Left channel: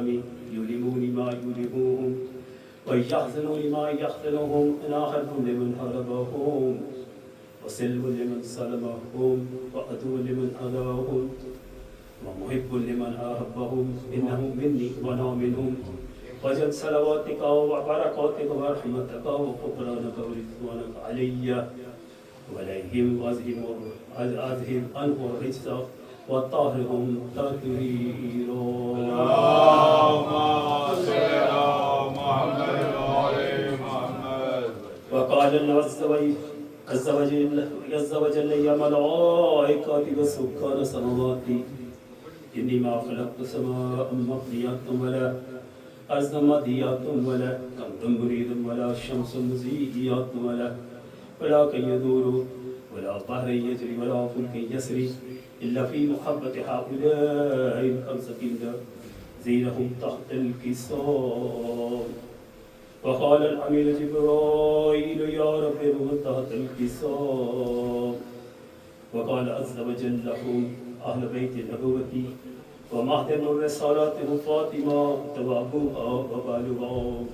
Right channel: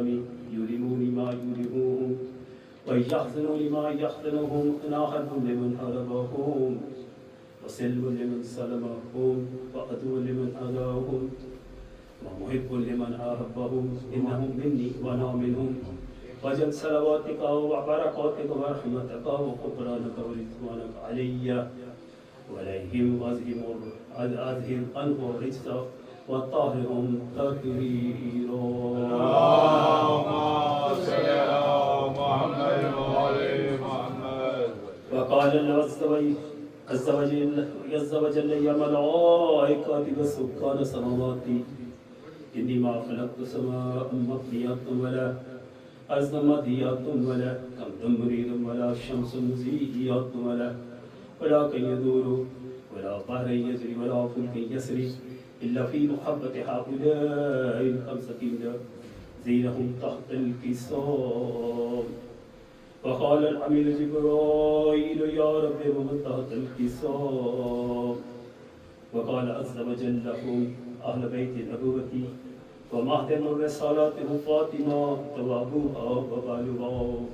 يلمون ما يلموهم ويحزنون ما يحزنهم أنا حرب لمن حربهم وسلم لمن سلمهم وعدو لمن أذاهم ومحب لمن أحبهم إنهم مني وأنا منهم وجد صلواتك وبركاتك ورحمتك وغفرانك ورضوانك علي وعليهم أذهب عنه الرجس وطهرهم تطهيرا. اللهم صل على محمد وآل محمد. وقال الله عز وجل يا ملائكتي وسكان سماواتي إني ما خلقت سماء مبنية ولا أرضا مضيئة ولا قمر مريد ولا شمس مزيئة ولا كي يدور ولا بحر يجري ولا فلك يسري إلا في محبة هؤلاء الخمسة زينهم تحت الكساء. وقال الأمير جبرائيل يا رب من تحت الكساء. وقال عز وجل لهم أهل بيت النبوة ومهدم الرسالات فاطمة توابوها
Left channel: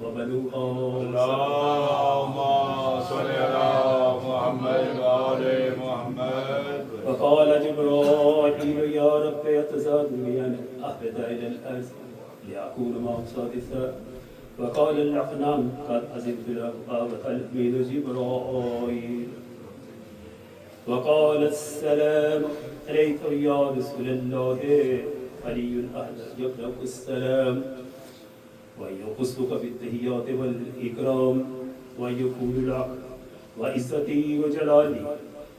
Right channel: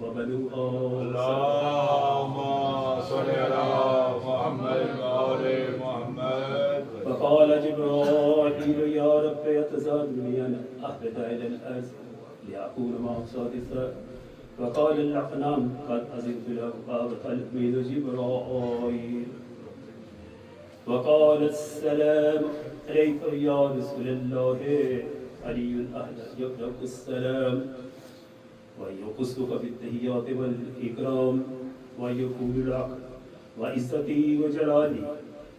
وبنوها. اللهم صل على محمد وآل محمد. وقال جبرائيل يا رب يتزادني أن أهبط إلى الأرض لأكون معه سادسا. وقال الأقنام قد أذنت له وتلميذ جبرائيل. وقال السلام عليك يا رسول الله علي الأهل يقرأ السلام ويقصك بالتحيات والإكرام ويقول لك وعزتي وجلالي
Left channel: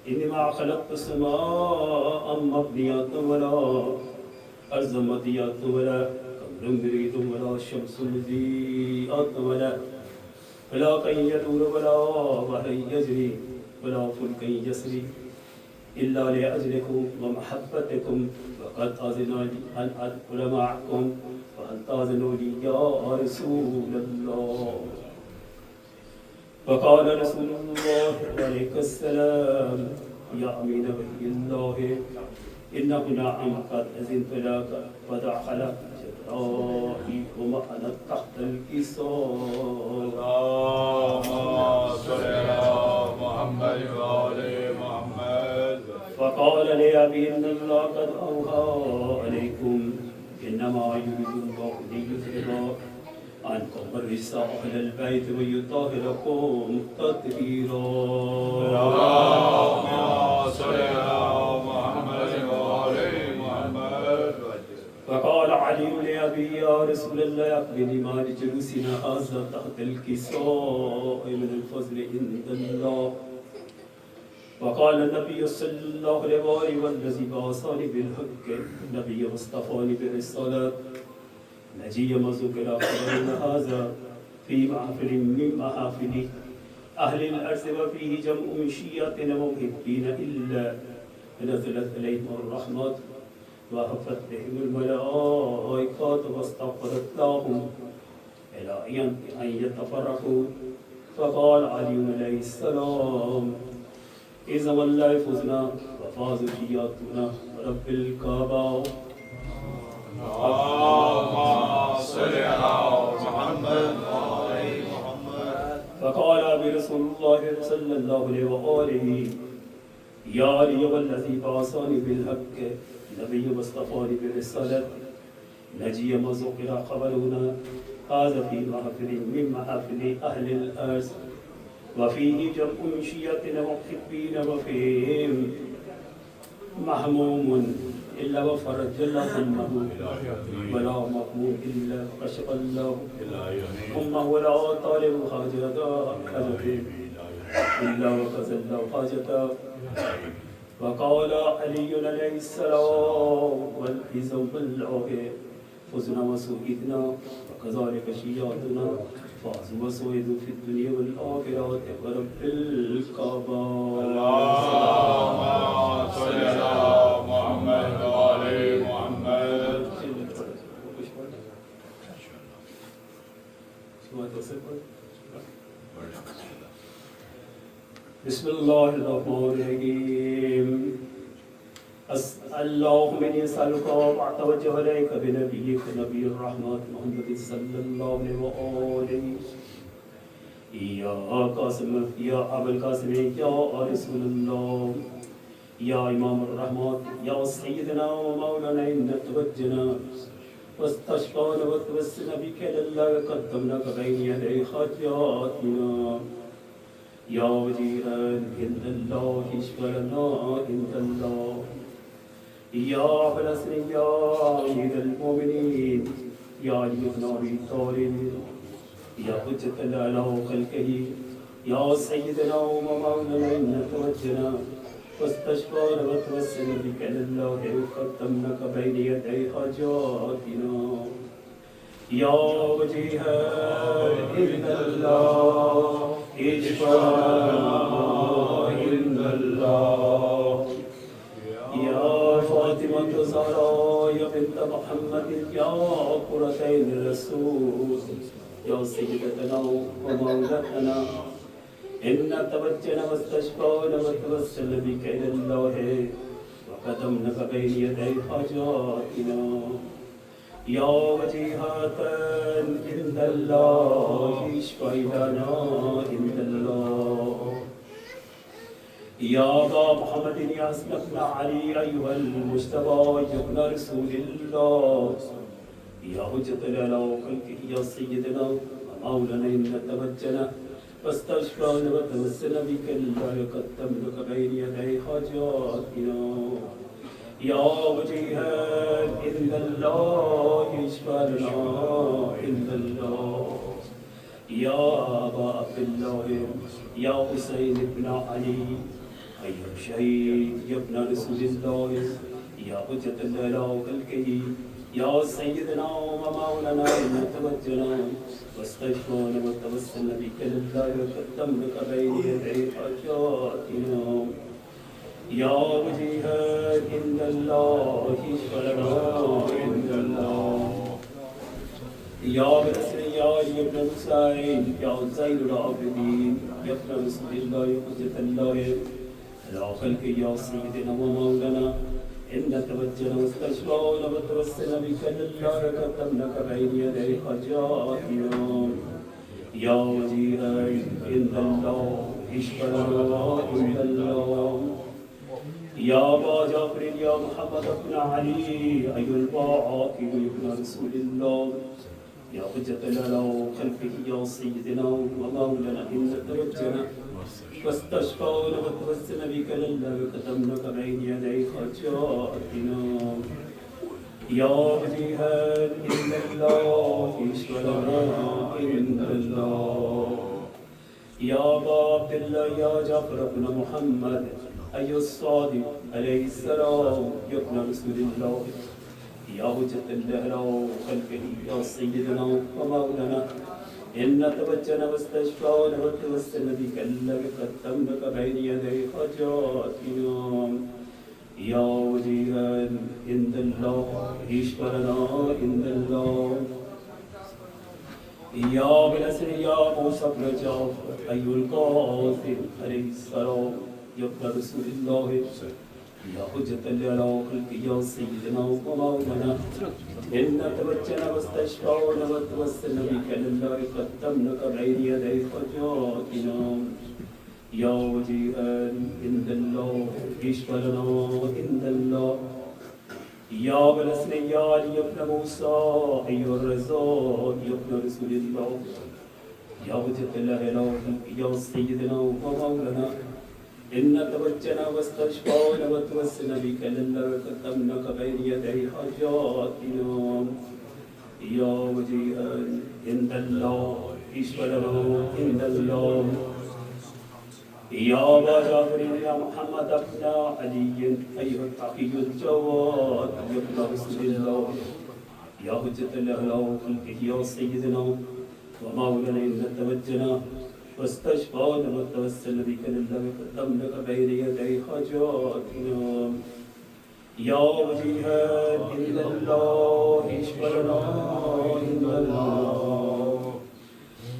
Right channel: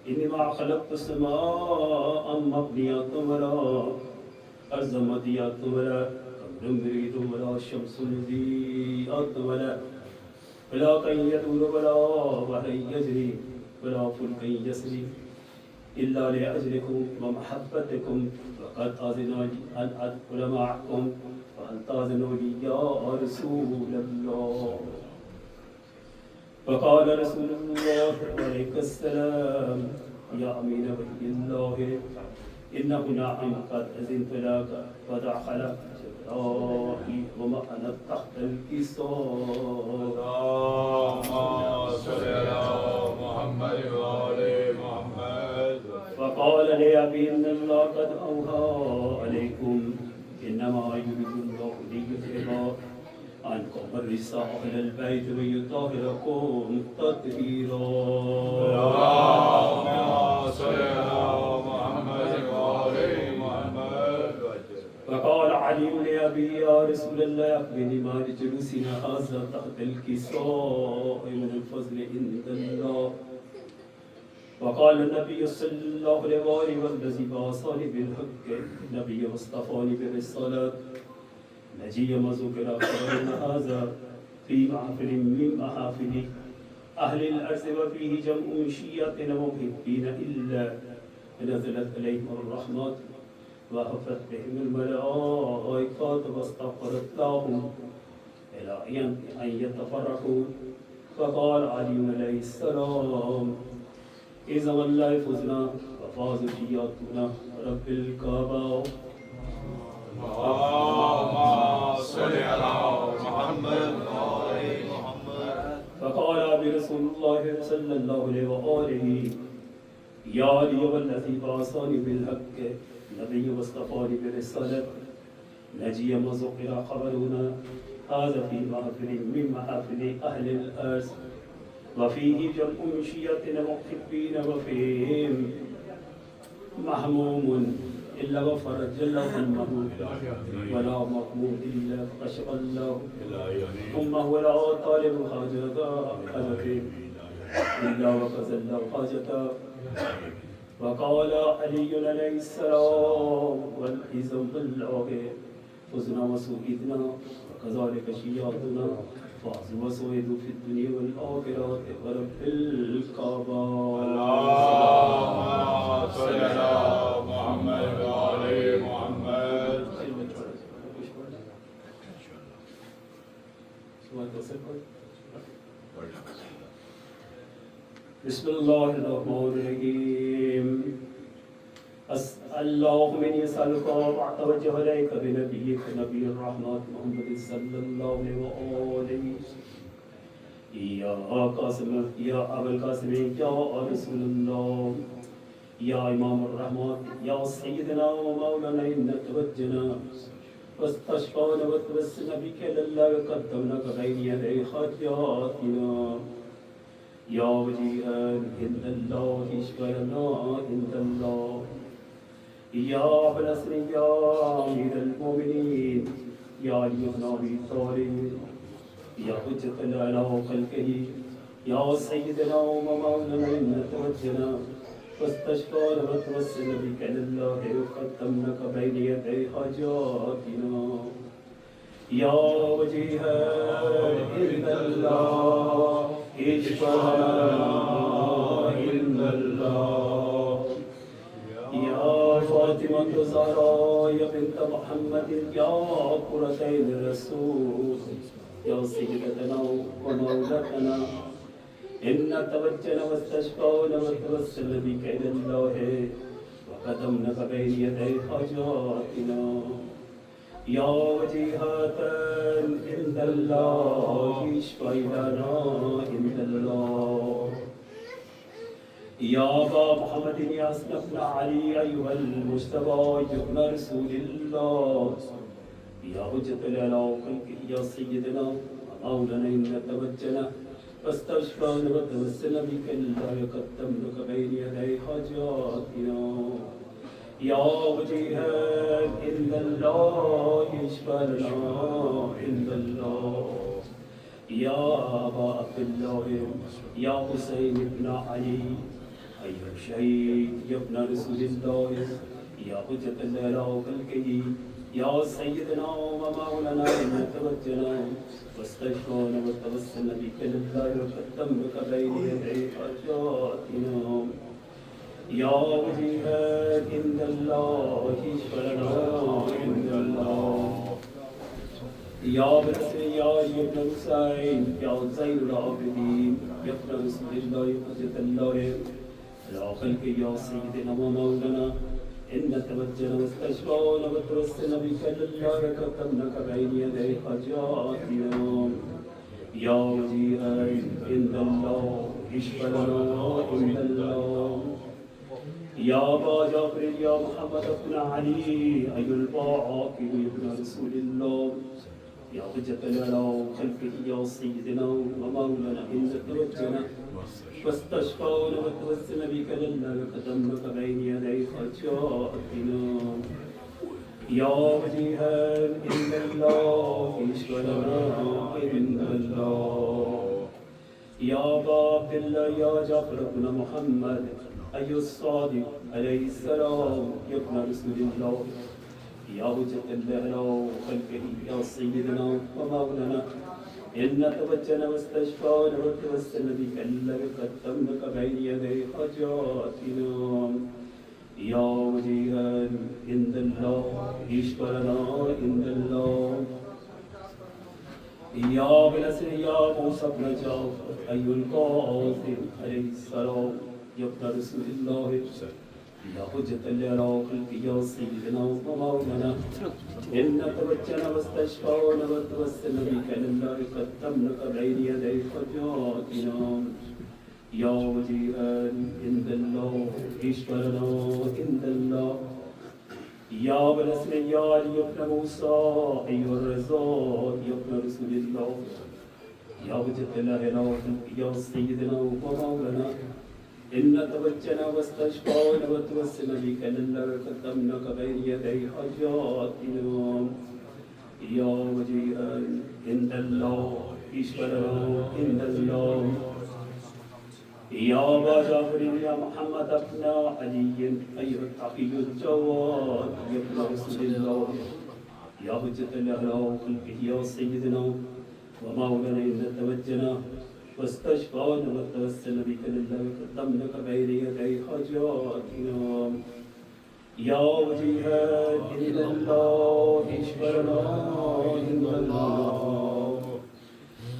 إنما خلقت السماء مبنية ولا أرض مضيئة ولا قمر مريد ولا شمس مضيئة ولا كي يدور ولا بحر يجري ولا فلك يسري إلا لأجلكم ومحبتكم وقد أذن لي أن أدخل معكم فهل تأذنوا لي يا رسول الله. فقال رسول الله عليه السلام يا أمين وحي الله إنه نعم قد أذنت لك فدخل جبرائيل ومعنا تحت الكساء. اللهم صل على محمد وآل محمد. فقال لأبي إن الله قد أوحى عليكم إنما يريد الله ليذهب عنكم الرجس أهل البيت ويطهركم تطهيرا. اللهم صل على محمد وآل محمد. فقال علي لأبي يا رسول الله أخبرني ما لجلوسنا هذا تحت الكساء من الفضل عند الله. وقال النبي صلى الله عليه وسلم والذي بعثني بالحق النبي واصطفاني بالرسالة نجي مذكر خبرنا هذا في محفل من محافل أهل الأرض وفيه جمع من شيعتنا ومحبين إلا نزلت عليهم الرحمات وحفت بهم الملائكات واستغفرت لهم إلى أن يتفرقوا. فقال علي عليه السلام إذا والله فزنا وفاز شيعتنا رب الكعبة. اللهم صل على محمد وآل محمد. فقال برسول الله صلى الله عليه وآله يا علي والذي بعثني بالحق نبي واصطفاني بالرسالة نجي مذكر خبرنا هذا في محفل من محافل أهل الأرض وفيه جمع من شيعتنا محبين وفيهم محموم إلا وفرج الله همه ولا مغموم إلا كشف الله همه ولا طالب حاجته إلا وكذا الله حاجته. وقال علي عليه السلام والحزب بالله فزنا وسوئدنا وكذلك شيعتنا فازوا وسوئدوا في الدنيا والآخرة ورب الكعبة. اللهم صل على محمد وآل محمد. بسم الله الرحمن الرحيم. اللهم إني أسألك وأتوجه إليك بنبيك نبي الرحمة محمد صلى الله عليه وآله يا قاسم يا أبا القاسم يا رسول الله يا إمام الرحمة يا سيدنا ومولانا إن توجنا واستشفعنا وتوسلنا بك لله وقدمناك بين يدي حاجاتنا يا وجيها عند الله اشفعنا عند الله يا أبا الحسن يا أمير المؤمنين يا علي بن أبي طالب يا حجة الله على خلقه يا سيدنا ومولانا إن توجنا واستشفعنا وتوسلنا بك لله وقدمناك بين يدي حاجاتنا يا وجيها عند الله اشفعنا عند الله يا فاطمة الزهراء يا بنت محمد يا قرة عين الرسول يا سيدتنا ومولاتنا إن توجنا واستشفعنا وتوسلنا بك إلى الله وقدمناك بين يدي حاجاتنا يا وجيهة عند الله اشفع لنا عند الله يا أبا محمد يا حسن بن علي أيها المجتبى يا ابن رسول الله يا حجة الله خلقه يا سيدنا ومولانا إن توجنا واستشفعنا وتوسلنا بك الله وقدمناك بين يدي حاجاتنا يا وجيها عند الله اشفع لنا عند الله يا أبا عبد الله يا حسين بن علي أيها الشهيد يا ابن رسول الله يا حجة الله خلقه يا سيدنا ومولانا إن توجنا واستشفعنا وتوسلنا بك لله وقدمناك بين يدي حاجاتنا يا وجيها عند الله اشفع لنا عند الله يا برسل يا ابن حسين يا زين العابدين يا ابن رسول الله يا حجة الله يا خلق يا سيدنا ومولانا إن توجنا واستشفعنا وتوسلنا بك لله وقدمناك بين يدي حاجاتنا يا وجيها عند الله اشفع لنا عند الله يا أبا جعفر يا محمد بن علي أي الباقي ابن رسول الله يا حجة الله خلفه يا سيدنا ومولانا إن توجنا واستشفعنا وتوسلنا بك لله وقدمناك بين يدي حاجاتنا يا وجيها عند الله اشفع لنا عند الله يا أبا عبد الله يا جعفر بن محمد أي الصادق عليه السلام يا ابن رسول الله يا حجة الله خلقه يا سيدنا ومولانا إن توجنا واستشفعنا وتوسلنا بك الله قدمناك بين يدي حاجاتنا يا وجيها عند الله اشفع لنا عند الله يا بالأسر يا موسى بن جعفر أي القاسم عليه السلام يا ابن رسول الله يا حجة الله خلقه يا سيدنا ومولانا إن توجنا واستشفعنا وتوسلنا بك لله قدمناك بين يدي حاجاتنا يا وجيها عند الله اشفع لنا عند الله يا بالأسر يا علي بن موسى أيها الرزاق يا ابن رسول الله يا حجة الله يا سيدنا ومولانا إن توجنا واستشفعنا وتوسلنا بك لله وقدمناك بين يدي حاجاتنا يا وجيها عند الله اشفع لنا عند الله يا أبا جعفر يا محمد بن علي أيها التقي الجواد يا ابن رسول الله يا حجة الله خلقه يا سيدنا ومولانا إن توجنا واستشفعنا وتوسلنا بك لله وقدمناك بين يدي حاجاتنا يا وجيها عند الله اشفع لنا عند الله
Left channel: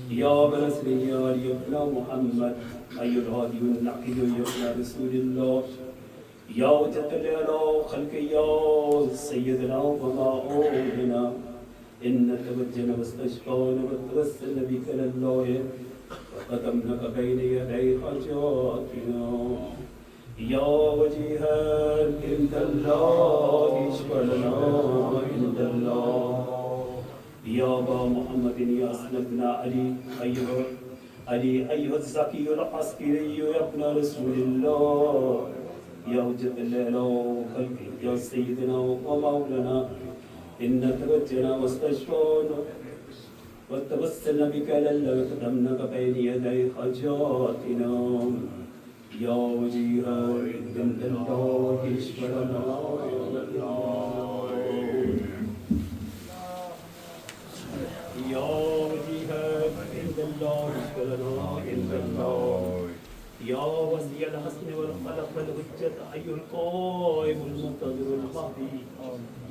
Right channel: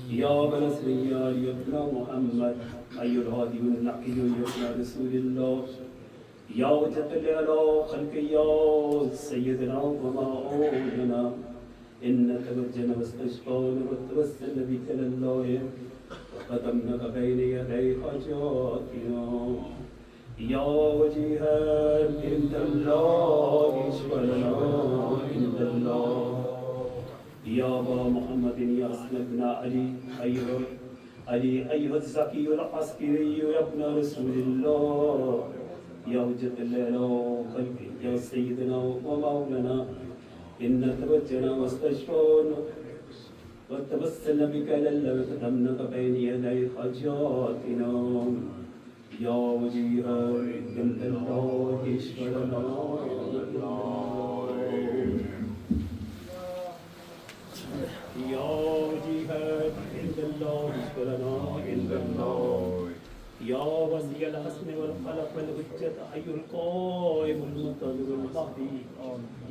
يا بلسر يا ابن محمد أي الهادي النقي يا ابن رسول الله یا وجت علی خلق یا سیدنا ومولانا إن توجنا واستشفانا وتوسلنا بك لله وقدمناك بين يدي حاجاتنا يا وجيها عند الله اشفع لنا عند الله يا أبا محمد يا أسلم بن علي أيها الزكي العسكري يا ابن رسول الله يا وجد الله خلقه يا سيدنا ومولانا إن توجنا واستشفانا وتوسلنا بك لله وقدمناك بين يدي حاجاتنا يا وجيها عند الله اشفع لنا يا وجيها عند الله اشفع لنا عند الله يا ولي الحسن والخلق والحجة حي القائم المقتدر المهدي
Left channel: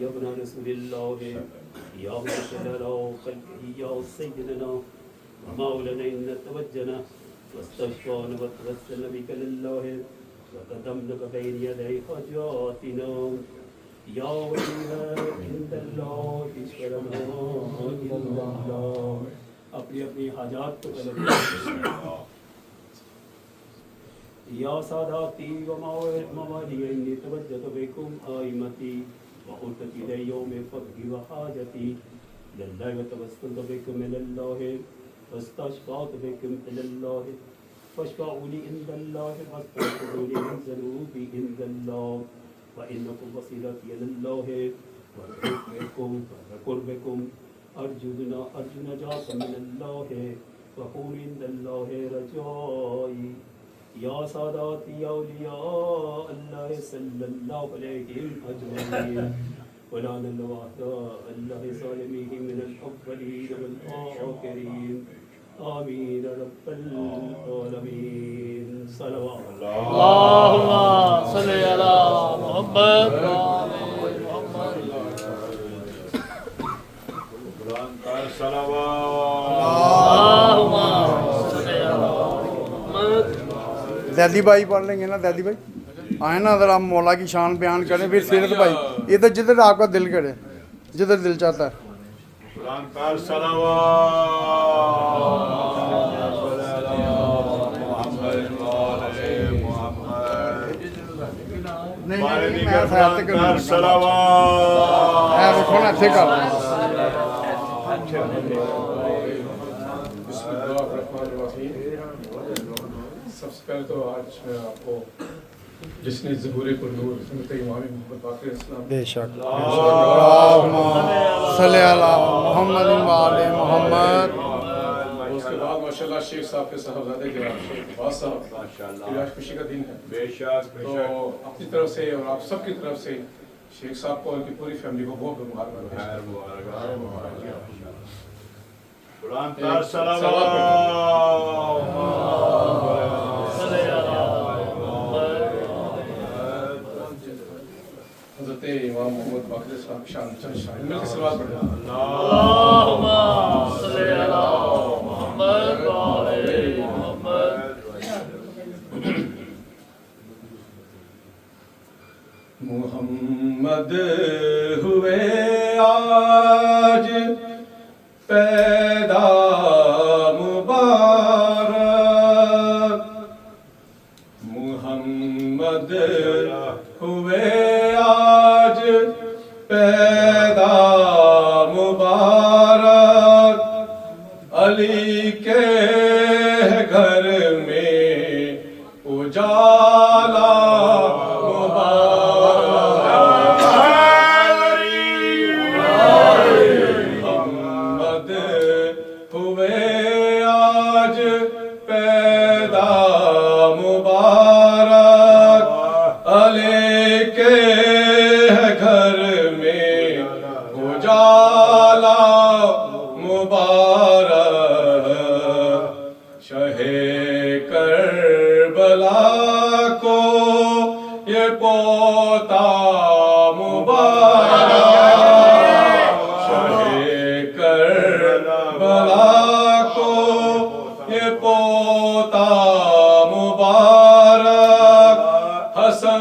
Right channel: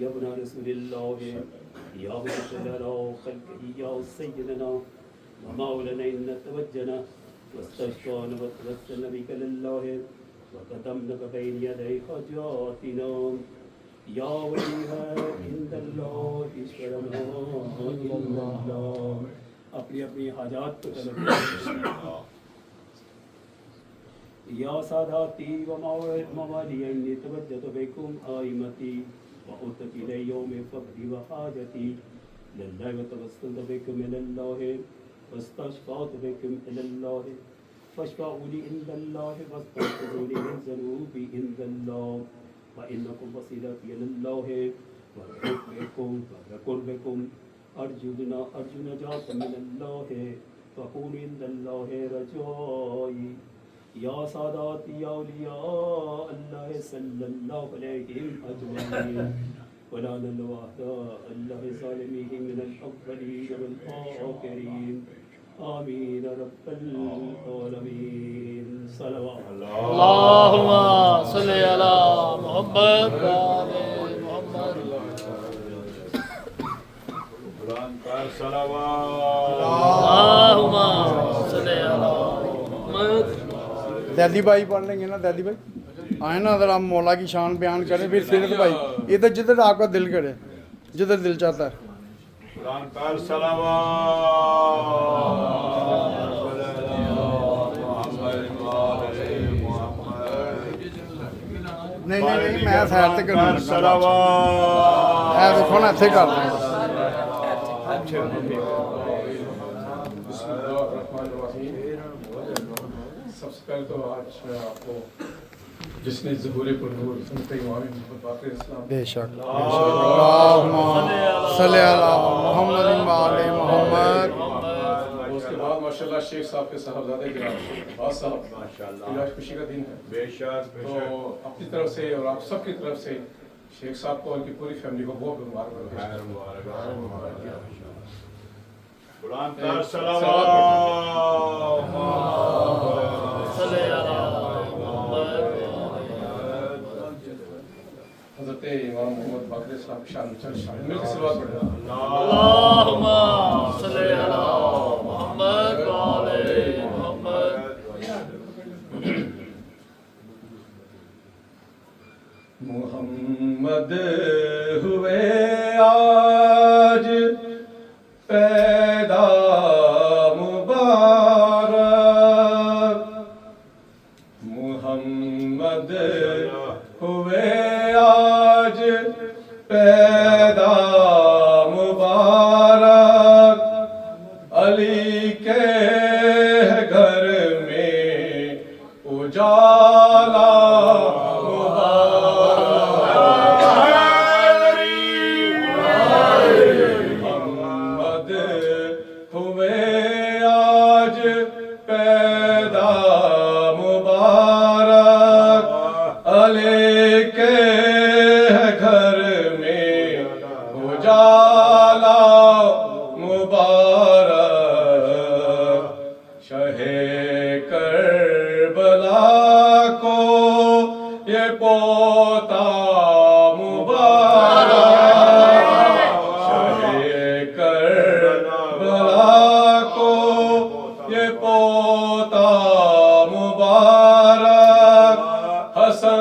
يا ابن رسول الله يا وجه على خلقه يا سيدنا ومولانا إن توجنا واستشفانا وتوسلنا بك لله وقدمناك بين يدي حاجاتنا يا وجيها عند الله اشفع لنا عند الله اپنی اپنی حاجات کو طلب یا ساداتی وموالی انی توجت بكم آئمتی وقلت إلى يوم فقدي وحاجتي لله وتوسلت بكم إلى الله واستشفعت بكم إلى الله فاشفعوا لي عند الله واستغفروا لي من ذنوبي عند الله وإنكم وسيلتي إلى الله وقربكم أرجو نجاة من الله وكونوا عند الله رجائي یا ساداتی یا اولیاء اللہ صلی اللہ علیہم اجمعین ولا نلوحدا اللہ ظالمیہم من الاولین والآخرین آمین رب العالمین صلوات اللہم صلی علی محمد وآل محمد قرآن پر صلوات اللہم صلی علی محمد دہلی بھائی پڑھ لیں گے نا دہلی بھائی آئیں نا اگر آپ مولا کی شان بیان کریں پھر سیرت بھائی ادھر جدھر آپ کا دل کرے جدھر دل چاہتا ہے قرآن پر صلوات نہیں میں خیال سے کروں صلوات دیکھو نا ایسے کر رہے ہیں سب سے پہلے تو آج میں آپ کو جس نے ظہور پر نور سنت امام محمد باقر اسلام بے شک اللہم صلی علی محمد وآل محمد اس کے بعد ماشاءاللہ شیخ صاحب کے صاحبزادے گرام شیخ عباس صاحب آج خوشی کا دن ہے بے شک بے تو شک اپنی طرف سے اور آپ سب کی طرف سے شیخ صاحب کو ان کی پوری فیملی کو بہت مبارکباد پیش کرتا ہوں۔ قرآن پر صلوات حضرت امام محمد باقر اسلام کی شان چند شان مل کے صلوات پڑھیں اللہم صلی علی محمد وآل محمد محمد ہوئے آج پیدا مبارک محمد ہوئے آج پیدا مبارک علی کے گھر میں اجالا محمد ہوئے آج پیدا مبارک علی کے گھر میں اجالا مبارک شہ کربلا کو یہ پوتا مبارک شہ کربلا کو یہ پوتا مبارک حسن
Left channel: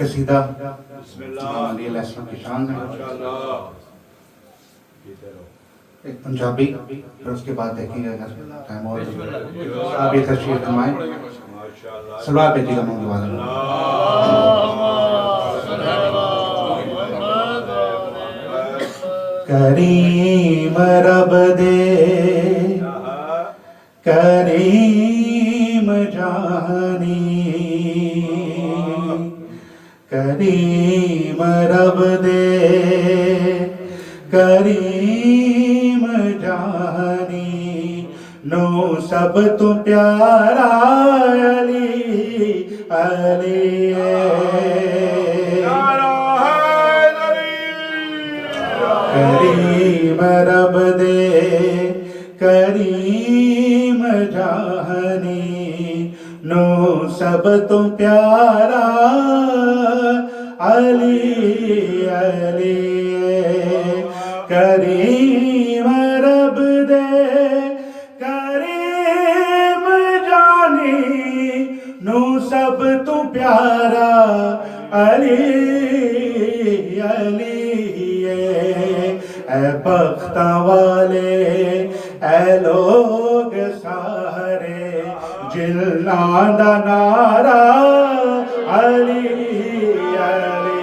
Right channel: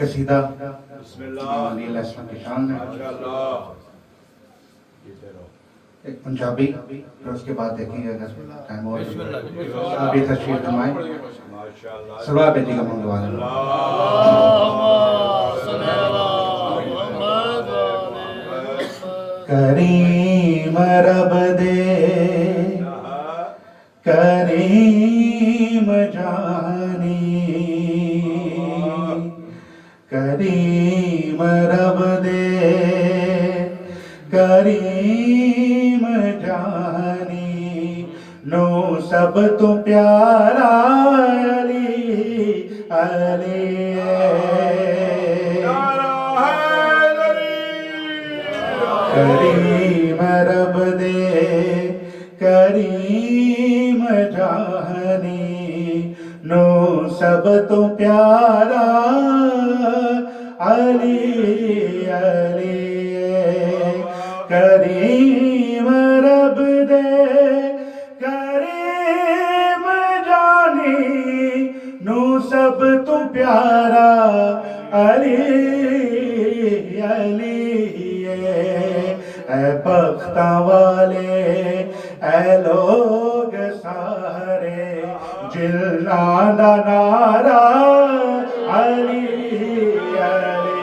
قصیدہ بسم اللہ علی علیہ السلام کی شان میں، ماشاءاللہ ایک پنجابی، پھر اس کے بعد دیکھیں گے اگر ٹائم ہو تو آپ یہ تشریف فرمائیں. ماشاءاللہ سلوات بیٹی کا منگوا دیں. کریم رب دے کریم جانی، کریم رب دے کریم جانی، نو سب تو پیارا علی علی کریم رب دے کریم جانی، نو سب تو پیارا علی علی کریم رب دے کریم جانی، نو سب تو پیارا علی علی اے بختاں والے اے لوگ سارے جلنا دا نعرہ علی علی.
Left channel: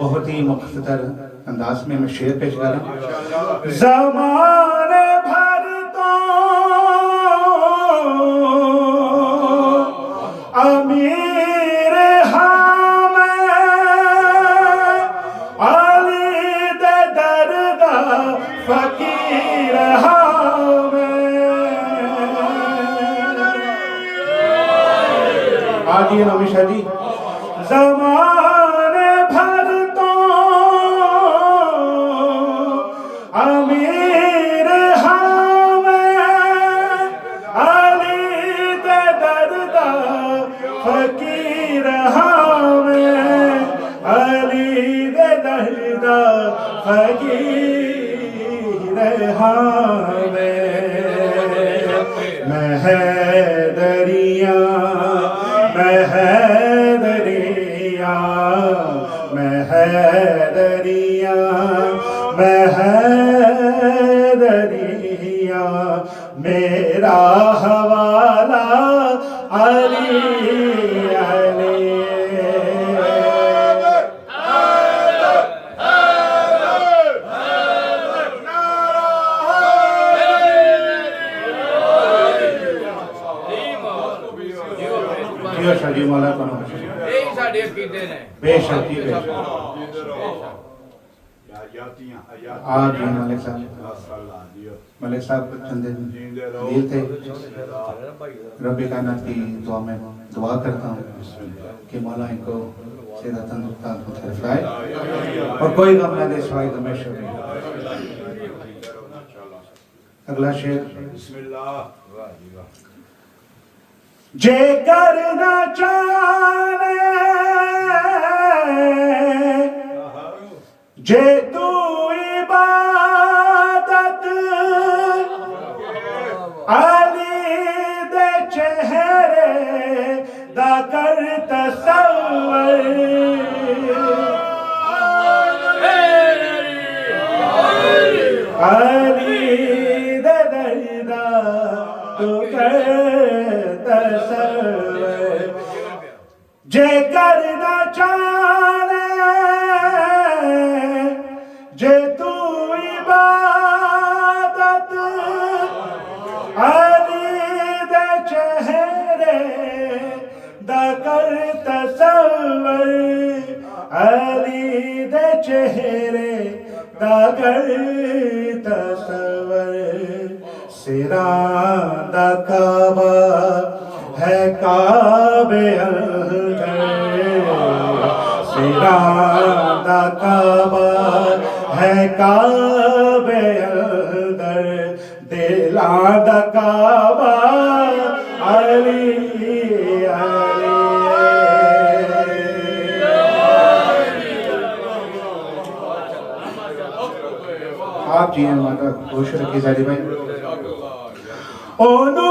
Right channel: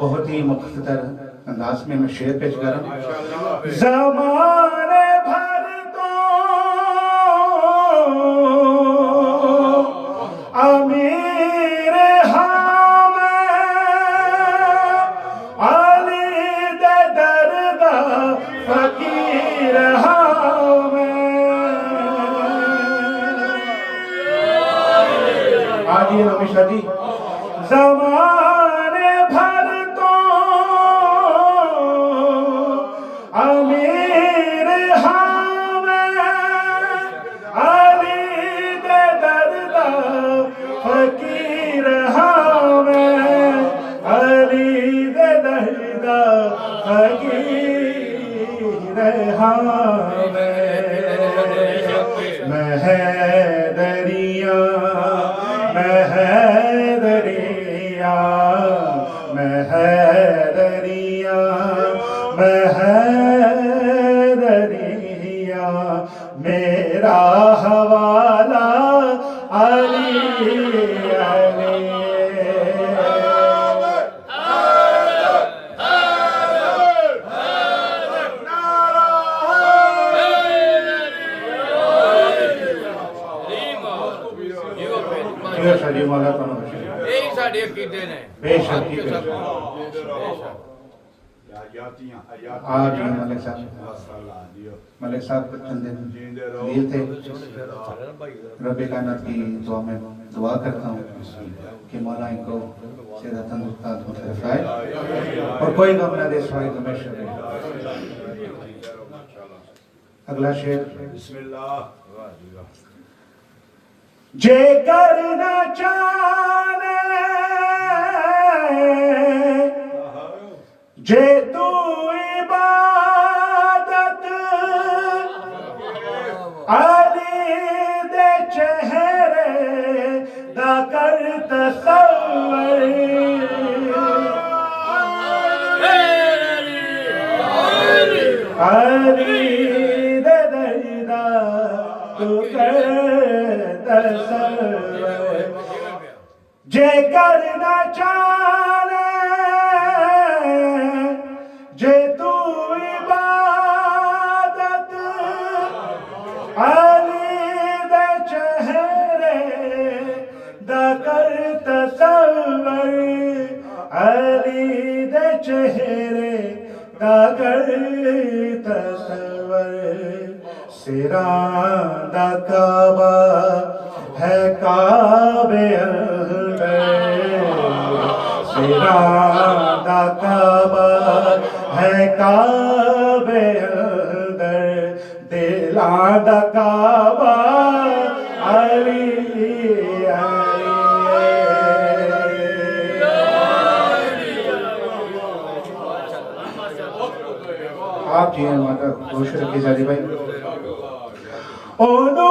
بہت ہی مختصر انداز میں شعر پیش کر رہا ہوں. زمانے بھر تو امیر ہم علی دے درگاہ فقیر ہم آگے ہمیشہ جی. زمانے بھر تو امیر ہم علی دے درگاہ فقیر ہم علی دے درگاہ فقیر ہم میں حیدریاں میں حیدریاں میں حیدریاں میں حیدریاں میرا حوالہ علی علی. شادی مولا کو بے شکی بے شک. آج جی ملک صاحب ملک صاحب چند دن لیے تھے. رب کائنات کی دعا میں دعا کرتا ہوں کہ مولا ان کو صحت تندرست رکھائے اور کوئی غم نہ دے سوائے ہمیشہ رہے. اگلا شعر. بسم اللہ جے کرنا چاہے جے تو عبادت علی دے چہرے دا کر تصور علی دے دردا تو کر تصور جے کرنا چاہے جے تو عبادت علی دے چہرے دا کر تصور علی دے چہرے دا کر تصور سراں دا کعبہ ہے کعبے اندر سراں دا کعبہ ہے کعبے اندر دلاں دا کعبہ علی علی. آپ جی ہیں مطلب روش رکھے جاجی بھائی. اونو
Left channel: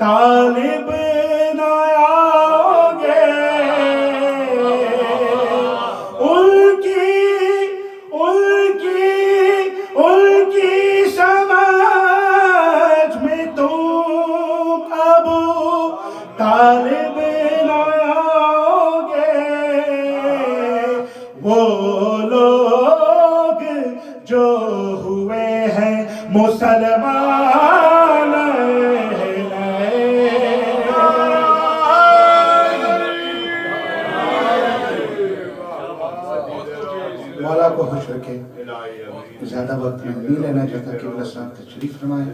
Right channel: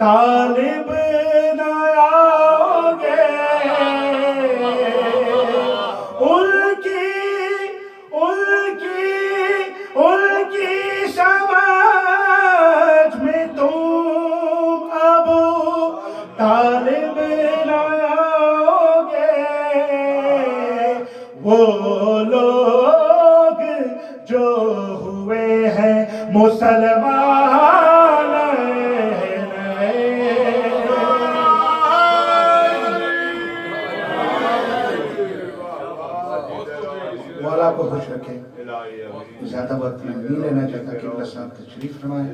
طالب نہ آگے ان کی سمجھ میں تم ابو طالب نہ آگے وہ لوگ جو ہوئے ہیں مسلمان مولا کو خوش رکھے. زیادہ وقت میں نہیں لینا چاہتا کہ اللہ صاحب تشریف فرمائے.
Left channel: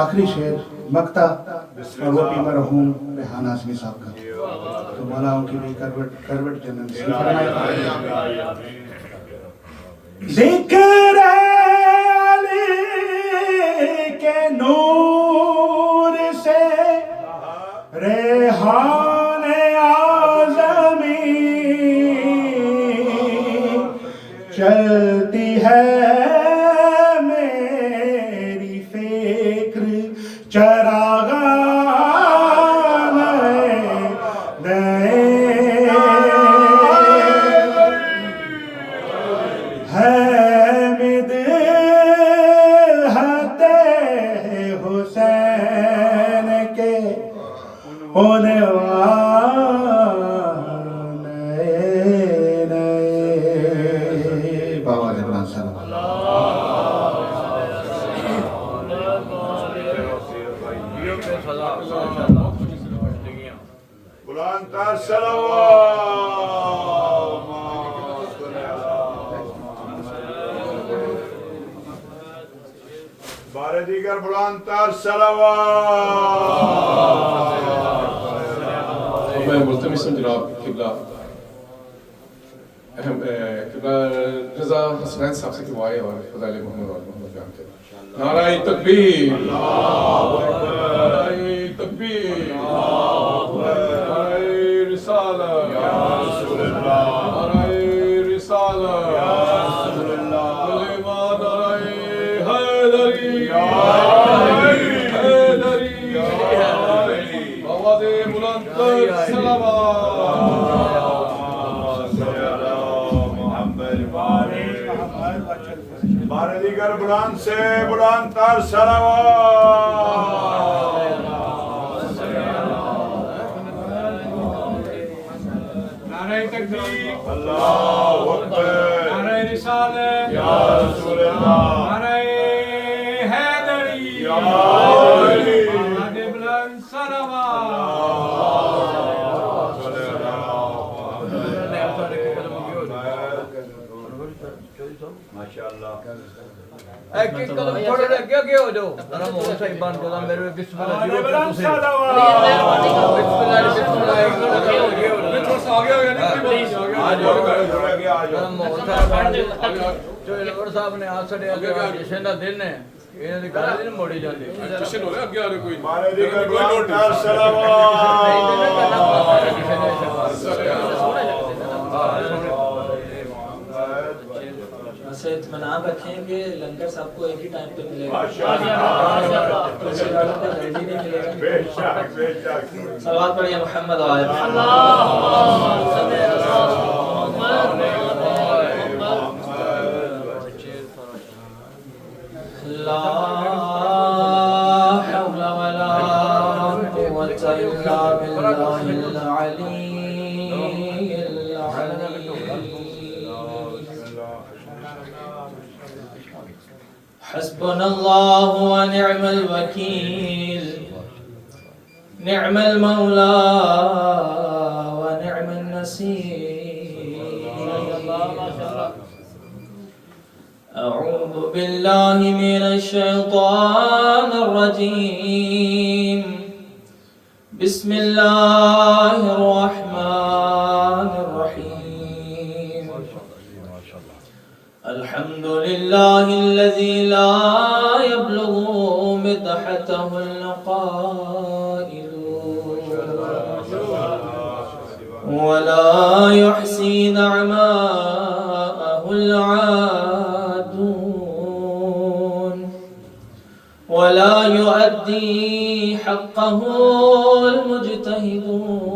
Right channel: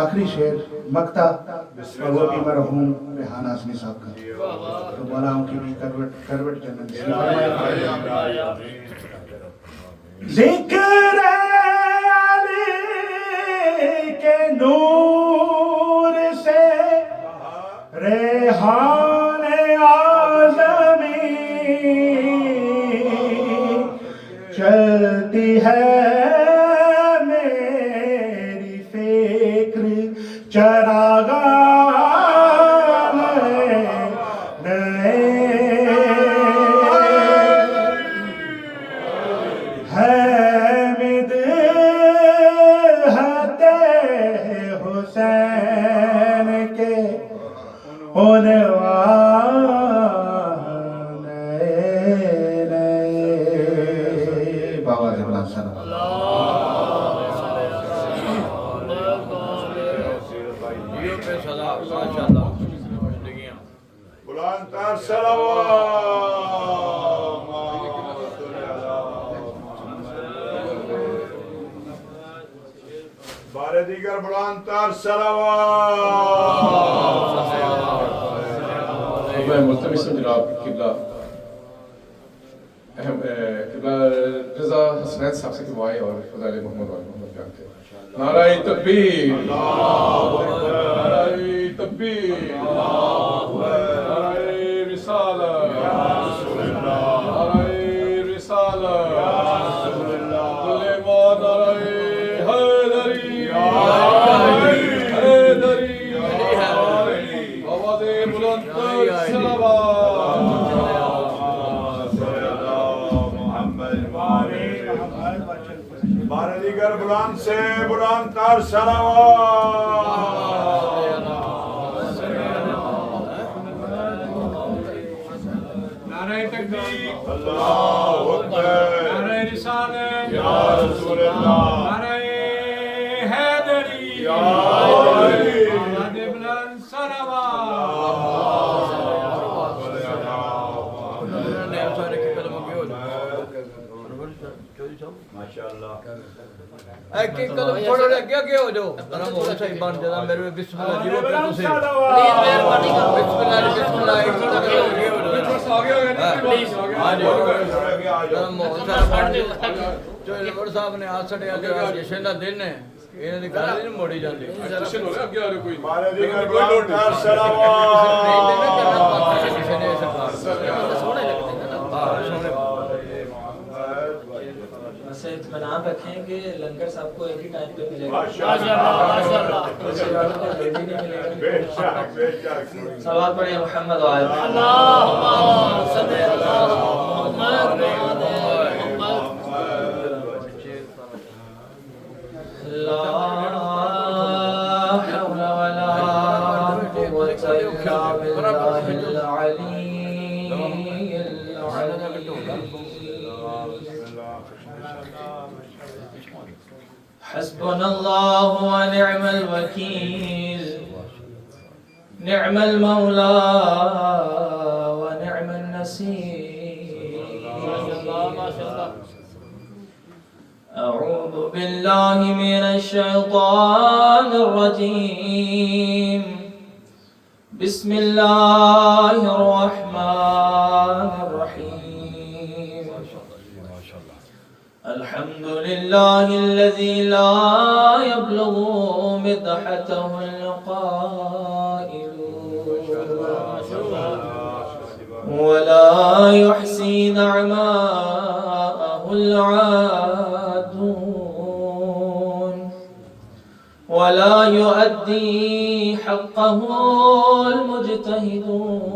آخری شعر مقطع اور وہ بھی مرحوم ریحان اعظمی صاحب کا, تو مولا ان کی بھی کروٹ جنت نصیب فرمائے. ذکر علی کے نور سے ریحان اعظمی چلتی ہے میری فکر چراغان نئے حامد ہتے حسین کے عنوان بابا دیوان صلی بلند تر صلوات. بار دیگر بلند تر صلوات. میں ملتمس ہوں جناب قبلہ قبلہ رضا حسنین صاحب سے دعائیں اور فضائل محمد اور محمد بیان کریں. نعرہ تکبیر، نعرہ تکبیر، نعرہ رسالت، نعرہ رسالت، کلمہ نعرہ حیدری، حیدری، آواز بلند تر صلوات. بار دیگر بلند سے بلند تر صلوات. نعرہ تکبیر، اللہ اکبر، نعرہ رسالت، یا رسول اللہ، نعرہ حیدری، یا علی، آواز بلند صلوات. ایک ایک تھوڑے لگے اگے ہو جاؤ ذرا مول صحیح بن جاتا میرے بسم اللہ جی کو تسی بسم اللہ صاحب نے آ چھڑیا جشن دا دن ہے انہاں دی گل نہیں موڑی جاندی جشن ہو رہا اگے آ رہے کوئی بار دیگر بلند تر صلوات. سے اطمینان رکھیں کہ لنگر صاحب کو ایک ہی ٹائم پہ ملے گا. بے شک بے شک. صلوات پڑھیے محمد وآل لا حول ولا قوة إلا بالله العلي العظيم. حسبنا الله ونعم الوكيل، نعم المولى ونعم النصير. أعوذ بالله من الشيطان الرجيم. بسم الله الرحمن الرحيم. الحمد لله الذي لا يبلغ مدحته القائلون ولا يحصي نعماءه العادون ولا يؤدي حقه المجتهدون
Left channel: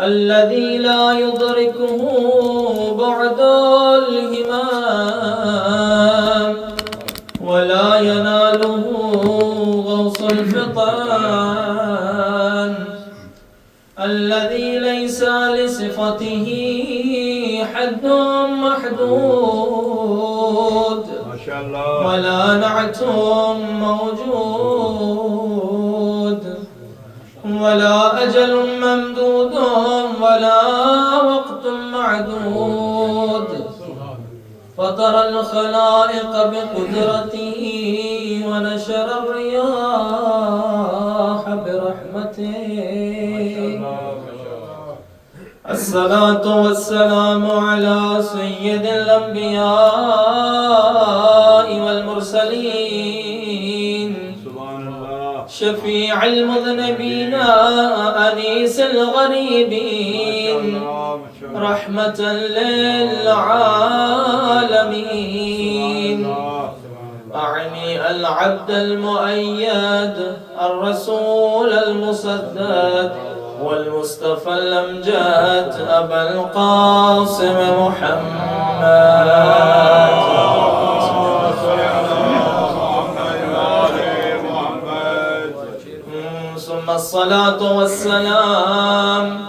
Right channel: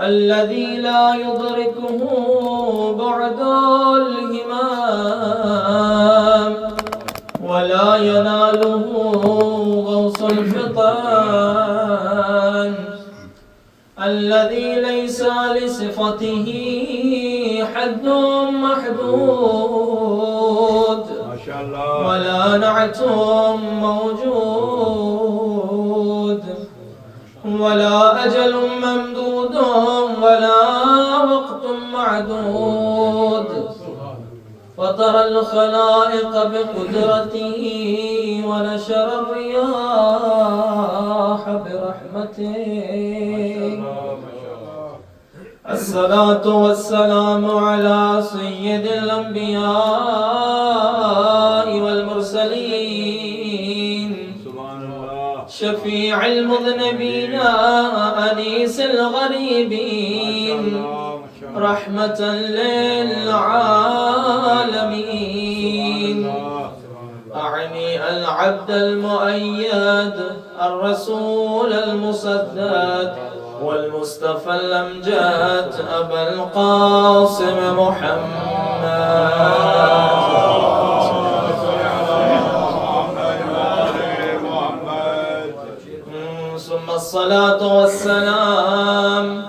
الذي لا يدركه بعد الهمام ولا يناله غوص الفطان الذي ليس لصفته حد محدود ما شاء الله ولا نعت موجود ولا أجل ممدود ولا وقت معدود فطر الخلائق بقدرته ونشر الرياح برحمته الصلاة والسلام على سيد الأنبياء والمرسلين شفيع المذنبين أنيس الغريبين رحمة للعالمين أعني العبد المؤيد الرسول المسدد والمصطفى الأمجاد أبا القاسم محمد ثم الصلاة والسلام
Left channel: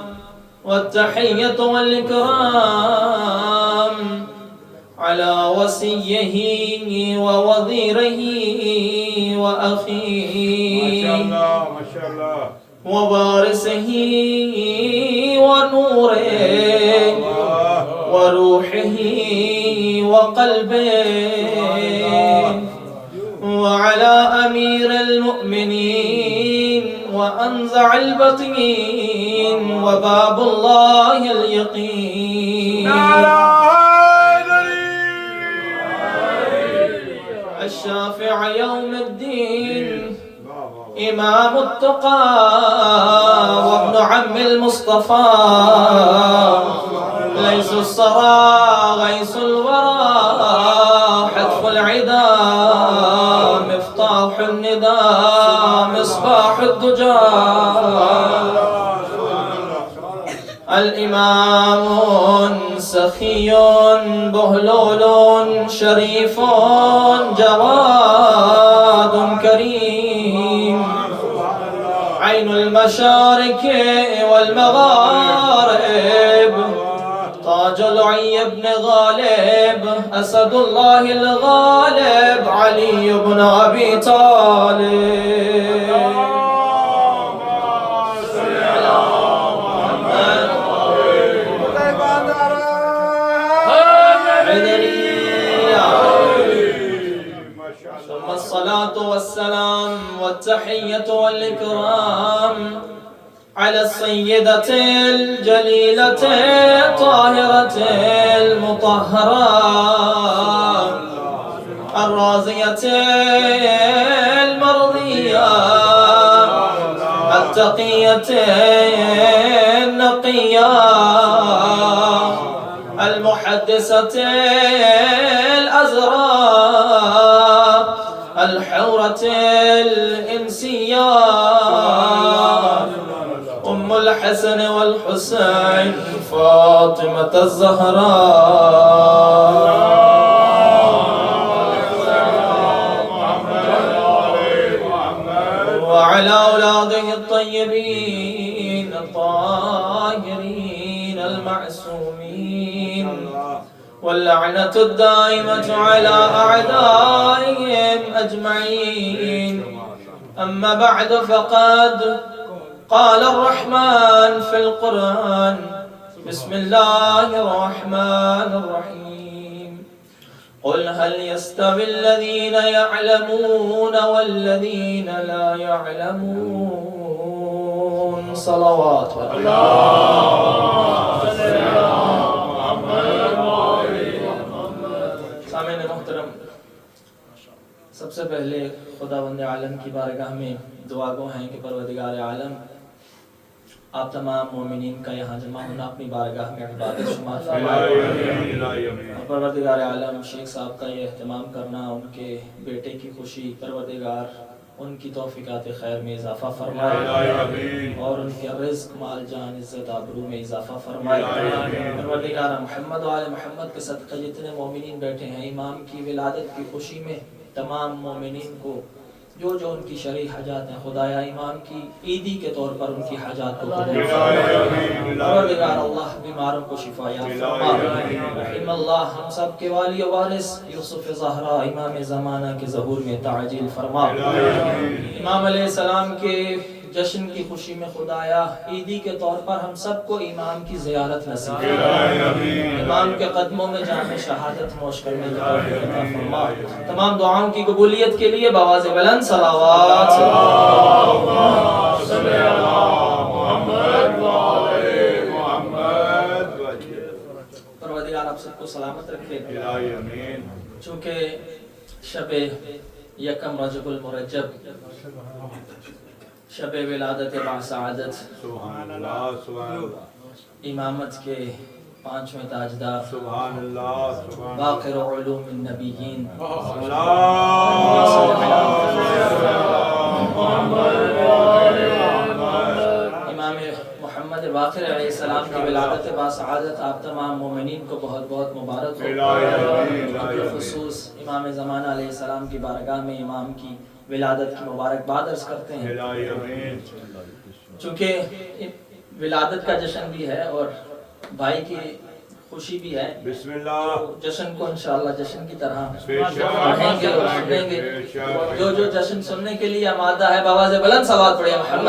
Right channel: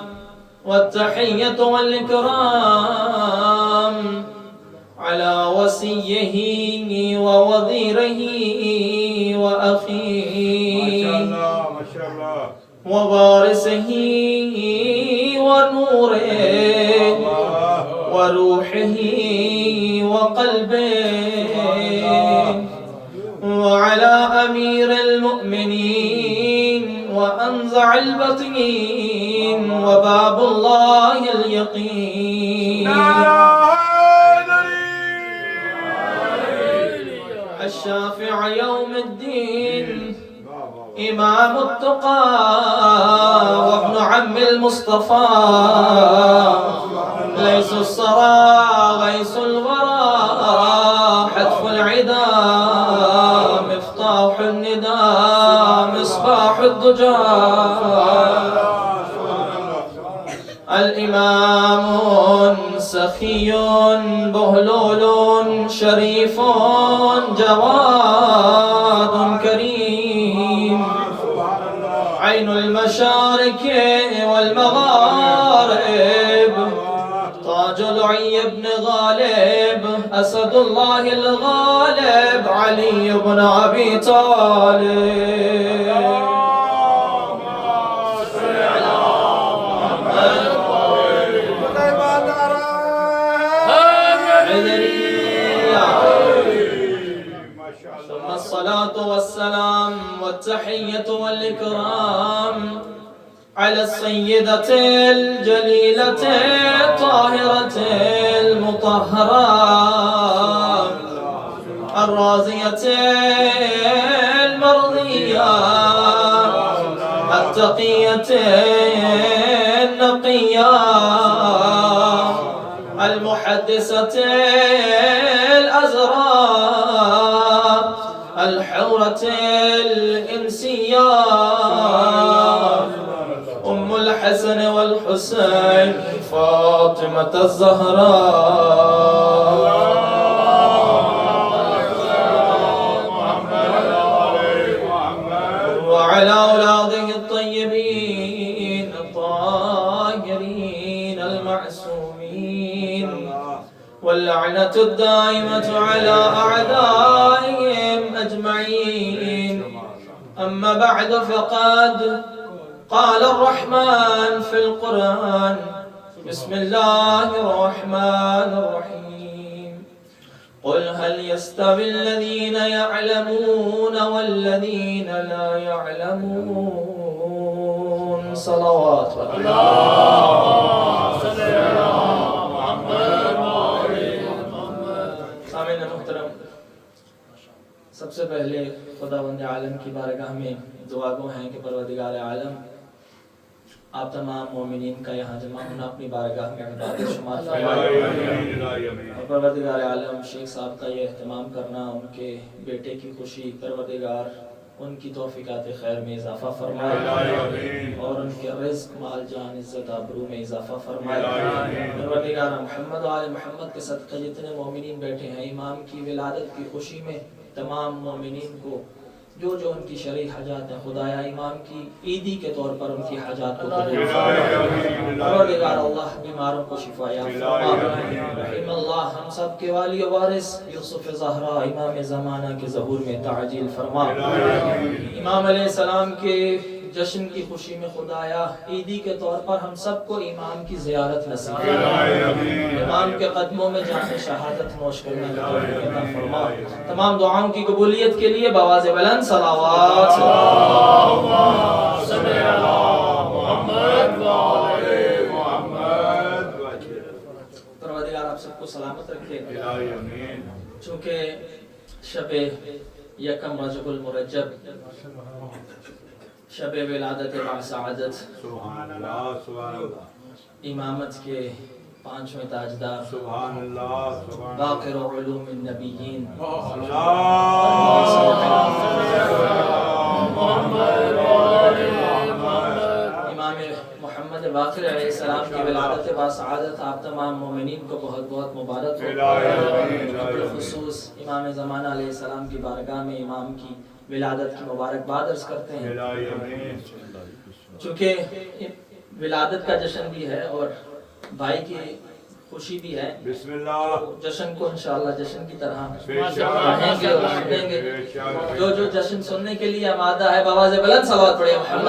والتحية والإكرام على وصيه ووزيره وأخيه ما شاء الله ووارثه ونوره وروحه وقلبه وعلى أمير المؤمنين وأنزع البطين وباب الله اليقين الشافع يوم الدين إمام التقى وابن عم المصطفى ليس الصرى غيث الورى حتف العدا مفتاح الندى مصباح الدجى الإمام سخي بهلول شريف جواد كريم عين المشارق والمغارب تاج لعي بن غالب أسد الله الغالب علي بن أبي طالب ثم الصلاة والسلام والتحية والإكرام على السيدة الجليلة الطاهرة المطهرة الرازية المرضية التقية النقية المحدثة الأزرار الحورة الإنسية أم الحسن والحسين فاطمة الزهراء وعلى أولاده الطيبين الطاهرين المعصومين واللعنة الدائمة على أعدائهم أجمعين أما بعد فقد قال الرحمن في القرآن بسم الله الرحمن الرحيم قل هل يستوي الذين يعلمون والذين لا يعلمون صلوات سامعین محترم سب سے پہلے خداوند عالم کی بارگاہ میں دعا گو ہیں کہ پروردگار عالم آپ تمام مومنین کا یہاں جمع ہونا اپنی بارگاہ میں عبادت شمار فرمائے. اور پروردگار عالم شیخ صاحب کا یہ اہتمام کرنا، ان کے بیٹے کی خوشی، پروردگار ان کی توفیقات خیر میں اضافہ فرمائے اور ان کے رزق، مال، جان، عزت، آبرو میں اضافہ فرمائے. پروردگار محمد و آل محمد کے صدقہ جتنے مومنین بیٹھے ہیں، امام کی ولادت کی خوشی میں تمام مومنین کو جو جو ان کی شرعی حاجات ہیں، خدایا امام کی عیدی کے طور پر ان کی حاجات کو قبول فرما. پروردگار اللہ بیماروں کو شفا یاب فرما. رحم اللہ ہم سب کے والی و وارث یوسف زہرا امام زمانہ کے ظہور میں تعجیل فرما. امام علیہ السلام کے جشن کی خوشی میں خدایا عیدی کے طور پر ہم سب کو امام کی زیارت نصیب فرما. امام کے قدموں میں جام شہادت نوش کرنے کی توفیق عطا فرما. تمام دعاؤں کی قبولیت کے لیے بآواز بلند صلوات. پروردگار آپ سب کو سلامت رکھے. چونکہ شب یکم رجب المرجب، شب ولادت باسعادت، سبحان اللہ سبحان اللہ، امامت کے 5ویں تاجدار، سبحان اللہ سبحان اللہ، باقر علوم النبیین، امام محمد باقر علیہ السلام کی ولادت باسعادت آپ تمام مومنین کو بہت بہت مبارک ہو. بالخصوص امام زمانہ علیہ السلام کی بارگاہ میں امام کی ولادت کی مبارکباد عرض کرتے ہیں. چونکہ ولادت کا جشن بھی ہے اور بھائی کی خوشی بھی ہے، بسم اللہ، جشن کو انشاءاللہ جشن کی طرح پڑھیں گے اور سنیں گے. جو جو جشن سننے کے لیے آمادہ ہے بآواز بلند صلوات پڑھیں محمد.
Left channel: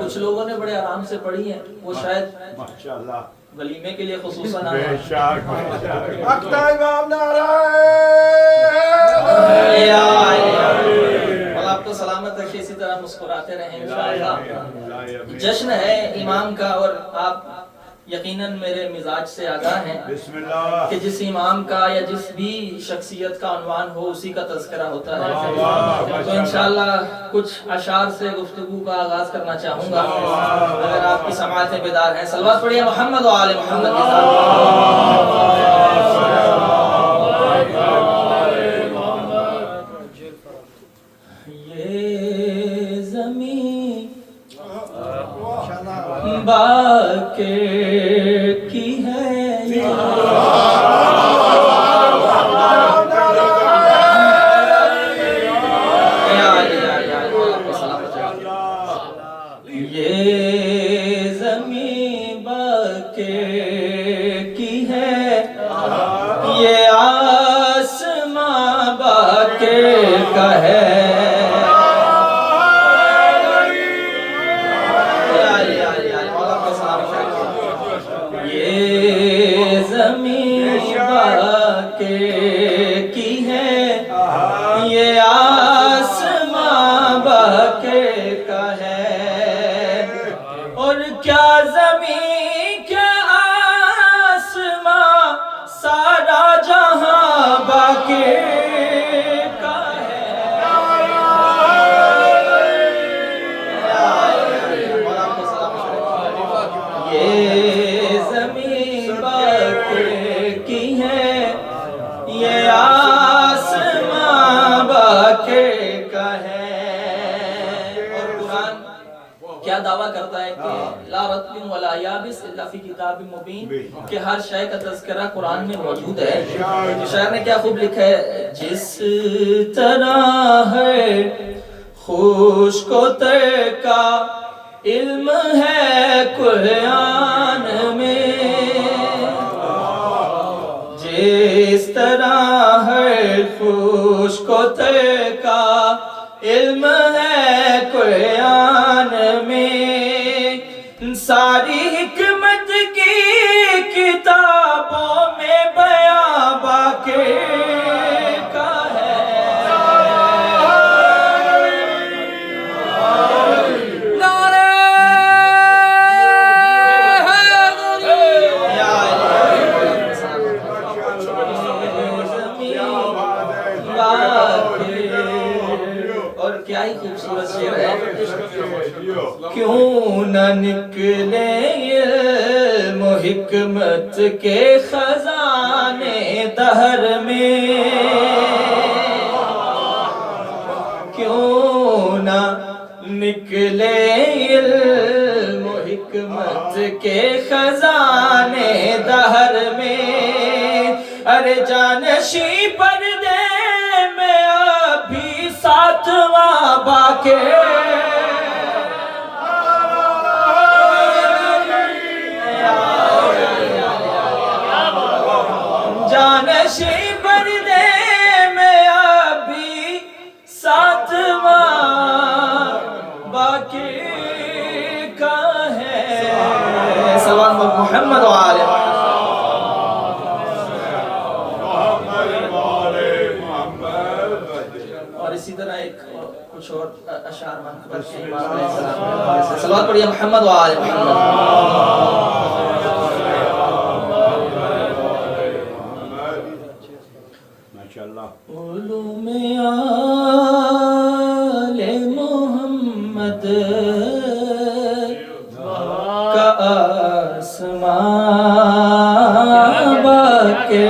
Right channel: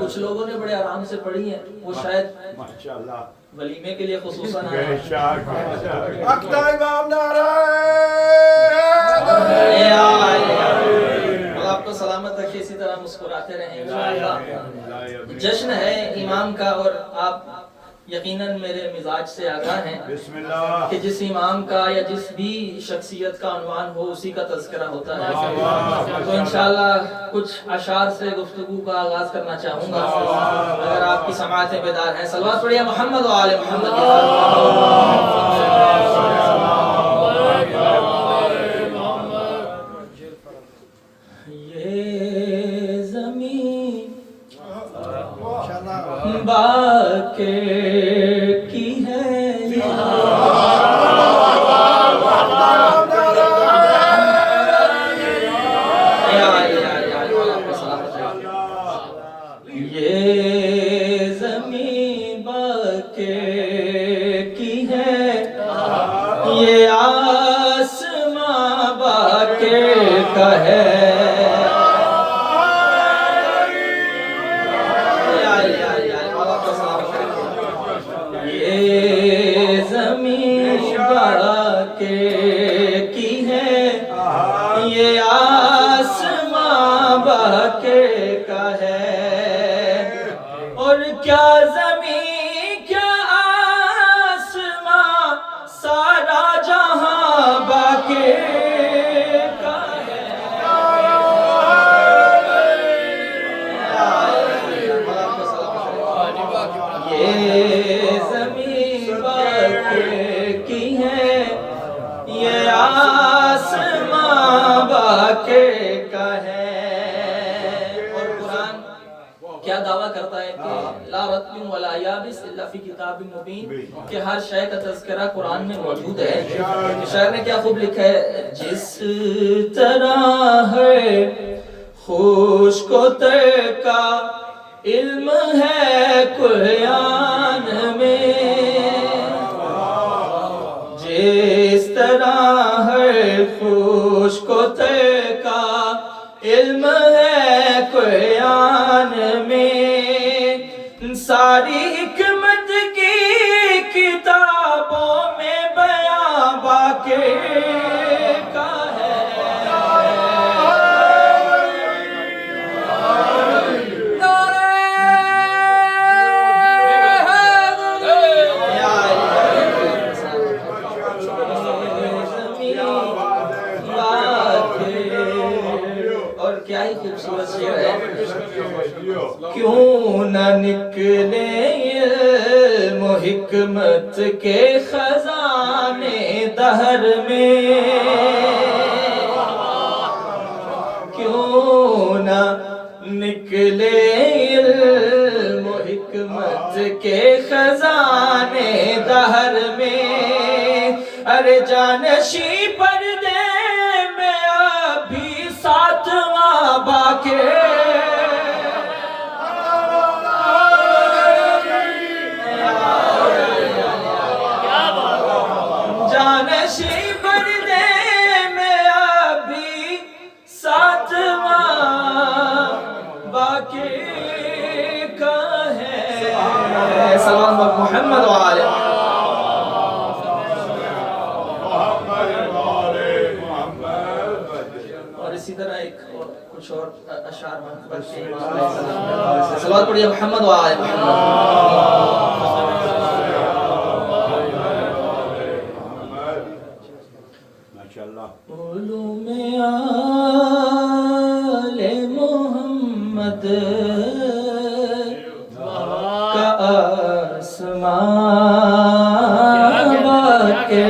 کچھ لوگوں نے بڑے آرام سے پڑھی ہیں، وہ شاید ماشاءاللہ ولیمے کے لیے خصوصاً آئے بے ہیں. شک اکتا امام نعرہ آپ کو سلامت رکھے، اسی طرح مسکراتے رہیں انشاءاللہ. جشن ہے امام کا اور آپ یقیناً میرے مزاج سے آگاہ ہیں بسم اللہ کہ جس امام کا یا جس بھی شخصیت کا عنوان ہو اسی کا تذکرہ ہوتا ہے. تو انشاءاللہ کچھ اشعار سے گفتگو کا آغاز کرنا چاہوں گا اگر آپ کی سماعتیں بیدار ہیں. صلوات پڑھیے محمد و آل محمد کے ساتھ. یہ زمین باقی کی ہے، یہ زمین باقی کی ہے، یہ آسمان باقی کا ہے. یہ زمین باقی کی ہے، یہ آسمان باقی کا ہے. اور کیا زمین کیا آسمان، سارا جہاں باقی کا ہے. یہ زمین باقی کی ہے، یہ آسمان باقی کا ہے. اور قرآن کیا دعویٰ کرتا ہے کہ لا رتب ولا یابس الا فی کتاب مبین، کہ ہر شے کا تذکرہ قرآن میں موجود ہے. شاعر نے کیا خوب لکھا ہے، جس طرح ہے خشک و تر کا علم ہے قرآن میں، جس طرح ہے خشک و تر کا علم ہے قرآن میں، ساری حکمت کی کتابوں میں بیان باقی کا ہے. شعر ہے کیوں نہ نکلے علم و حکمت کے خزانے دہر میں کیوں نہ نکلے علم و حکمت کے خزانے دہر میں ارے جانشی پردے میں ابھی ساتواں باقی جانشی پردے میں ابھی ساتواں باقی کا ہے سلام محمد و آل محمد اور اسی طرح ایک کچھ اور اشعار منقبت کے امام علیہ السلام سے صلوات پڑھیے محمد و آل محمد علوم آل محمد کا آسمان باقی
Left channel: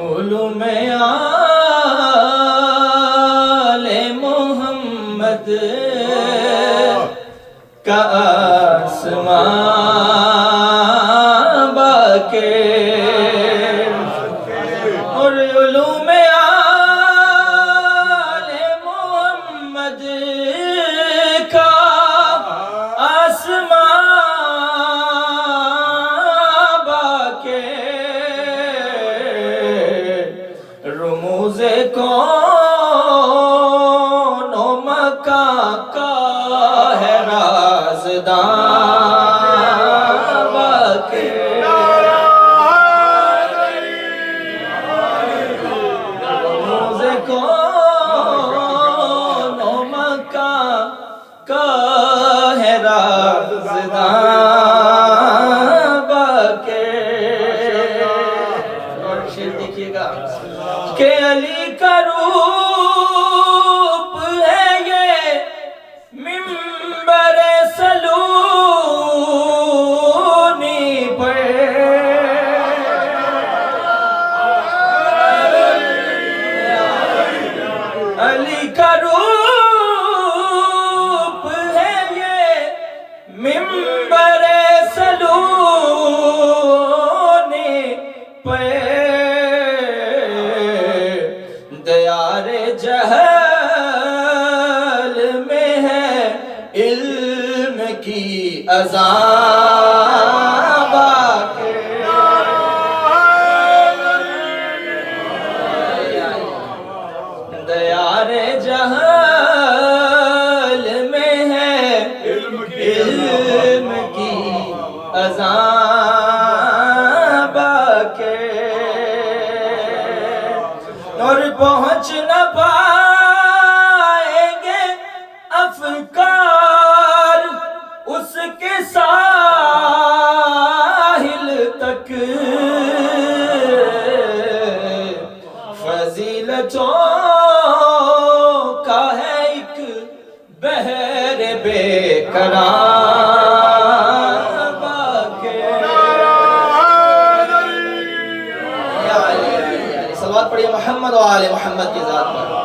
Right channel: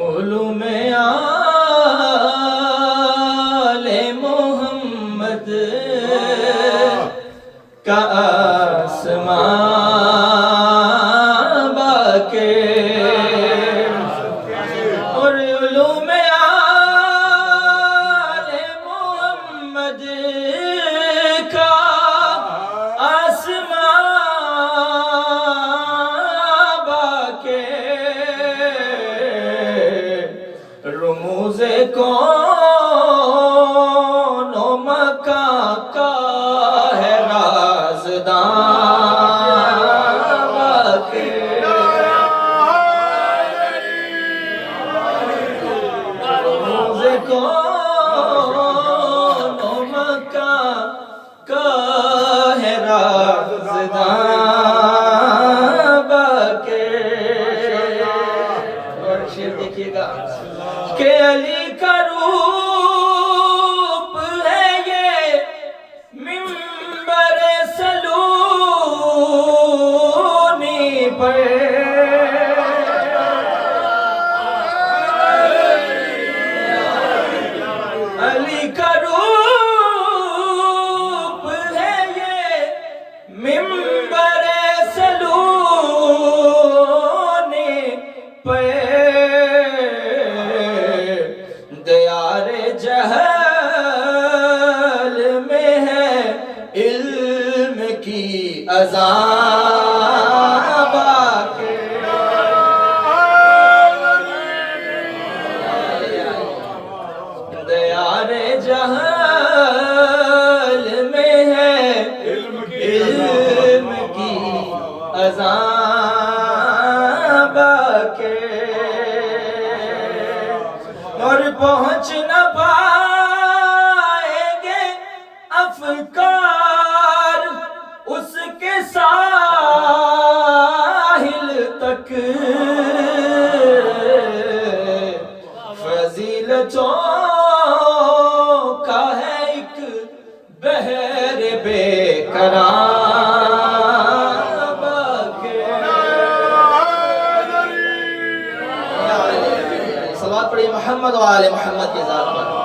علوم آل محمد کا آسمان باقی اور علوم آل محمد کا آسمان باقی رموز کون و مکان کا ہے رازدان باقی رموز کون و مکان کا ہے رازدان باقی اور شعر دیکھیے گا کہ علی کا روپ ہے یہ منبر سلونی پر علی کا روپ ہے یہ منبر سلونی پر دیار جہل میں ہے علم کی اذان باقی دیار جہل میں ہے علم کی اذان باقی اور پہنچ نہ پائیں گے افکار اس کے ساحل تک فضیلتوں کا ہے ایک بحر بے کران باقی صلوات پڑھیے محمد و آل محمد کی ذات پر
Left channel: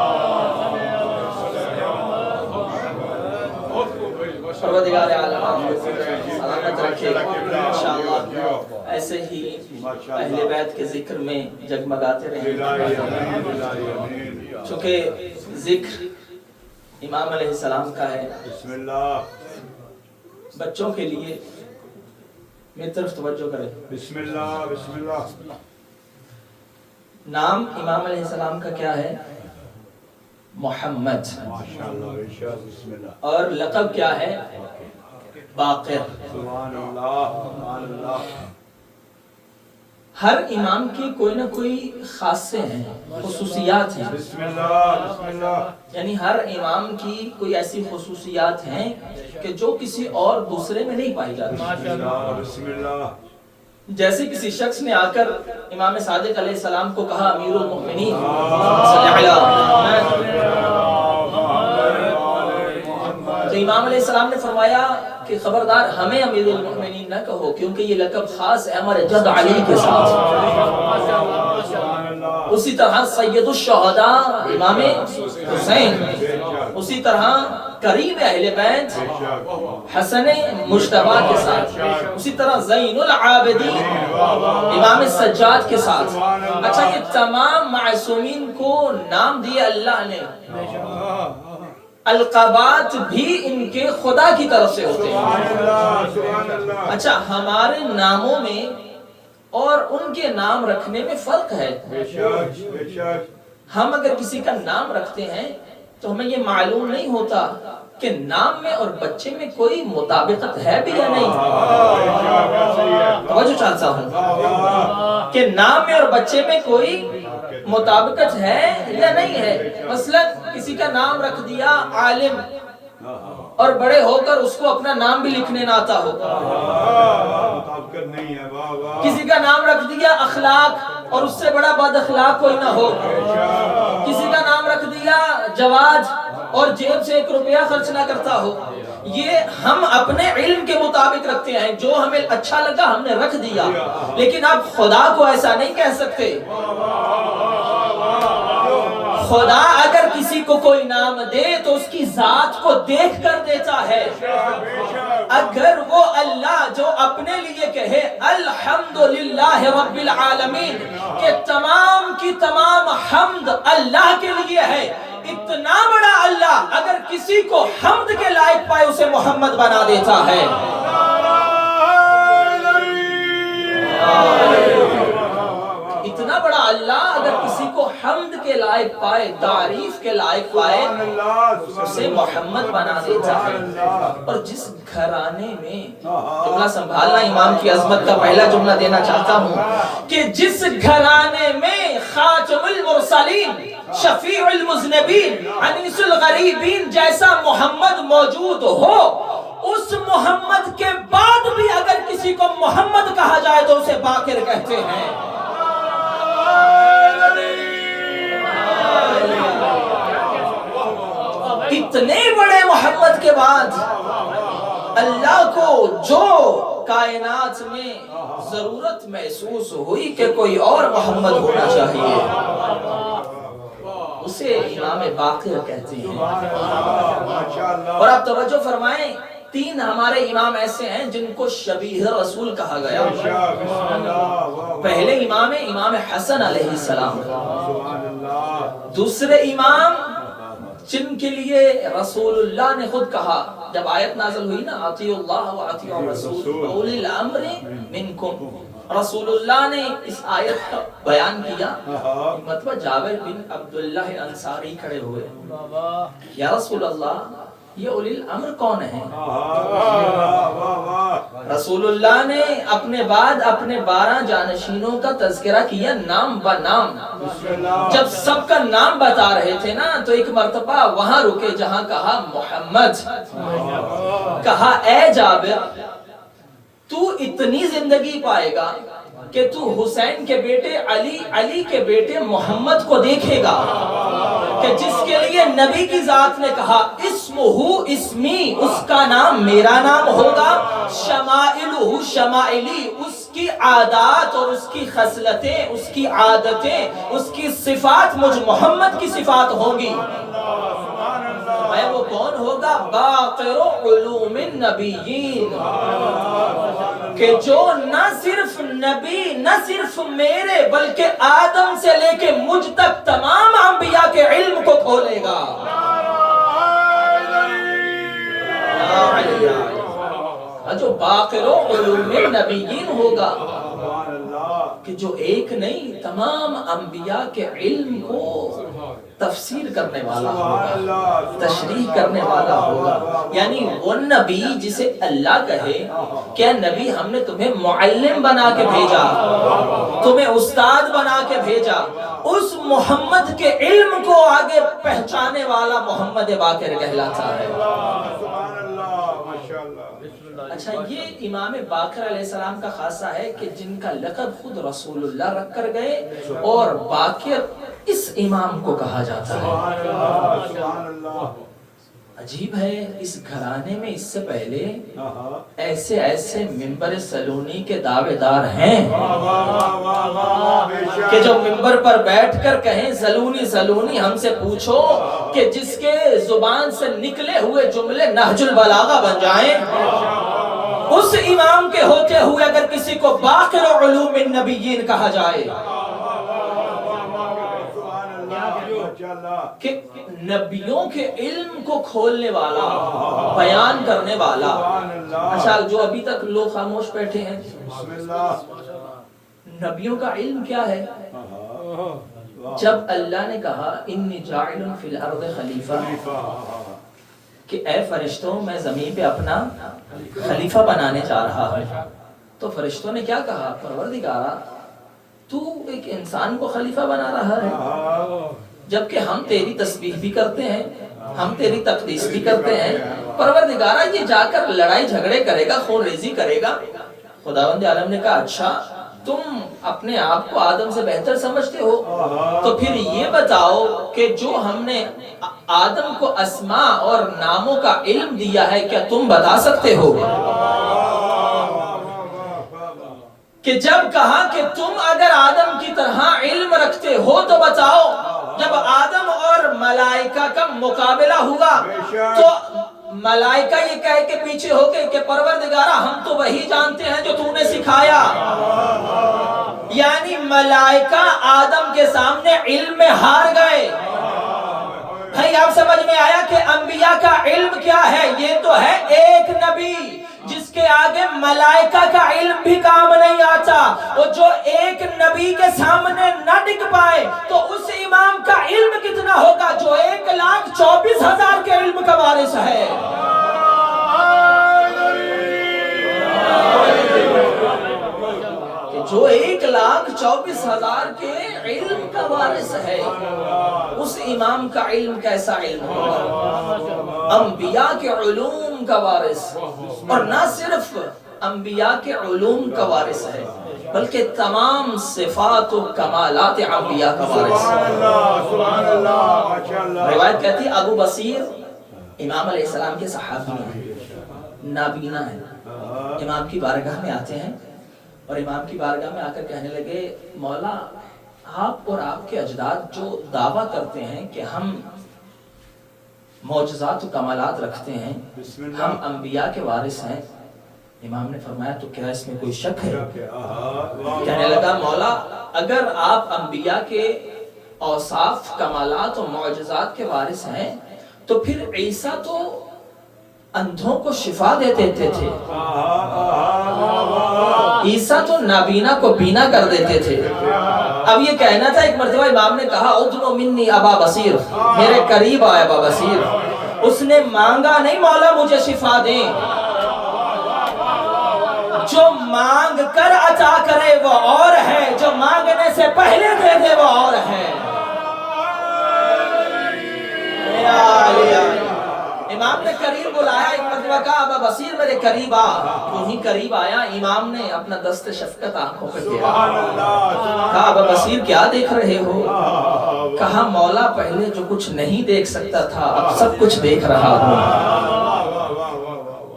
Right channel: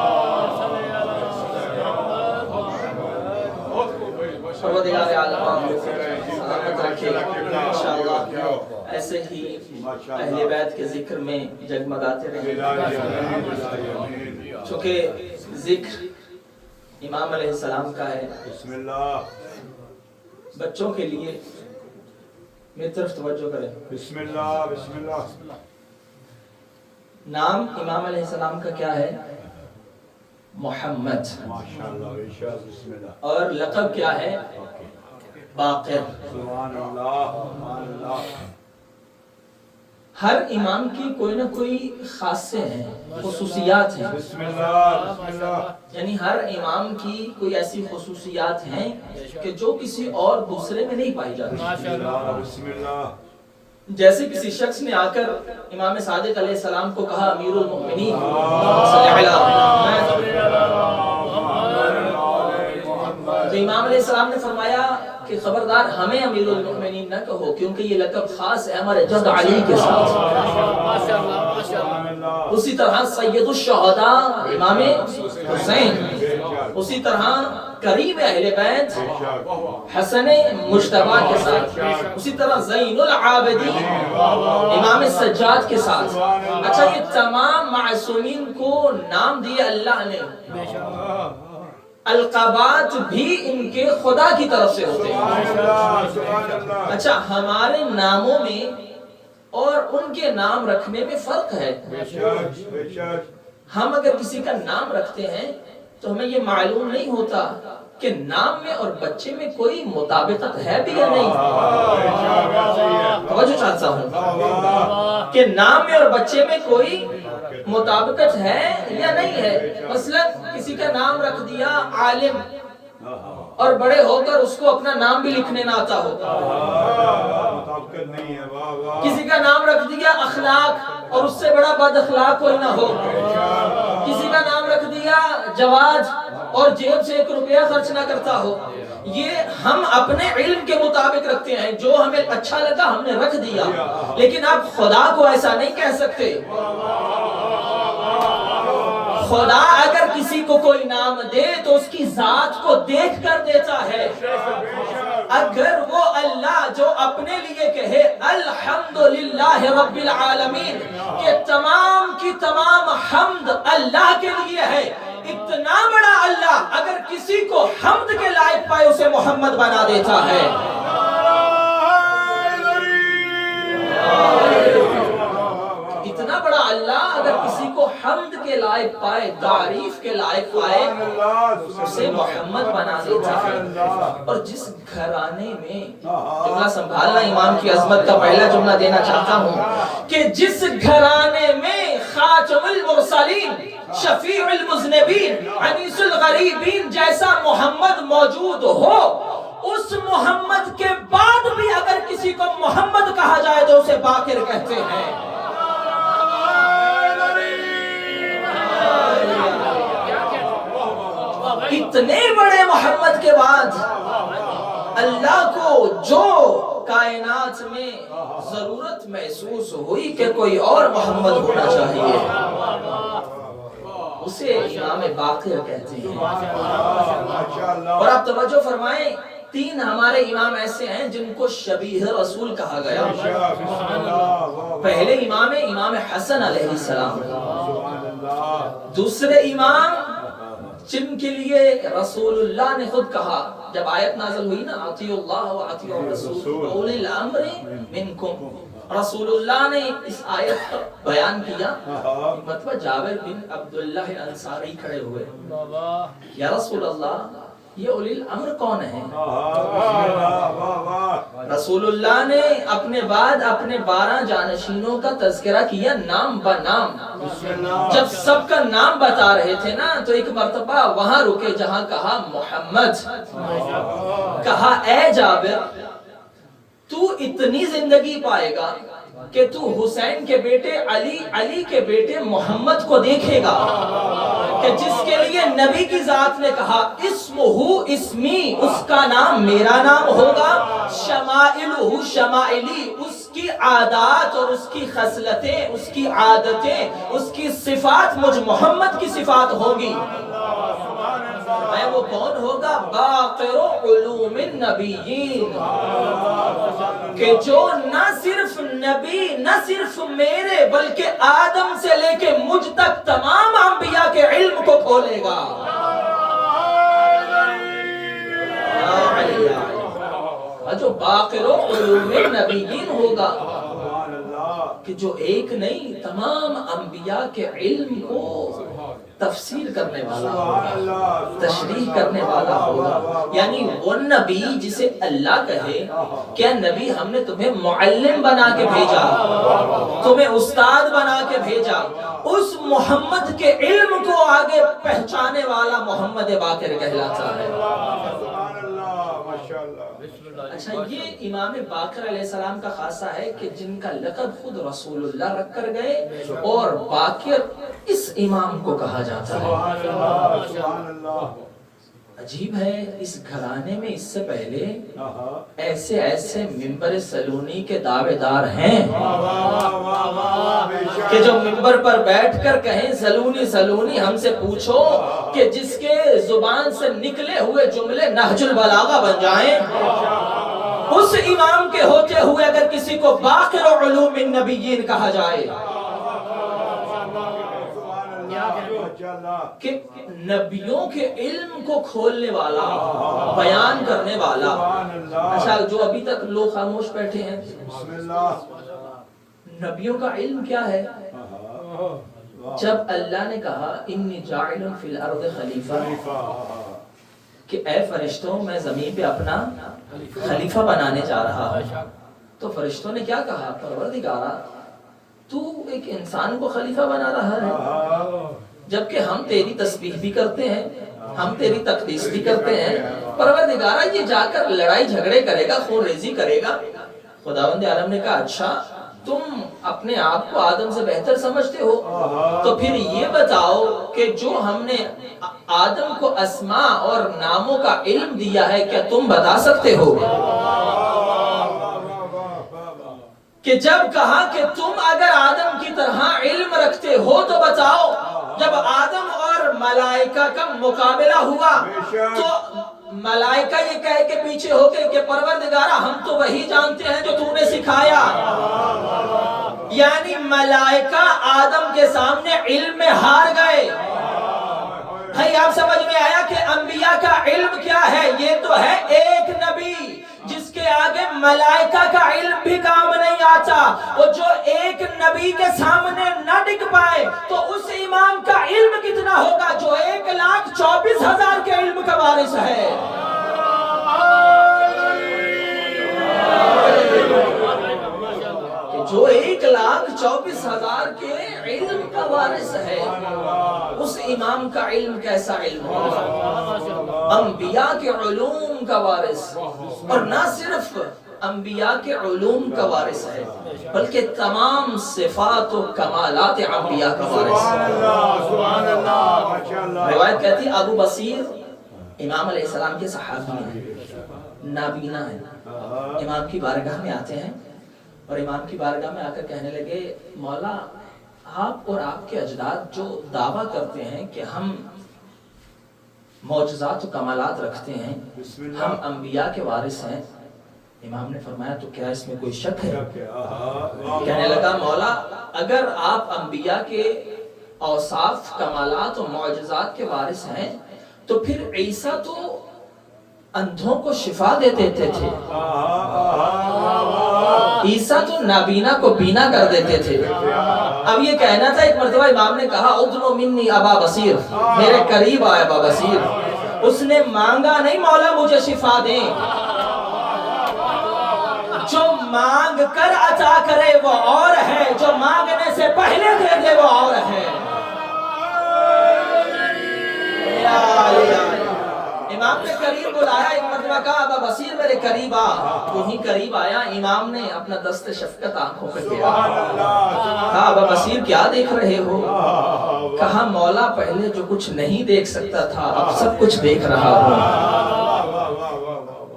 پروردگار عالم آپ کو سلامت رکھے انشاءاللہ ایسے ہی اہل بیت کے ذکر میں جگمگاتے رہیں چونکہ ذکر امام علیہ السلام کا ہے بچوں کے لیے میری طرف توجہ کریں بسم اللہ بسم اللہ نام امام علیہ السلام کا کیا ہے محمد اور لقب کیا ہے باقر سبحان اللہ سبحان اللہ ہر امام کی کوئی نہ کوئی خاصے ہیں خصوصیات ہیں بسم اللہ بسم اللہ یعنی ہر امام کی کوئی ایسی خصوصیات ہیں کہ جو کسی اور دوسرے میں نہیں پائی جاتی بسم اللہ جیسے کسی شخص نے آ کر امام صادق علیہ السلام کو کہا امیر المؤمنین صلی علی محمد، تو امام علیہ السلام نے فرمایا کہ خبردار ہمیں امیر المؤمنین نہ کہو، کیونکہ یہ لقب خاص ہے ہمارے جد علی کے ساتھ۔ اسی طرح سید الشہداء امام حسین، اسی طرح کریم اہل بیت حسن مجتبیٰ کے ساتھ، اسی طرح زین العابدین امام سجاد کے ساتھ۔ اچھا، یہ تمام معصومین کو نام دیا اللہ نے، القابات بھی ان کے خدا کی طرف سے ہوتے ہیں۔ اچھا، ہمارے ناموں میں اور ان کے نام رکھنے میں فرق ہے۔ ہم اگر کسی کا نام رکھتے ہیں تو ہمیں یہ معلوم نہیں ہوتا کہ نام میں اور بچے میں کوئی مطابقت ہے بھی یا نہیں۔ توجہ چاہتا ہوں کہ نام میں اور بچے میں کوئی مطابقت ہے یا نہیں ہے۔ مثلا کسی کا نام رکھ دیا عالم اور بڑے ہو کر اس کو اپنا نام بھی لکھنے نہ آتا ہو، کسی کا نام رکھ دیا اخلاق اور اس سے بڑا بد اخلاق کوئی نہ ہو، کسی کا نام رکھ دیا جواد اور جیب سے 1 روپیہ خرچ نہ کرتا ہو۔ یہ ہم اپنے علم کے مطابق رکھتے ہیں، جو ہمیں اچھا لگا ہم نے رکھ دیا، لیکن آپ خدا کو ایسا نہیں کہہ سکتے۔ خدا اگر کسی کو کوئی نام دے تو اس کی ذات کو دیکھ کر دیتا ہے۔ اگر وہ اللہ جو اپنے لیے کہے الحمدللہ رب العالمین کہ تمام کی تمام حمد اللہ کے لیے ہے، اتنا بڑا اللہ اگر کسی کو حمد کے لائق پائے اسے محمد بنا دیتا ہے۔ اتنا بڑا اللہ اگر کسی کو حمد کے لائق پائے، تعریف کے لائق پائے، اسے محمد بنا دیتا ہے۔ اور جس گھرانے میں، جملہ سنبھالنا، امام کی عظمت کا پہلا جملہ دینا چاہتا ہوں کہ جس گھرانے میں خاتم المرسلین، شفیع المذنبین، انیس الغریبین جیسا محمد موجود ہو، اس محمد کے بعد بھی اگر کسی کو محمد کہا جائے تو اسے باقر کہتے ہیں۔ اتنے بڑے محمد کے بعد اللہ کو جو کائنات میں ضرورت محسوس ہوئی کہ کوئی اور محمد ہونا چاہیے، اسے امام باقر کہتے ہیں۔ اور آپ توجہ فرمائیں، 3 ہمارے امام ایسے ہیں جن کو شبیہ رسول کہا گیا۔ پہلے امام حسن علیہ السلام، دوسرے امام جن کے لیے رسول اللہ نے خود کہا جب آیت نازل ہوئی نا اطیعوا اللہ و اطیعوا الرسول اولی الامر منکم، رسول اللہ نے اس آیت کا بیان کیا، مطلب جابر بن عبداللہ انصاری کھڑے ہوئے، یا رسول اللہ یہ اولی الامر کون ہے؟ رسول اللہ نے اپنے بعد اپنے 12 جانشینوں کا تذکرہ کیا نام با نام۔ جب سب کا نام بتا رہے تھے نا تو ایک مرتبہ وہاں رکے جہاں کہا محمد، کہا اے جابر تو اتنی زندگی پائے گا کہ تو حسین کے بیٹے علی، علی کے بیٹے محمد کو دیکھے گا، کہ جس کے لیے نبی کی ذات نے کہا اسمہ اسمی، اس کا نام میرا نام ہوگا، شمائلہ شمائلی، اس کی عادات اور اس کی خصلتیں، اس کی عادتیں، اس کی صفات مجھ محمد کی صفات ہوں گی۔ وہ کون ہوگا؟ باقر علوم النبیین، کہ جو نہ صرف نبی، نہ صرف میرے بلکہ آدم سے لے کے مجھ تک تمام انبیاء کے علم کو کھولے گا۔ جو باقر علوم النبیین ہوگا، کہ جو ایک نہیں تمام انبیاء کے علم کو تفسیر کرنے والا ہوگا، تشریح کرنے والا ہوگا۔ یعنی وہ نبی جسے اللہ کہے کہ نبی ہم نے تمہیں معلم بنا کے بھیجا، تمہیں استاد بنا کے بھیجا، اس محمد کے علم کو آگے پہچانے والا محمد باقر کہلاتا ہے۔ اچھا یہ امام باقر علیہ السلام کا خاصہ ہے کہ جن کا لقب خود رسول اللہ رکھ کر گئے اور باقر اس امام کو کہا جاتا ہے. عجیب ہے اس گھرانے میں اس سے پہلے ایسے ایسے ممبر سلونی کے دعوے دار ہیں کہ جو ممبر پر بیٹھ کر کہیں سلونی سلونی ہم سے پوچھو کہ جس کے زبان سے نکلے ہوئے جملے نہج البلاغہ بن جائیں. اس امام کے ہوتے ہوئے اگر کسی کو باقر علوم النبیین کہا جائے کہ نبیوں کے علم کو کھولنے والا بیان کرنے والا. اچھا جو ابھی تک لوگ خاموش بیٹھے ہیں نبیوں کا علم کیا ہے؟ جب اللہ نے کہا انی جاعل فی الارض خلیفہ کہ اے فرشتوں میں زمین پہ اپنا خلیفہ بنانے جا رہا ہوں تو فرشتوں نے کیا کہا پروردگارا تو ایک انسان کو خلیفہ بنا رہا ہے جبکہ ہم تیری تسبیح بھی کرتے ہیں ہم تیری تقدیس بھی کرتے ہیں. پروردگارا یہ جا کر لڑائی جھگڑے کرے گا خون ریزی کرے گا. خداوند عالم نے کہا اچھا تم اپنے آپ کو آدم سے بہتر سمجھتے ہو تو پھر یہ بتاؤ کہ جو ہم نے آدم کو اسماء اور ناموں کا علم دیا ہے کیا تم بتا سکتے ہو کہ جب کہا کہ تم اگر آدم کی طرح علم رکھتے ہو تو بتاؤ جب آدم اور ملائکہ کا مقابلہ ہوا تو ملائکہ یہ کہہ کے پیچھے ہو کے کہ پروردگارہ ہم تو وہی جانتے ہیں جو تو نے سکھایا. یعنی ملائکہ آدم کے سامنے علم میں ہار گئے. بھائی آپ سمجھ میں آیا کہ انبیاء کا علم کیا ہے؟ یہ تو ہے ایک نبی جس کے آگے ملائکہ کا علم بھی کام نہیں آتا. اور جو ایک نبی کے سامنے نہ ٹک پائے تو اس امام کا علم کتنا ہوگا جو 1,24,000 کے علم کا وارث ہے. جو 1,24,000 کے علم کا وارث ہے اس امام کا علم کیسا علم ہوگا؟ انبیاء کے علوم کا وارث. اور نہ صرف انبیاء کے علوم کا وارث ہے بلکہ تمام صفات و کمالات انبیاء کا وارث ہے. روایت کہتی ہے ابو بصیر امام علیہ السلام کے صحابی ہیں نابینا ہیں. امام کی بارگاہ میں آتے ہیں اور امام کی بارگاہ میں آ کر کہنے لگے مولا آپ اور آپ کے اجداد جو دعویٰ کرتے ہیں کہ ہم معجزات و کمالات رکھتے ہیں ہم انبیاء کے وارث ہیں. امام نے فرمایا تو کیا اس میں کوئی شک ہے؟ کہنے لگا مولا اگر آپ انبیاء کے اوصاف کمالات و معجزات کے وارث ہیں تو پھر عیسیٰ تو اندھوں کو شفا دیتے تھے عیسیٰ تو نابینا کو بینا کر دیتے تھے. اب یہ کہنا تھا ایک مرتبہ امام نے کہا ادنو منی ابا بصیر میرے قریب آئے ابا بصیر. اس نے مانگا نہیں مولا مجھے شفا دیں. جو مانگ کر عطا کرے وہ اور ہے جو مانگنے سے پہلے دے دے وہ اور ہے. امام نے قریب بلایا ایک مرتبہ کہا ابا بصیر میرے قریب آ. تو ہی قریب آیا امام نے اپنا دست شفقت آنکھوں پہ پھیرا. کہا ابا بصیر کیا دیکھ رہے ہو؟ کہا مولا پہلے جو کچھ نہیں دیکھ سکتا تھا اب سب کچھ دیکھ رہا ہوں.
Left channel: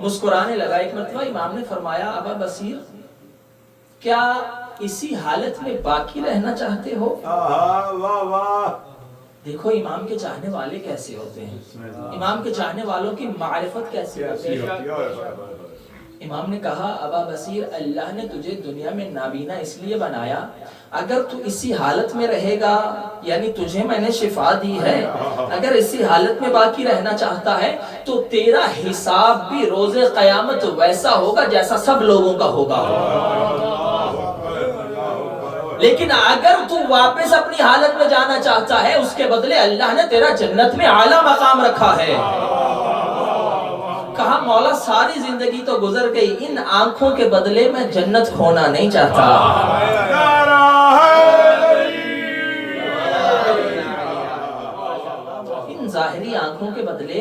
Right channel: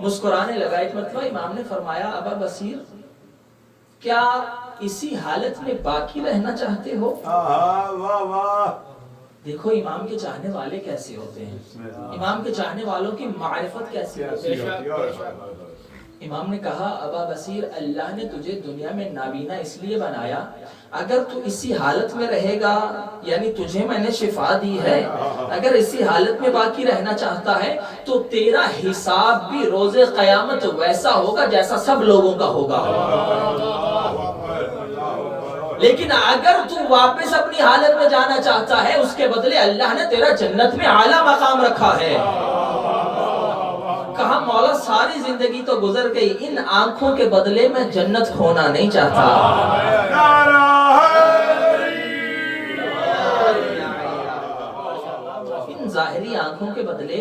مسکرانے لگا. ایک مرتبہ امام نے فرمایا ابا بصیر کیا اسی حالت میں باقی رہنا چاہتے ہو؟ دیکھو امام کے چاہنے والے کیسے ہوتے ہیں. امام کے چاہنے والوں کی معرفت کیسی ہوتی ہے. امام نے کہا ابا بصیر اللہ نے تجھے دنیا میں نابینا اس لیے بنایا اگر تو اسی حالت میں رہے گا یعنی تجھے میں نے شفا دی ہے اگر اسی حالت میں باقی رہنا چاہتا ہے تو تیرا حساب بھی روز قیامت ویسا ہوگا جیسا سب لوگوں کا ہوگا. لیکن اگر تو واپس اپنی حالت میں جانا چاہتا ہے اس کے بدلے اللہ نے تیرا جنت میں اعلیٰ مقام رکھا ہے. کہا مولا ساری زندگی تو گزر گئی ان آنکھوں کے بدلے میں جنت کھونا نہیں چاہتا. ان ظاہری آنکھوں کے بدلے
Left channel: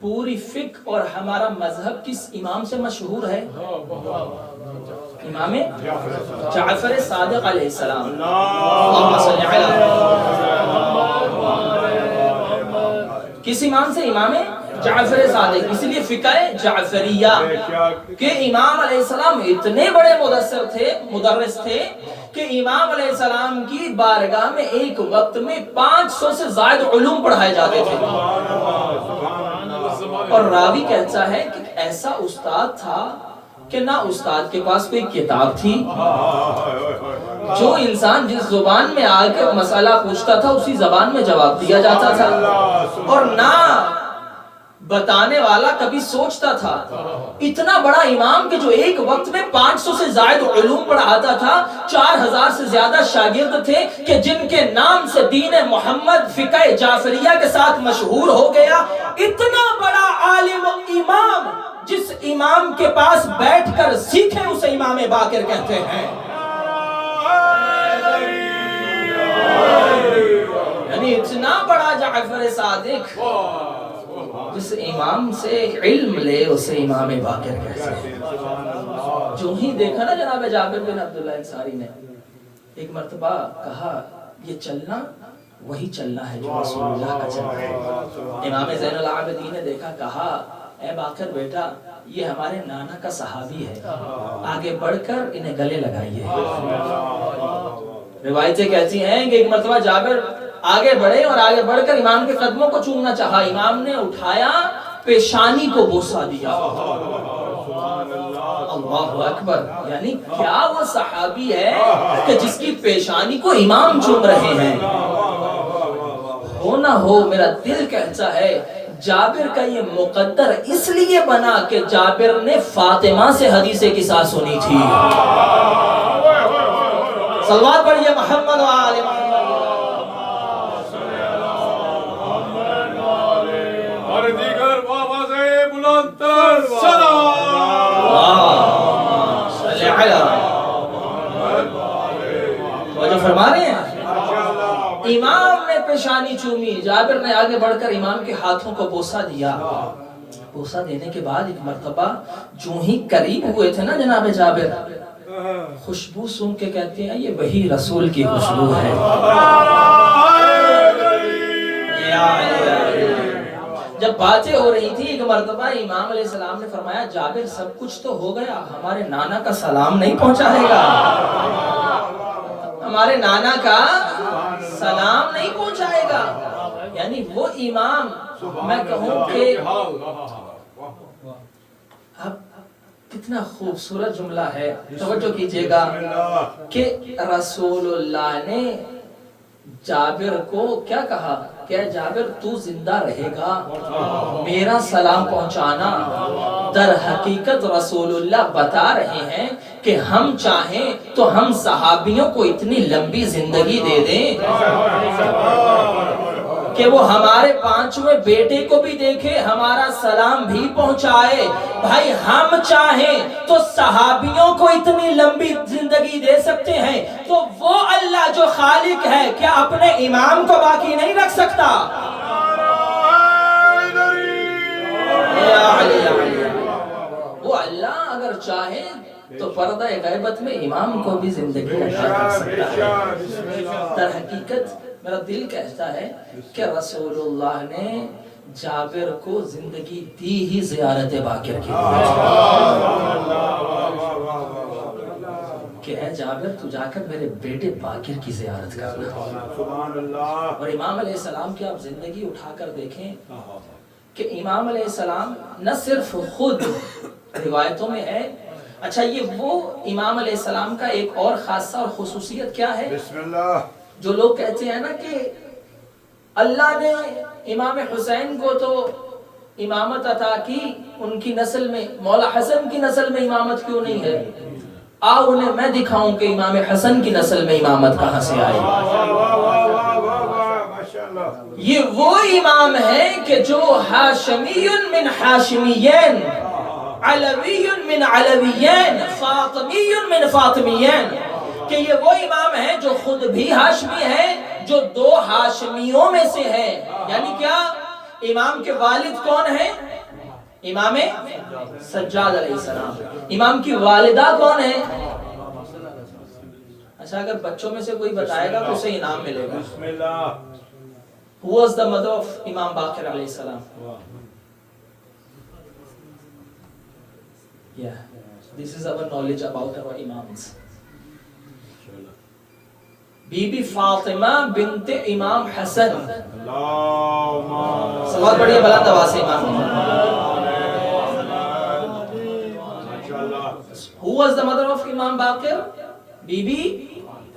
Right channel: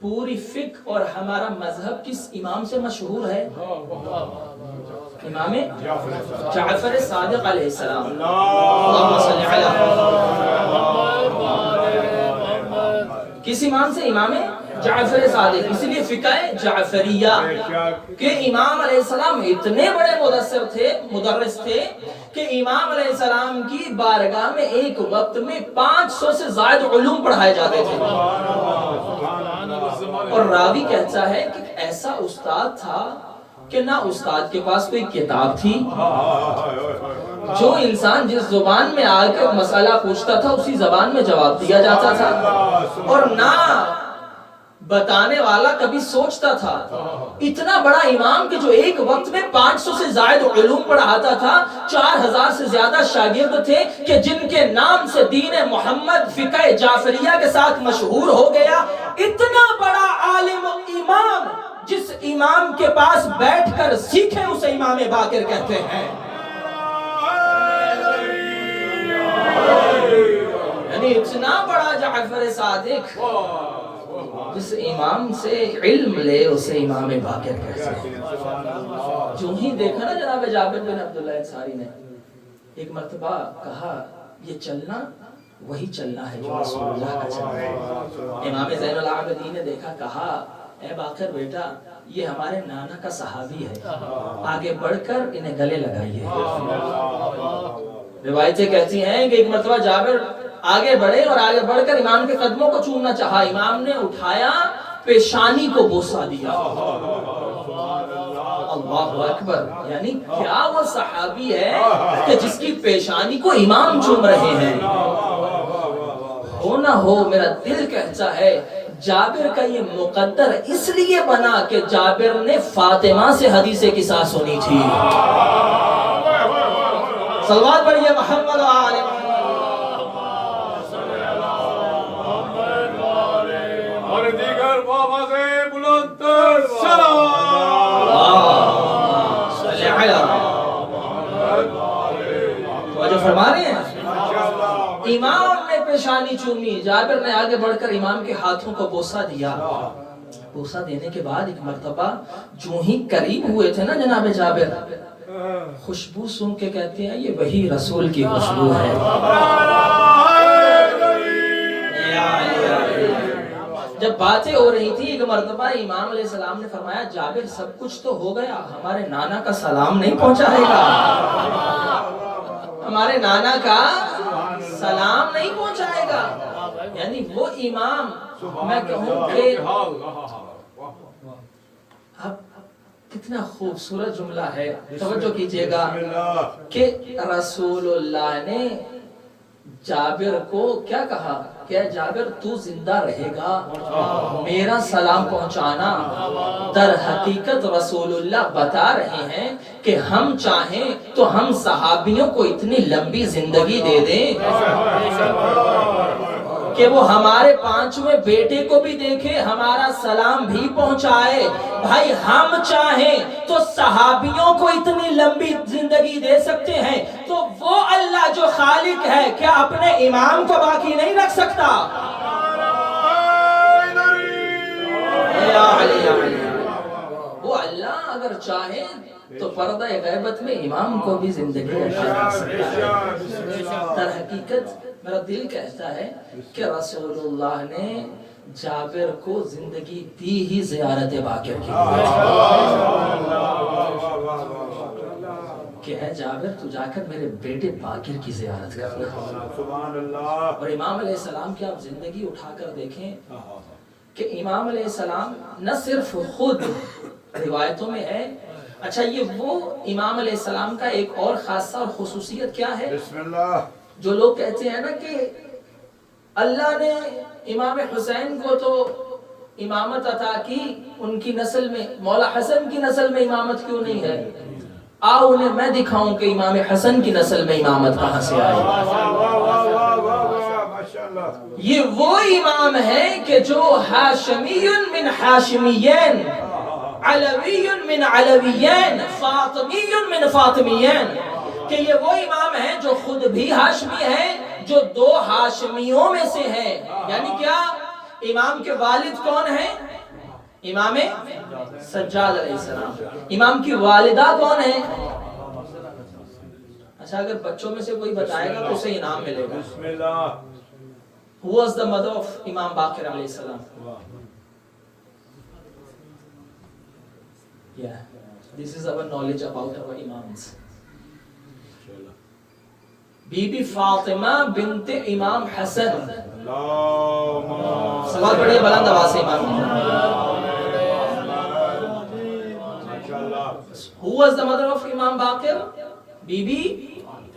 پوری فقہ اور ہمارا مذہب کس امام سے مشہور ہے؟ امام جعفر صادق علیہ السلام. اللہم صلی علی. کس امام سے؟ امام جعفر صادق. اس لیے فقہ جعفریہ کہ امام علیہ السلام اتنے بڑے مدرس تھے کہ امام علیہ السلام کی بارگاہ میں ایک وقت میں 500 سے زائد علوم پڑھائے جاتے تھے. اور راوی کہتا ہے کہ ایسا استاد تھا کہ نہ استاد کے پاس کوئی کتاب تھی، جو انسان جس زبان میں آ کے مسئلہ پوچھتا تھا اسی زبان میں جواب دیا جاتا تھا، اور نہ بتانے والا کبھی سوچتا تھا. اتنا بڑا امام کہ جو ایک وقت میں 500 سے زائد علوم پڑھاتا تھا، 4000 سے زیادہ شاگرد تھے کہ جن کے نام سے دین محمد فقہ جعفریہ کے ساتھ مشہور ہو گیا. اتنا بڑا عالم امام، جس امام کے پاس بیٹھ کر سیکھے اسے امام باقر کہتے ہیں. یعنی اتنا بڑا جعفر صادق جس امام سے علم لے اسے امام باقر کہتے ہیں. جو ہی دیکھا نا جناب جابر بن عبداللہ انصاری نے ایک مرتبہ کہا یہ چلنا وہی چلنا ہے جو رسول اللہ کا چلنا ہے. امام زین العابدین نے دیکھا، کہا اے باقر بیٹا یہ ہمارے نانا کا صحابی ہے، آگے بڑھ کر انہیں گلے لگائیے. روایتیں کہتی ہیں کہ ایک مرتبہ جابر آگے بڑھے اور آگے بڑھ کر امام کے قدموں کو چومنا چاہا. امام نے اٹھایا، پیشانی کو بوسہ دیا. اللہ اکبر. یعنی کیا وہ صحابی ہے کہ جس کی پیشانی کو امام چوم رہے ہیں؟ ہو نہ ہو میرا دل کہتا ہے جابر کا یہ مقدر اس لیے بنا کہ جابر نے فاطمہ سے حدیث قصہ سنی تھی. صلوات پڑھیے محمد و آل محمد. اور دیگر بآواز بلند تر صلوات. صلی علی. وہ جو فرما رہے ہیں امام نے پیشانی چومی، جابر نے آگے بڑھ کر امام کے ہاتھوں کو بوسہ دیا. بوسہ دینے کے بعد ایک مرتبہ جو ہی قریب ہوئے تھے نا جناب جابر، خوشبو سن کے کہتے ہیں یہ وہی رسول کی خوشبو ہے. جب باتیں ہو رہی تھی ایک مرتبہ امام علیہ السلام نے فرمایا جابر سب کچھ تو ہو گیا، ہمارے نانا کا سلام نہیں پہنچائے گا. ہمارے نانا کا سلام نہیں پہنچائے گا. یعنی وہ امام، میں کہوں کہ اب کتنا خوبصورت جملہ ہے، توجہ کیجئے گا کہ رسول اللہ نے جابر کو کیا کہا کہ جابر تو زندہ رہے گا، میرا سلام پہنچانا. در حقیقت رسول اللہ بتا رہے ہیں کہ ہم چاہیں تو ہم صحابیوں کو اتنی لمبی زندگی دے دیں کہ وہ ہمارے 5ویں بیٹے کو بھی دیکھے، ہمارا سلام بھی پہنچائے. بھائی ہم چاہیں تو صحابیوں کو اتنی لمبی زندگی دے سکتے ہیں، تو وہ اللہ جو خالق ہے کیا اپنے امام کو باقی نہیں رکھ سکتا؟ وہ اللہ اگر چاہے تو پردہ غیبت میں امام کو بھی زندگی عطا کر سکتا ہے. در حقیقت میرا دل کہتا ہے کہ رسول اللہ نے جابر کو زندگی دی ہی زیارت باقر کی کہ اے جابر تو جا کر میرے بیٹے باقر کی زیارت کرنا. اور امام علیہ السلام کی آپ زندگی اٹھا کر دیکھیں کہ امام علیہ السلام نہ صرف خود روایتوں میں ہے. اچھا یہ وہ امام علیہ السلام کا ایک اور خاصہ اور خصوصیت کیا ہے؟ بسم اللہ. جو لوگ کہتے ہیں نا کہ اللہ نے امام حسین کو تو امامت عطا کی ان کی نسل میں، مولا حسن کی نسل میں امامت کیوں نہیں ہے؟ آؤ انہیں میں دکھاؤں کہ امام حسن کی نسل میں امامت کہاں سے آئی. یہ وہ امام ہے کہ جو ہاشمی من ہاشمیین، علوی من علویین، فاطمی من فاطمیین، کہ یہ وہ امام ہے جو خود بھی ہاشمی ہے، جو 2 ہاشمیوں میں سے ہے. یعنی کیا امام کے والد کون ہیں؟ امام سجاد علیہ السلام. امام کی والدہ کون ہے؟ اچھا اگر بچوں میں سے کوئی بتائے گا تو اسے انعام ملے گا. بسم اللہ. Who was the mother of Imam Baqir alayhi salam? Yeah, this is our knowledge about our imams. Bibi Fatima bint Imam Hassan. سوال بڑی بلند آواز سے امام. Who was the mother of Imam Baqir? Bibi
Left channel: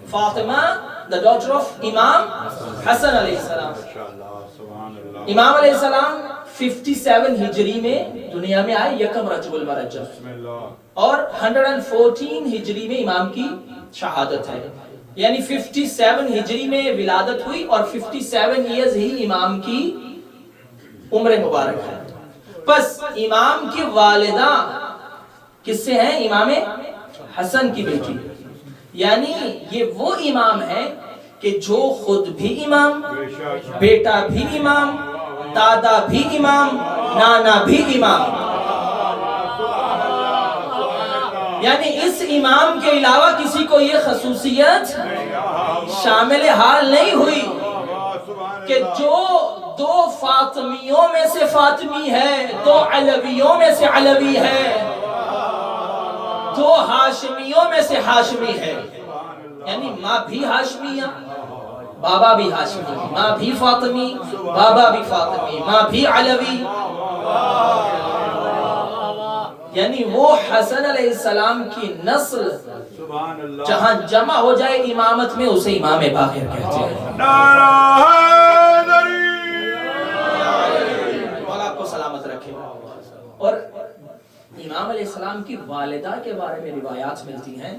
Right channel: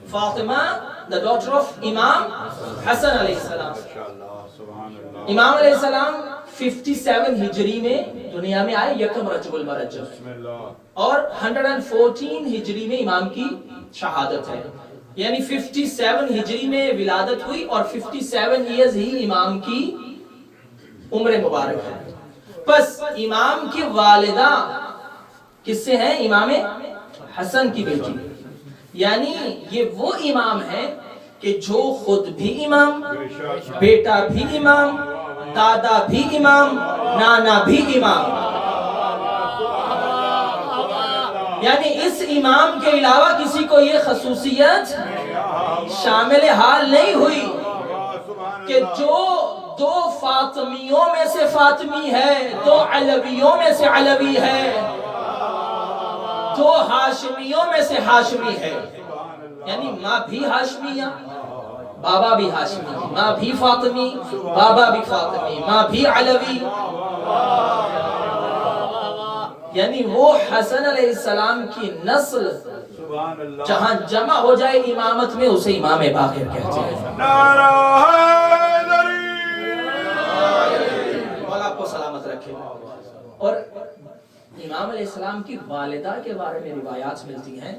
Fatima, the daughter of Imam Hassan alayhi salam. امام علیہ السلام 57 ہجری میں دنیا میں آئے یکم رجب المرجب اور 114 ہجری میں امام کی شہادت ہے. یعنی 57 ہجری میں ولادت ہوئی اور 57 ایئرز ہی امام کی عمر مبارک ہے. بس امام کی والدہ کس سے ہیں؟ امام حسن کی بیٹی. یعنی یہ وہ امام ہے کہ جو خود بھی امام، بیٹا بھی امام، دادا بھی امام، نانا بھی امام. یعنی اس امام کے علاوہ کسی کو یہ خصوصیت شامل حال نہیں ہوئی کہ جو دو فاطمیوں میں سے فاطمی ہے، دو علویوں میں سے علوی ہے، دو ہاشمیوں میں سے ہاشمی ہے. یعنی ماں بھی ہاشمیہ، بابا بھی ہاشمی، ماں بھی فاطمی، بابا بھی فاطمی، ماں بھی علوی. یعنی وہ حسن علیہ السلام کی نسل جہاں جمع ہو جائے امامت میں اسے امام باقر کہتے ہیں. مولا آپ کو سلامت رکھے. اور امام علیہ السلام کی والدہ کے بارے میں روایات ملتی ہیں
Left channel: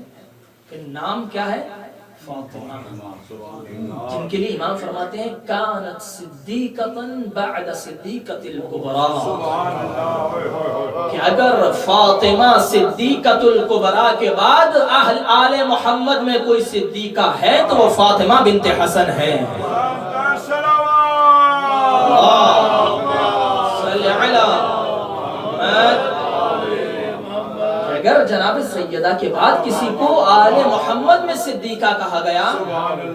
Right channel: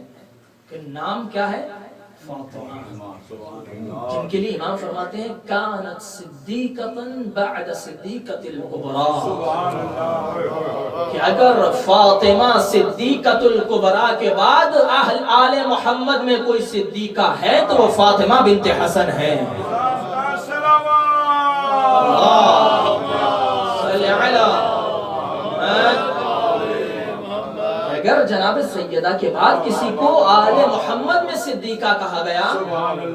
کہ نام کیا ہے؟ فاطمہ، جن کے لیے امام فرماتے ہیں کانت صدیقتاً بعد صدیقت الکبریٰ، کہ اگر فاطمہ صدیقت الکبریٰ کے بعد اہل آل محمد میں کوئی صدیقہ ہے تو وہ فاطمہ بنت حسن ہے. اگر جناب سیدہ کے بعد کسی کو آل محمد میں صدیقہ کہا گیا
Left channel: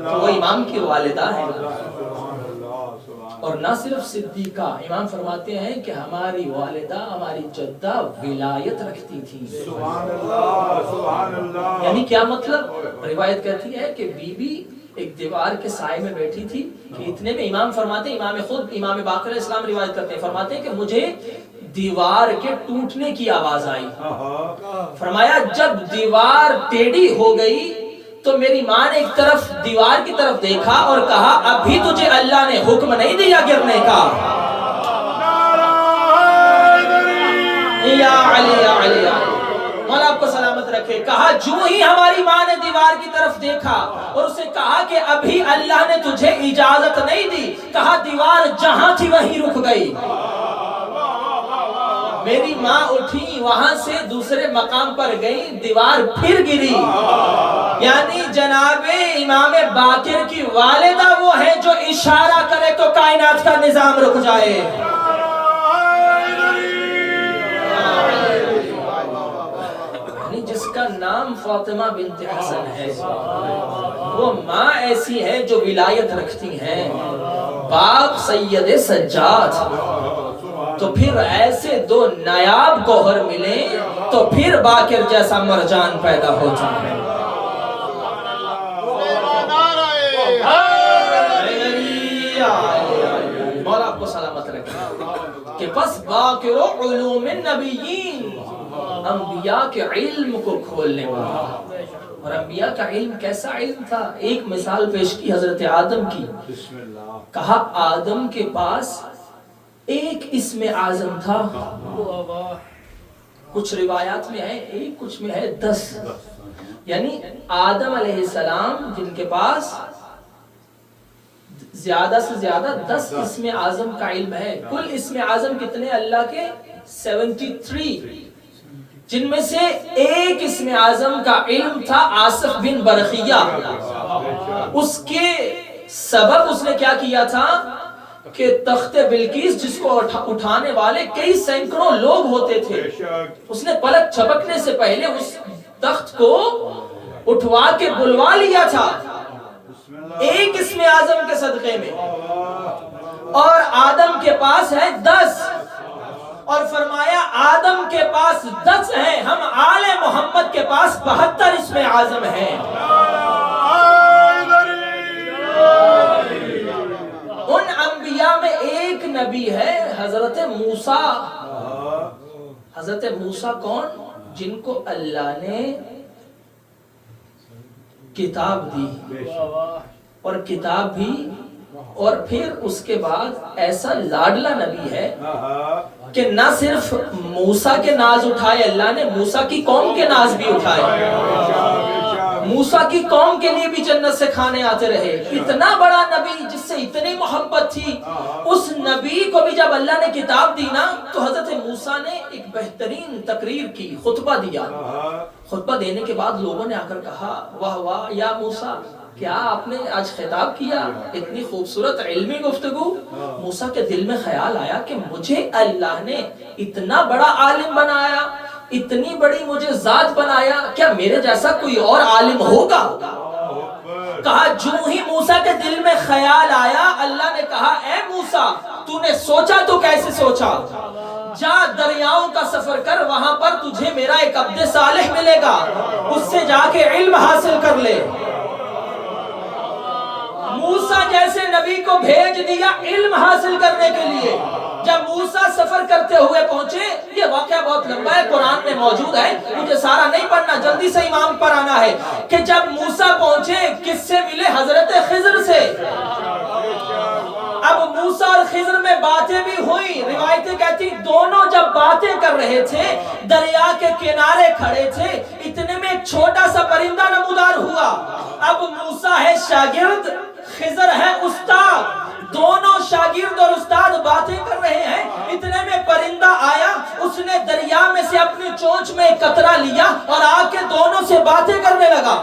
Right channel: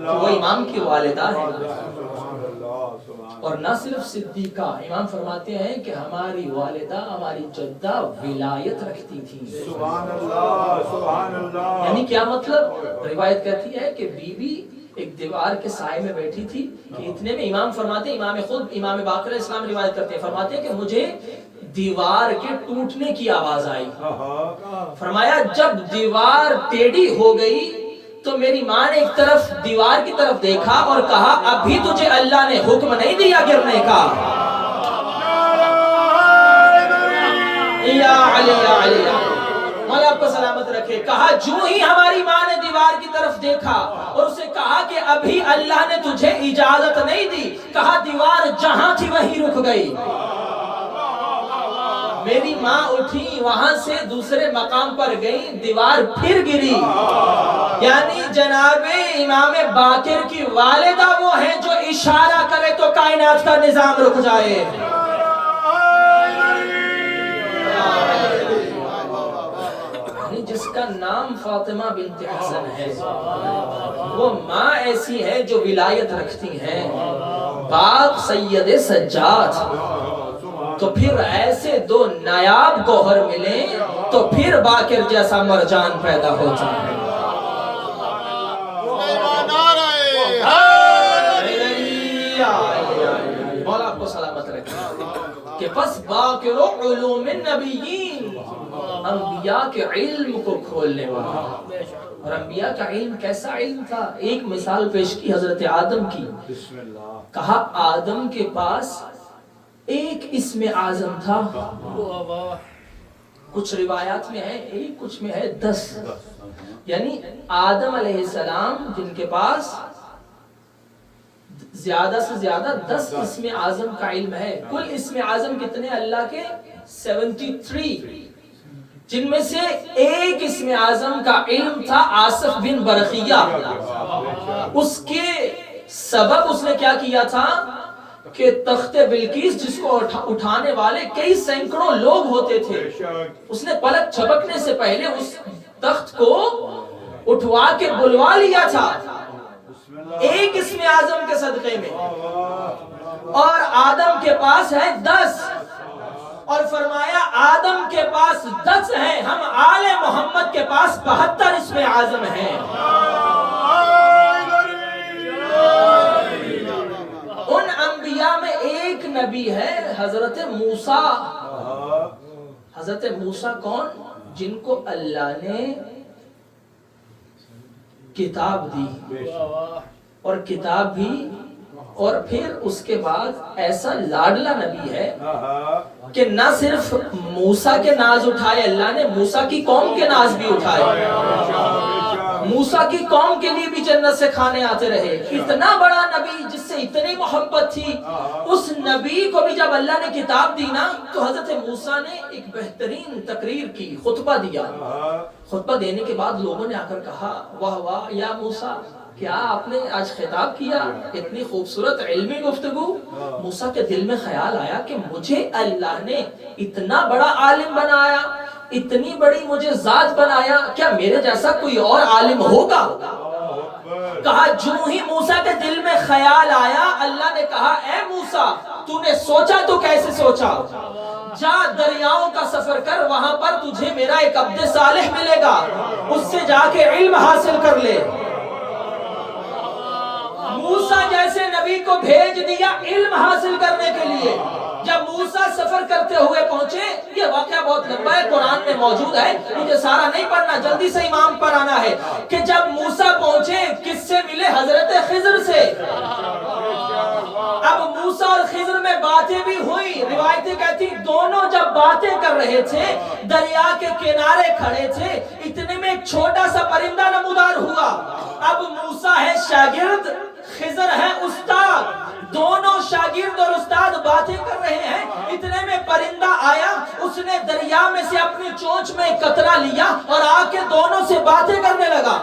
تو وہ امام کی والدہ ہے. اور نہ صرف صدیقہ، امام فرماتے ہیں کہ ہماری والدہ، ہماری جدہ ولایت رکھتی تھی. یعنی کیا مطلب؟ روایت کہتی ہے کہ بی بی ایک دیوار کے سائے میں بیٹھی تھی کہ اتنے میں امام فرماتے ہیں، امام خود امام باقر علیہ السلام روایت کرتے ہیں، فرماتے ہیں کہ مجھے دیوار کے ٹوٹنے کی آواز آئی. فرمایا جب دیوار ٹیڑھی ہو گئی تو میری ماں نے ایک طرف دیوار کی طرف دیکھا اور کہا ابھی تجھے اللہ نے حکم نہیں دیا گرنے کا. یا علی یا علی، مولا آپ کو سلامت رکھے. کہا جو ہی ہماری ماں نے دیوار کی طرف دیکھا اور اسے کہا کہ ابھی اللہ نے تجھے اجازت نہیں دی، کہا دیوار جہاں تھی وہیں رک گئی. میری ماں اٹھی، وہاں سے دوسرے مقام پر گئی، دیوار پھر گری. یعنی جناب امام باقر کی والدہ وہ ہے جو اشارہ کرے تو کائنات کا نظام رک جائے. جس کا نام فاطمہ بنت حسن ہے وہ ماں ایسی ہے جو ولایت رکھتی ہیں، باپ سید سجاد. تو پھر ایسے دو نایاب گوہر ملیں تو پھر باقر جیسا مرجان پیدا ہوتا ہے. مولا آپ کو سلامت رکھے کہ پس باقر علوم النبیین، انبیاء کے علم کو کھولنے والا. اور انبیاء کا علم کیسا علم تھا؟ ایک مثال پیش کی حضرت آدم کی. کہا آدم کے پاس ایک اسم اعظم تھا، کچھ روایات میں ہے ایک، کچھ میں ہے 10. یعنی آدم علیہ السلام جن کے پاس زیادہ سے زیادہ 10 اسم اعظم کا علم ہے. کل اسم اعظم کتنے؟ اللہ کے 73، جن میں سے ایک اسم اعظم کا علم تھا آصف بن برخیہ. اس کے سبب اس نے کیا کیا تھا؟ کہ تخت بلقیس جس کو اٹھانے والے کئی سینکڑوں لوگ ہوتے تھے، اس نے پلک چھپکنے سے پہلے اس تخت کو اٹھوا کے بلوا لیا تھا ایک اسم اعظم کے صدقے میں، اور آدم کے پاس ہے 10، اور فرمایا آدم کے پاس 10 ہیں، ہم آل محمد کے پاس 72 اسم اعظم ہیں۔ ان انبیاء میں ایک نبی ہے حضرت موسیٰ۔ حضرت موسیٰ کون؟ جن کو اللہ نے کتاب دی، اور کتاب بھی، اور پھر اس کے بعد ایسا لاڈلا نبی ہے کہ نہ صرف موسیٰ کے ناز اٹھائے اللہ نے، موسیٰ کی قوم کے ناز بھی اٹھائے، موسیٰ کی قوم کے لیے بھی جنت سے کھانے آتے رہے۔ اتنا بڑا نبی جس سے اتنی محبت تھی، اس نبی کو بھی جب اللہ نے کتاب دی نا، تو حضرت موسیٰ نے ایک بہترین تقریر کی، خطبہ دیا۔ خطبہ دینے کے بعد لوگوں نے آ کر کہا واہ واہ یا موسیٰ، کیا آپ نے آج خطاب کیا، اتنی خوبصورت علمی گفتگو۔ موسیٰ کے دل میں خیال آیا کہ مجھے اللہ نے اتنا بڑا عالم بنایا، اتنی بڑی مجھے ذات بنایا، کیا میرے جیسا کوئی اور عالم ہوگا؟ کہا جو ہی موسیٰ کے دل میں خیال آیا، اللہ نے کہا اے موسیٰ تو نے سوچا تو کیسے سوچا، جا دریاؤں کا سفر کر، وہاں پر تجھے میرا ایک عبد صالح ملے گا، اس سے جا کے علم حاصل کر لے۔ موسیٰ جیسے نبی کو بھیج دیا علم حاصل کرنے کے لیے۔ جب موسیٰ سفر کرتے ہوئے پہنچے، یہ واقعہ بہت لمبا ہے، قرآن میں موجود ہے، مجھے سارا نہیں پڑھنا، جلدی سے امام پر آنا ہے، کہ جب موسیٰ پہنچے کس سے ملے؟ حضرت خضر سے۔ اب موسیٰ اور خضر میں باتیں بھی ہوئی، روایتیں کہتی دونوں جب باتیں کر رہے تھے، دریا کے کنارے کھڑے تھے، اتنے میں ایک چھوٹا سا پرندہ نمودار ہوا۔ اب موسیٰ ہے شاگرد، خضر ہے استاد، دونوں شاگرد اور استاد باتیں کر رہے ہیں، اتنے میں پرندہ آیا، اس نے دریا میں سے اپنی چونچ میں ایک قطرہ لیا اور آ کے دونوں سے باتیں کرنے لگا۔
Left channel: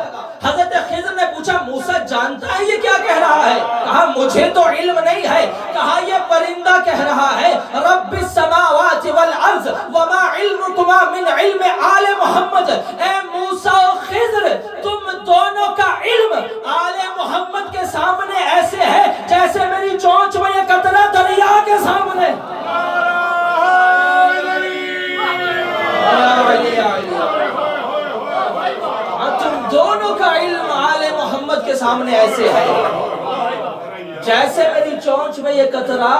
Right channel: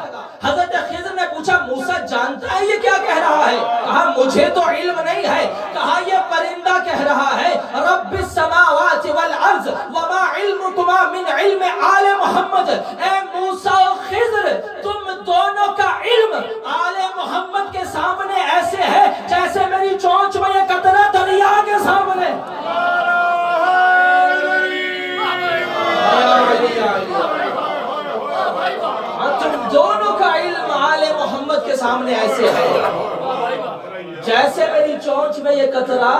حضرت خضر نے پوچھا موسیٰ جانتا ہے یہ کیا کہہ رہا ہے؟ کہا مجھے تو علم نہیں ہے۔ کہا یہ پرندہ کہہ رہا ہے رب السماوات والارض وما علمکما من علم آل محمد۔ اے موسیٰ و خضر، تم دونوں کا علم آل محمد کے سامنے ایسے ہے جیسے میری چونچ میں یہ قطرہ دریا کے سامنے۔ تم دونوں کا علم آل محمد کے سامنے ایسے ہے جیسے میری چونچ میں یہ قطرہ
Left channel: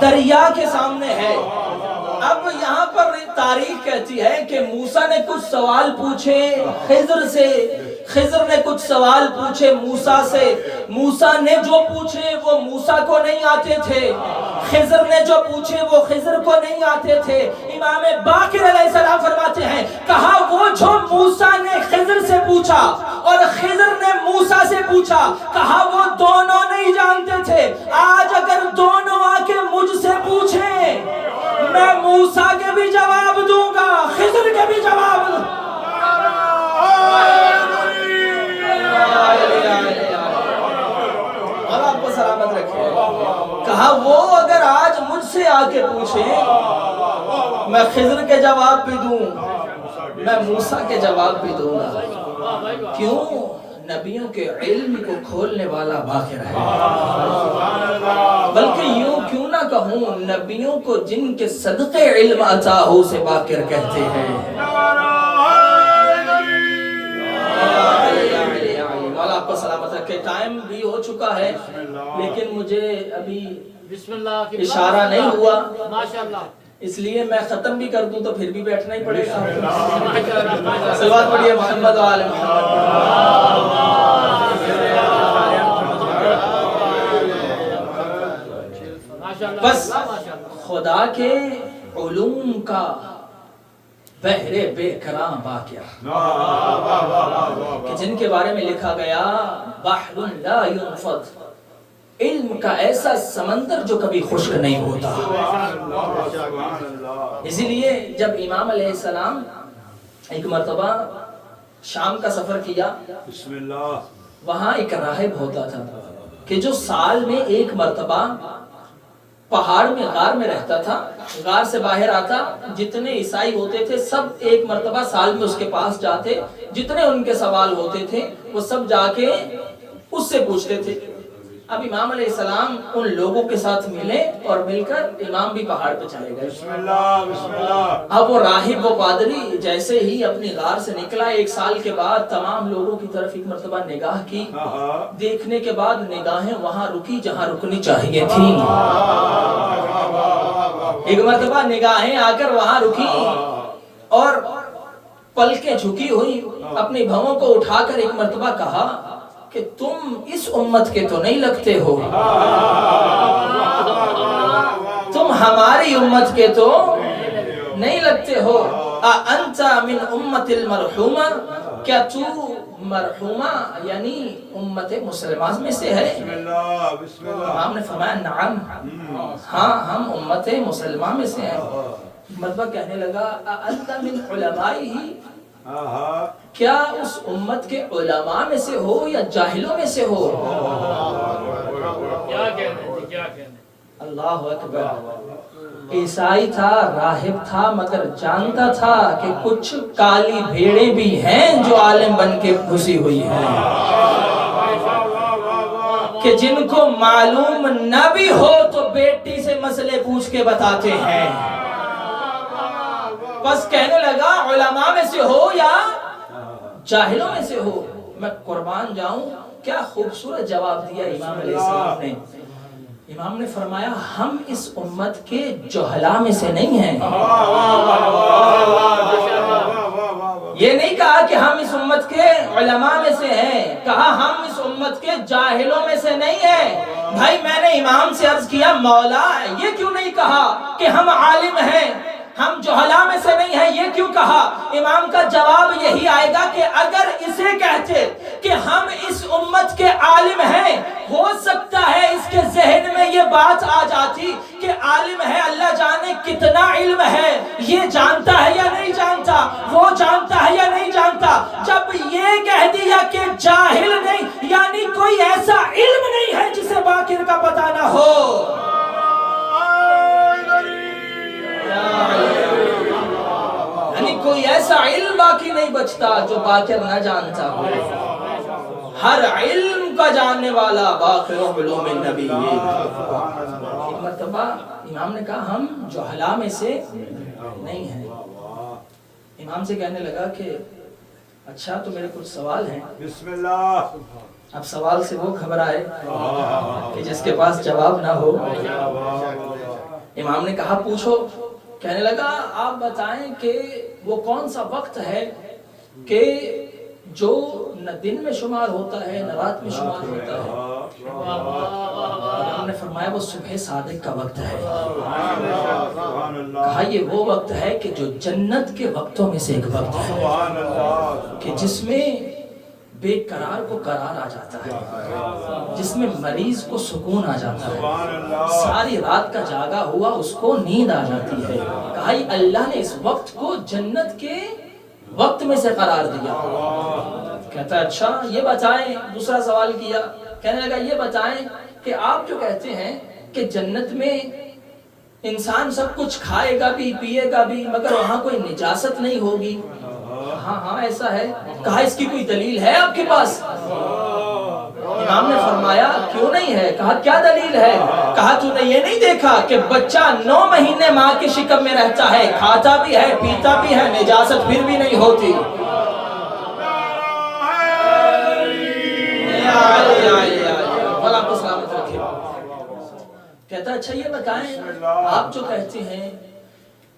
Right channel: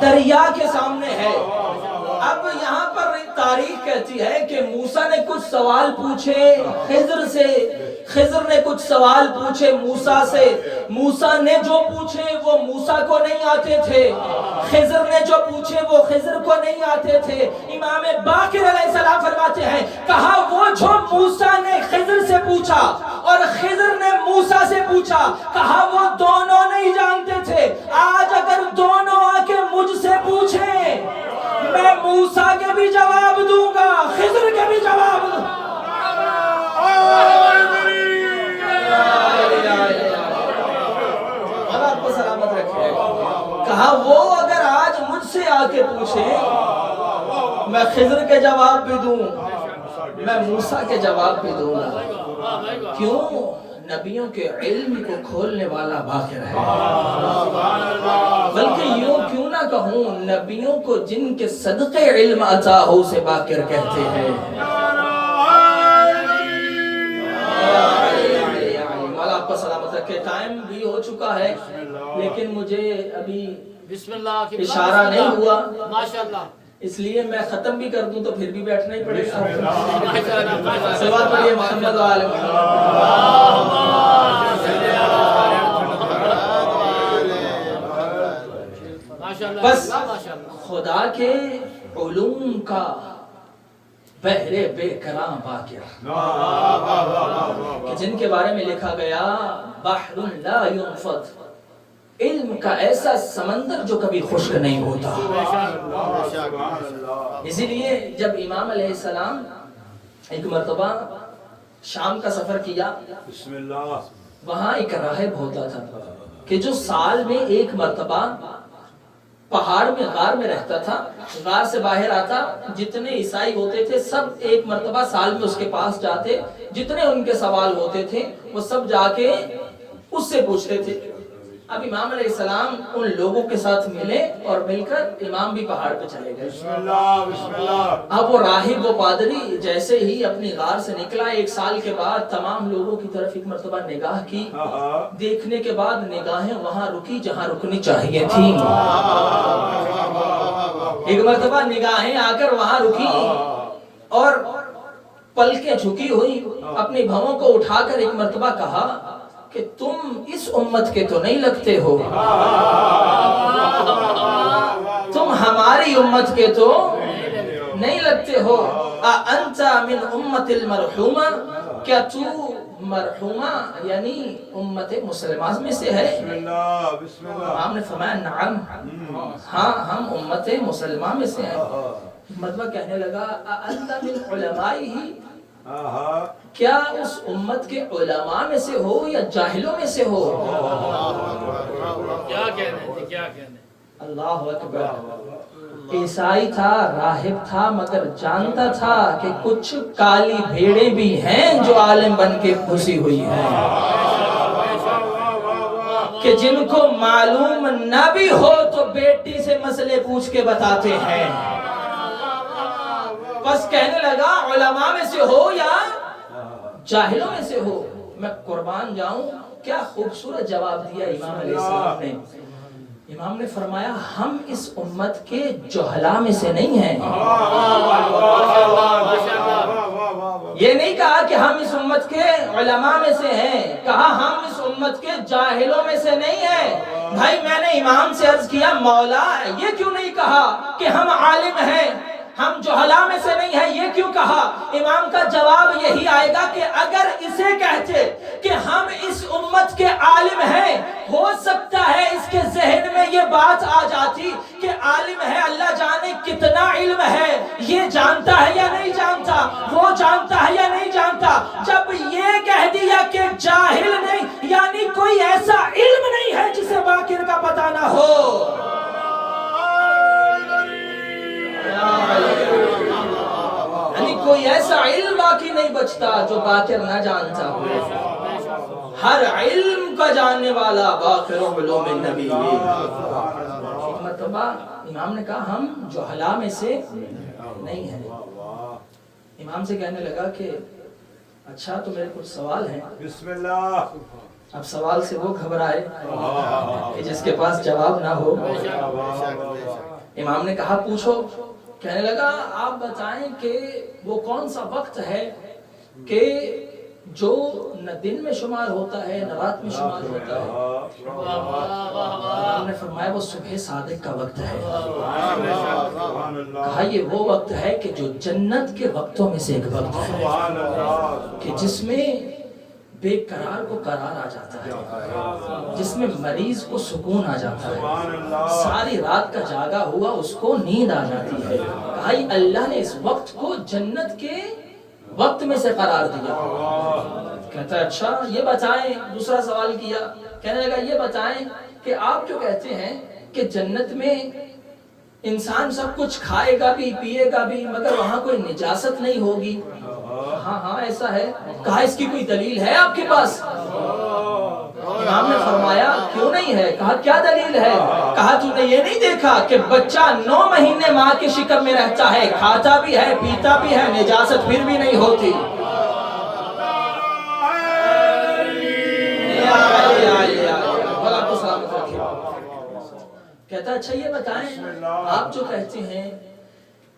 دریا کے سامنے ہے۔ اب یہاں پر تاریخ کہتی ہے کہ موسیٰ نے کچھ سوال پوچھے خضر سے، خضر نے کچھ سوال پوچھے موسیٰ سے، موسیٰ نے جو پوچھے وہ موسیٰ کو نہیں آتے تھے، خضر نے جو پوچھے وہ خضر کو نہیں آتے تھے۔ امام باقر علیہ السلام فرماتے ہیں کہا وہ جو موسیٰ نے خضر سے پوچھا اور خضر نے موسیٰ سے پوچھا، کہا وہ دونوں نہیں جانتے تھے۔ آج اگر دونوں آ کے مجھ سے پوچھیں، میں موسیٰ کے بھی جواب دوں گا، خضر کے بھی جواب دوں گا۔ اللہ آپ کو سلامت رکھے۔ کہا وہ اگر آج مجھ سے آ کے پوچھیں، میں خضر کے جواب بھی دوں، میں موسیٰ کے جواب بھی دوں گا۔ کیوں؟ نبیوں کے علم کو کھولنے والا باقر ہے۔ بلکہ یوں کیوں نہ کہوں، نبیوں کو جن کے صدقے علم عطا ہو اسے باقر کہتے ہیں۔ مولا آپ کو سلامت رکھے۔ ٹائم بھی ہو چکا ہے لیکن مجھے ابھی اشارہ نہیں ہوا، اس لیے میں ختم بھی کر دوں تو پھر بھی بیٹھنا ہی پڑے گا۔ صلوات پڑھیے محمد و آل محمد۔ بس خدا کے علوم کا بحر بے کرام باقر، کہ جن کے بارے میں لکھا گیا بحر لا ينفض، علم کا ایسا سمندر جو کبھی خشک نہیں ہوتا۔ اسی لیے جب امام علیہ السلام ایک مرتبہ شام کا سفر کیا، وہاں ایک راہب ہوتا تھا کہ جو سال میں ایک مرتبہ پہاڑ میں غار میں رہتا تھا، غار سے باہر آتا، جتنے عیسائی ہوتے تھے سب ایک مرتبہ سال میں اس کے پاس جاتے، جتنے ان کے سوال ہوتے تھے وہ سب جا کے اس سے پوچھتے تھے۔ اب امام علیہ السلام ان لوگوں کے ساتھ ملے اور مل کر امام بھی پہاڑ پہ چلے گئے۔ بسم اللہ بسم اللہ۔ اب وہ راہب وہ پادری جیسے ہی اپنی غار سے نکلا، 1 سال کے بعد تمام لوگوں کی طرف ایک مرتبہ نگاہ کی، دیکھنے کے بعد نگاہیں وہاں رکی جہاں رکنی چاہیے تھیں۔ ایک مرتبہ نگاہیں آ کر وہاں رکی اور پلکیں جھکی ہوئی، اپنی بھووں کو اٹھا کر ایک مرتبہ کہا کہ تم اس امت کے تو نہیں لگتے ہو، تم ہماری امت کے تو نہیں لگتے ہو۔ اَأَنْتَ مِنْ أُمَّةِ الْمَرْحُومَةِ، کیا تو مرحومہ یعنی امت مسلمہ میں سے ہے؟ امام نے فرمایا نعم، ہاں ہم امت مسلمہ میں سے ہیں۔ مطلب کہنے لگا اَأَنْتَ مِنْ عُلَمَائِهِ، کیا اس امت کے علماء میں سے ہو یا جاہلوں میں سے ہو؟ کیا کہنے اللہ اکبر۔ عیسائی تھا، راہب تھا، مگر جانتا تھا کہ کچھ کالی بھیڑیں بھی ہیں جو عالم بن کے گھسی ہوئی ہیں، کہ جن کو معلوم نہ بھی ہو تو بیٹی سے مسئلے پوچھ کے بتاتے ہیں۔ بس کہنے لگا علماء میں سے ہو یا جاہلوں میں سے ہو۔ میں قربان جاؤں، کیا خوبصورت جواب دیا امام علیہ السلام نے۔ امام نے فرمایا ہم اس امت کے جہلا میں سے نہیں ہیں۔ یہ نہیں کہا کہ ہم اس امت کے علماء میں سے ہیں، کہا ہم اس امت کے جاہلوں میں سے نہیں ہیں۔ بھائی میں نے امام سے عرض کیا مولا یہ کیوں نہیں کہا کہ ہم عالم ہیں، ہم جہلا میں سے نہیں ہیں، یہ کیوں کہا؟ امام کا جواب یہی آئے گا کہ اگر اسے کہتے کہ ہم اس امت کے عالم ہیں، ہو سکتا ہے اس کے ذہن میں یہ بات آ جاتی کہ عالم ہے اللہ جانے کتنا علم ہے، یہ جانتا ہے یا نہیں جانتا، وہ جانتا ہے یا نہیں جانتا۔ جب یہ کہہ دیا کہ جاہل نہیں، یعنی کوئی ایسا علم نہیں ہے جسے باقر کا پتہ نہ ہو۔ یعنی کوئی ایسا علم باقی نہیں بچتا جو باقر نہ جانتا ہو۔ ہر علم کا جاننے والا باقر علوم النبی۔ ایک مرتبہ امام نے کہا ہم جہلا میں سے نہیں ہیں۔ امام سے کہنے لگا کہ اچھا تو میرے کچھ سوال ہیں۔ بسم اللہ۔ اب سوال سے وہ گھبرائے کہ جس کے پاس جواب نہ ہو۔ امام نے کہا پوچھو۔ کہنے لگا آپ بتائیں کہ وہ کون سا وقت ہے کہ جو نہ دن میں شمار ہوتا ہے نہ رات میں شمار ہوتا ہے؟ امام نے فرمایا وہ صبح صادق کا وقت ہے۔ کہا یہ وہ وقت ہے کہ جو جنت کے وقتوں میں سے ایک وقت ہے کہ جس میں بے قرار کو قرار آ جاتا ہے، جس میں مریض کو سکون آ جاتا ہے، ساری رات کا جاگا ہوا اس کو نیند آ جاتی ہے۔ کہا اللہ نے اس وقت کو جنت کے وقت میں سے قرار دیا۔ کہتا ہے اچھا یہ بتائیں، دوسرا سوال کیا، کہنے لگا یہ بتائیں کہ آپ جو کہتے ہیں کہ جنت میں انسان سب کچھ کھائے گا بھی پیے گا بھی مگر وہاں کوئی نجاست نہیں ہوگی، ہاں ہاں ایسا ہے۔ کہا اس کی کوئی دلیل ہے آپ کے پاس؟ امام نے فرمایا کیوں نہیں ہے؟ کہا کیا دلیل ہے؟ کہا تو نے یہ نہیں دیکھا کہ بچہ 9 مہینے ماں کے شکم میں رہتا ہے، کھاتا بھی ہے پیتا بھی ہے، نجاست پھر بھی نہیں ہوتی۔ اللہ کو سلامت رکھے۔ کہتا اچھا یہ بتائیں آپ جو کہتے ہیں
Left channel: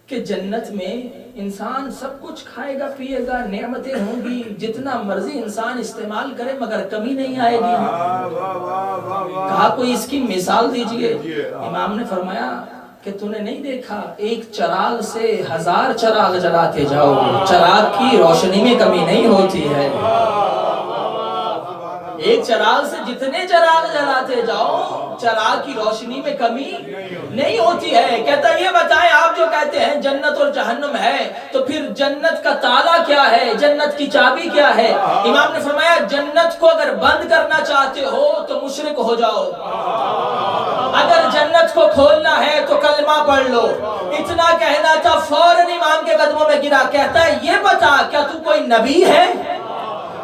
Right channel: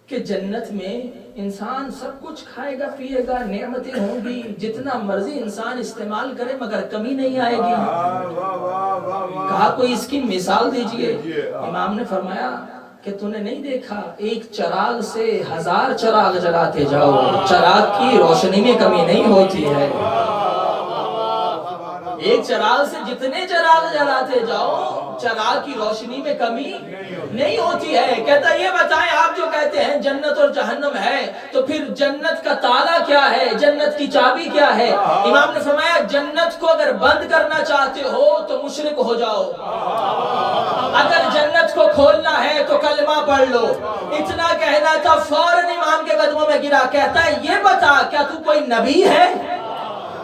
کہ جنت میں انسان سب کچھ کھائے گا پیے گا، نعمتیں ہوں گی، جتنا مرضی انسان استعمال کرے مگر کمی نہیں آئے گی، کہا کوئی اس کی مثال دیجئے۔ امام نے فرمایا کہ تو نے نہیں دیکھا ایک چراغ سے 1000 چراغ جلاتے جاؤ، چراغ کی روشنی میں کمی نہیں ہوتی ہے۔ ایک چراغ سے جتنے چراغ جلاتے جاؤ چراغ کی روشنی میں کمی نہیں ہوتی ہے۔ کہتا یہ بتائیں آپ جو کہتے ہیں جنت اور جہنم ہے تو پھر جنت کا تالا کیا ہے، جنت کی چابی کیا ہے؟ امام نے فرمایا جنت کو اگر بند کرنا چاہتے ہو تو مشرک ہو جاؤ، اگر جنت کو کھولنا ہے تو کلمہ پڑھ لو. اتنا کہنا تھا فوراً امام کے قدموں میں گرا. کہتا ہے یہ بتا کیا تو کوئی نبی ہے؟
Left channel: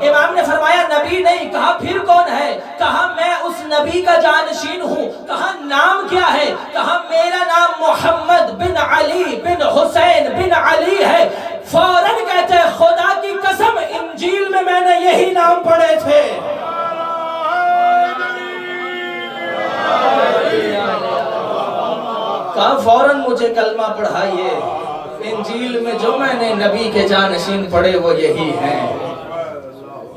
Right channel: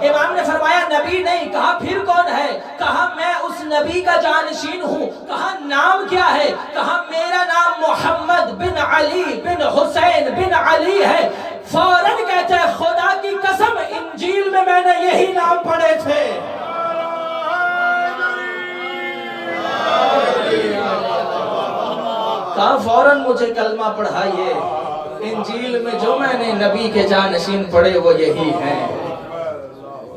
امام نے فرمایا نبی نہیں. کہا پھر کون ہے؟ کہا میں اس نبی کا جانشین ہوں. کہا نام کیا ہے؟ کہا میرا نام محمد بن علی بن حسین بن علی ہے. فوراً کہتے ہیں خدا کی قسم انجیل میں نے یہی نام پڑھے تھے. کہا فوراً مجھے کلمہ پڑھائیے. انجیل میں جو میں نے نبی کے جانشین پڑھے وہ یہی ہیں.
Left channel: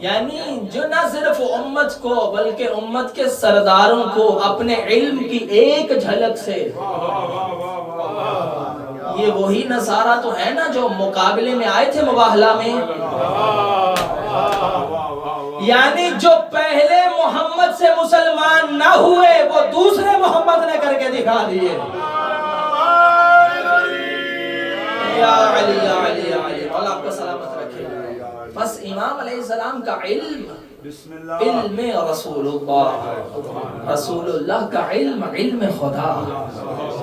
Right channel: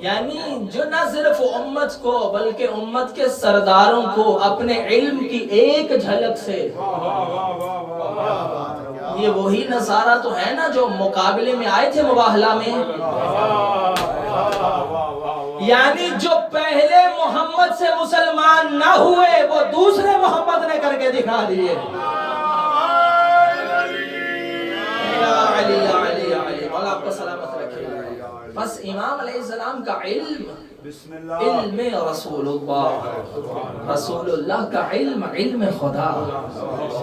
یعنی جو نہ صرف امت کو بلکہ امت کے سرداروں کو اپنے علم کی ایک جھلک سے، یہ وہی نصارہ تو ہے نا جو مقابلے میں آئے تھے مباہلہ میں. یعنی جو پہلے محمد سے مسلمان نہ ہوئے وہ دوسرے محمد نے کر کے دکھا دیے. یا علی یا علی یا علی، اللہ آپ کو سلامت رکھے. بس امام علیہ السلام کا علم علم رسول اللہ کا علم، علم خدا،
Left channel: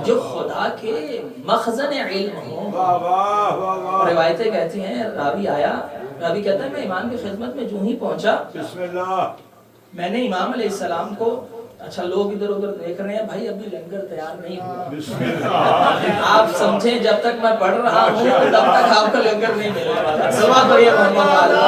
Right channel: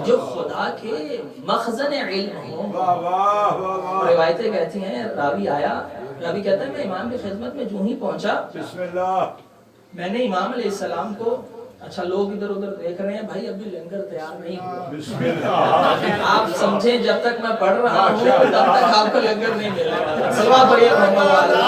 جو خدا کے مخزن علم ہوں. روایتیں کہتی ہیں راوی آیا، راوی کہتا ہے میں امام کی خدمت میں جو ہی پہنچا میں نے امام علیہ السلام کو، اچھا لوگ ادھر ادھر دیکھ رہے ہیں بھائی ابھی لنگر تیار نہیں ہوا، آپ سمجھیں جب تک میں پڑھ رہا ہوں تب تک آپ کو لنگر نہیں ملے گا. صلوات پڑھیے محمد والا.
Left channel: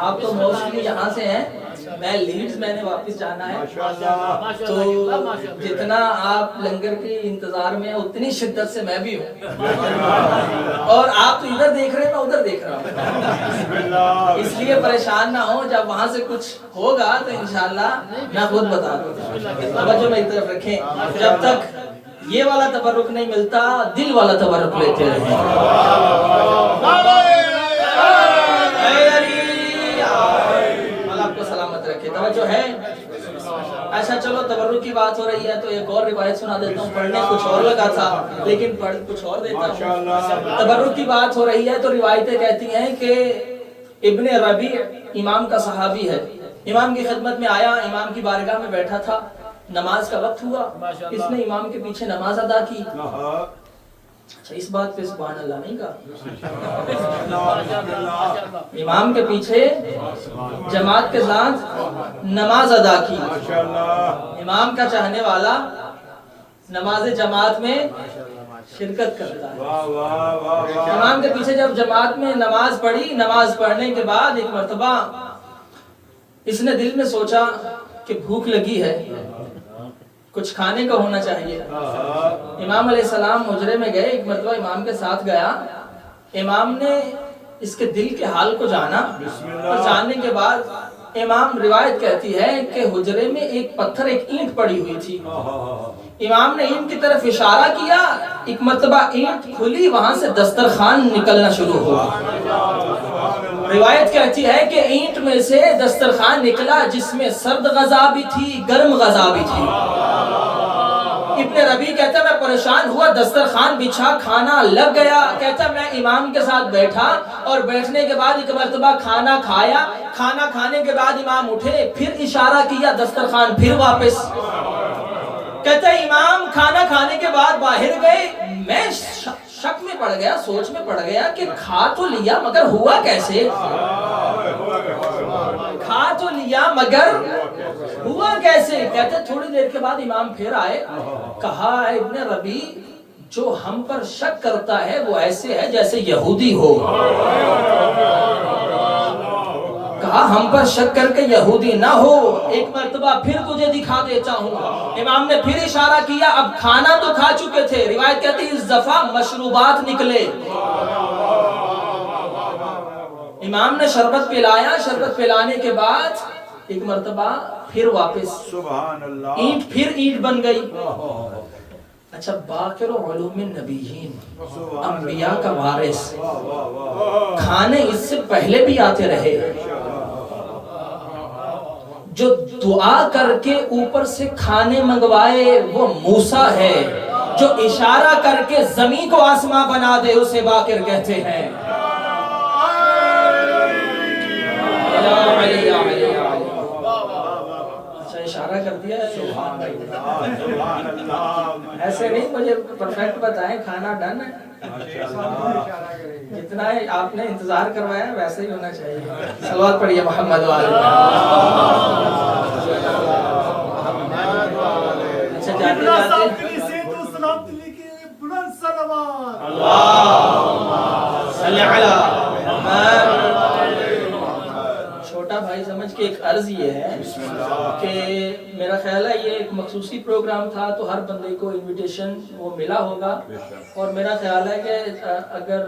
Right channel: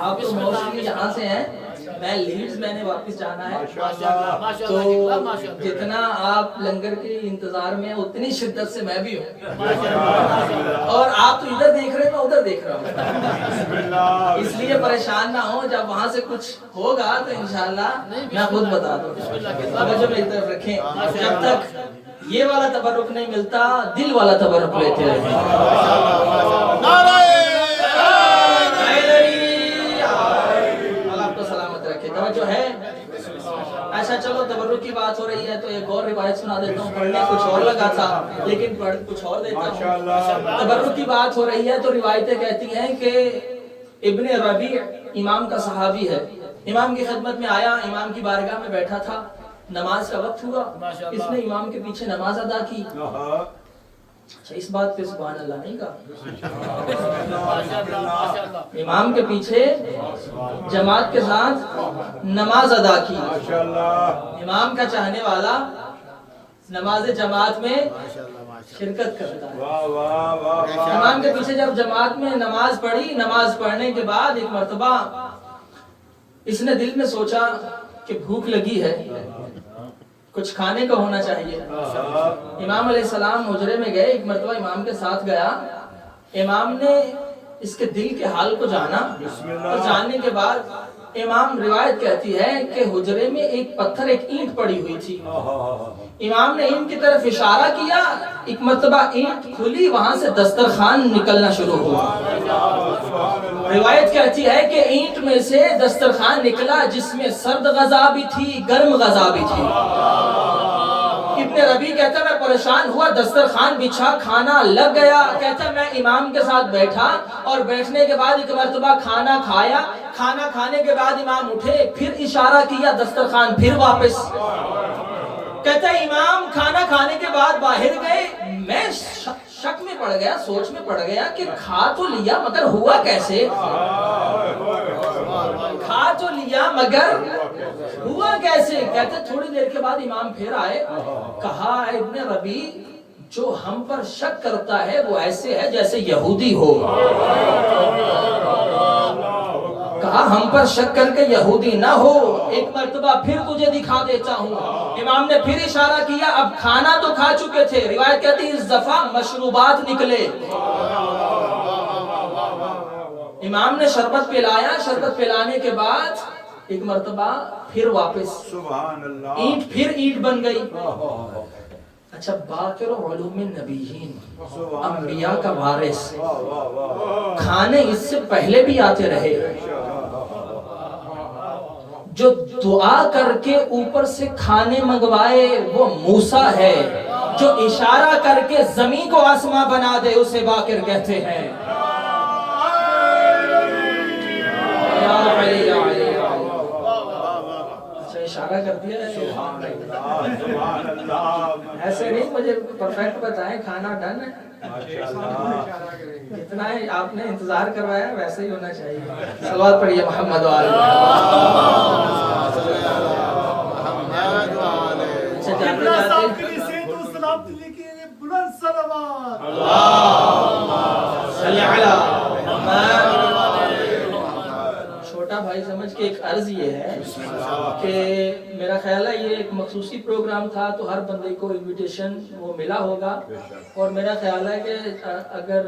آپ تو موسٹلی یہاں سے ہیں، میں لیڈز میں نے واپس جانا ہے، تو جتنا آپ لنگر کے انتظار میں اتنی شدت سے میں بھی ہوں. اور آپ تو ادھر دیکھ رہے ہیں میں ادھر دیکھ رہا ہوں، اس لیے پریشان نہ ہوں. جب وہاں سے کچھ ہوگا تو انشاءاللہ میں خود بتا دوں. توجہ میری طرف رکھیں، جب تک یہ والا تبرک نہیں ملتا دل والا تبرک لیتے رہیں. توجہ ہے. اچھا چلو تبرک کی بات ہو رہی ہے تو ایک اور روایت سنا دیتا ہوں. پڑھنے کچھ اور لگا تھا لیکن پڑھ کچھ اور دیتا ہوں. تبرک کی بات ہو رہی ہے تو روایتیں کہتی ہیں کہ ابن ربیع امام کا صحابی ہے، امام کی خدمت میں آیا، امام کی بارگاہ میں بیٹھا تھا، نماز کا وقت ہوا، اس نے امام کے پیچھے نماز ادا کی. اچھا اس بات پہ سبحان اللہ نہیں کہا، امام کے پیچھے جماعت کے ساتھ نماز ادا کی. امام کا چاہنے والا نماز جماعت میں شرکت کرتا ہے. امام کے پیچھے جب جماعت میں نماز پڑھی، نماز پڑھنے کے بعد ایک مرتبہ اس نے دل میں سوچا کہ بھوک لگی ہے، کچھ کھانے کا ہونا چاہیے. امام علیہ السلام حجرے میں گئے، ایک مرتبہ امام کے ساتھ گیا. امام نے اس کے دل کے حال کو جانا اور جاننے کے بعد امام، روایت کہتی ہے کہ حجرے میں ایک پتھر، ایک اینٹ پڑی ہوئی تھی. امام نے اینٹ کی طرف اشارہ کیا، ایک مرتبہ اینٹ کھلی، وہاں سے دسترخوان نکلنا شروع ہوا. روایت کہتی ہے کہ اینٹ میں سے دسترخوان نکلا جس میں سرد غذا بھی تھی، گرم غذا بھی تھی. ابن ربیع کہتا ہے میں پریشان ہوا، دسترخوان بچھا، کھانا لگ گیا. کہتا ہے میں امام کے ساتھ بیٹھا اور بیٹھنے کے بعد ایک مرتبہ کھانا کھایا. کھانا کھانے کے بعد امام اٹھے، پھر اشارہ کیا، دسترخوان پھر واپس. کہتا ہے امام کھانا کھانے کے بعد باہر گئے، میں شک میں پڑ گیا، سوچ میں پڑ گیا کہ کھا تو لیا مگر ہوا کیسے، کھا تو لیا مگر ہوا کیسے. کہتے تھوڑی دیر کے بعد امام پھر آئے، کہا ابن ربیع جو ہم پر شک کرتا ہے وہ ایسے ہے جیسے یہودی ہو. کہا ہم پر شک کر کے یہودی نہ ہو، ایک مرتبہ پھر تجھے دکھا دیتا ہوں. امام نے پھر اشارہ کیا، اب کھانا تو کھا چکے تھے، روایت کہتی ہے اس دفعہ مشروبات نکلے. امام نے شربت پلایا، شربت پلانے کے بعد ایک مرتبہ پھر واپس، اینٹ پھر اینٹ بن گئی. اچھا باقر علوم النبیین، انبیاء کا وارث، کھانے اس سے پہلے بھی آتے رہے. جو دعا کر کے اوپر سے کھانے منگوائے وہ موسیٰ ہے، جو اشارہ کر کے زمین کو آسمان بنا دے اسے باقر کہتے ہیں۔ اچھا اشارہ کر دیا ہے، ایسے نہیں مجھے پرفیکٹ بتائیں، کھانا ڈن ہے، جتنا ہے آپ نے انتظار کروایا ویسے ہی ہونا چاہیے۔ صلوات پڑھیے محمد و آل محمد۔ اچھا جاتے جاتے صلی علی محمد۔ چھوٹا بھائی سمجھ کے ایک عرض یہ ہے کہ میرا خیال ہے یہ ایک مخصوصی پروگرام تھا تو ہر بندے کو انویٹیشن وہ ملا ہوگا، اور میرا خیال ہے کہ اگر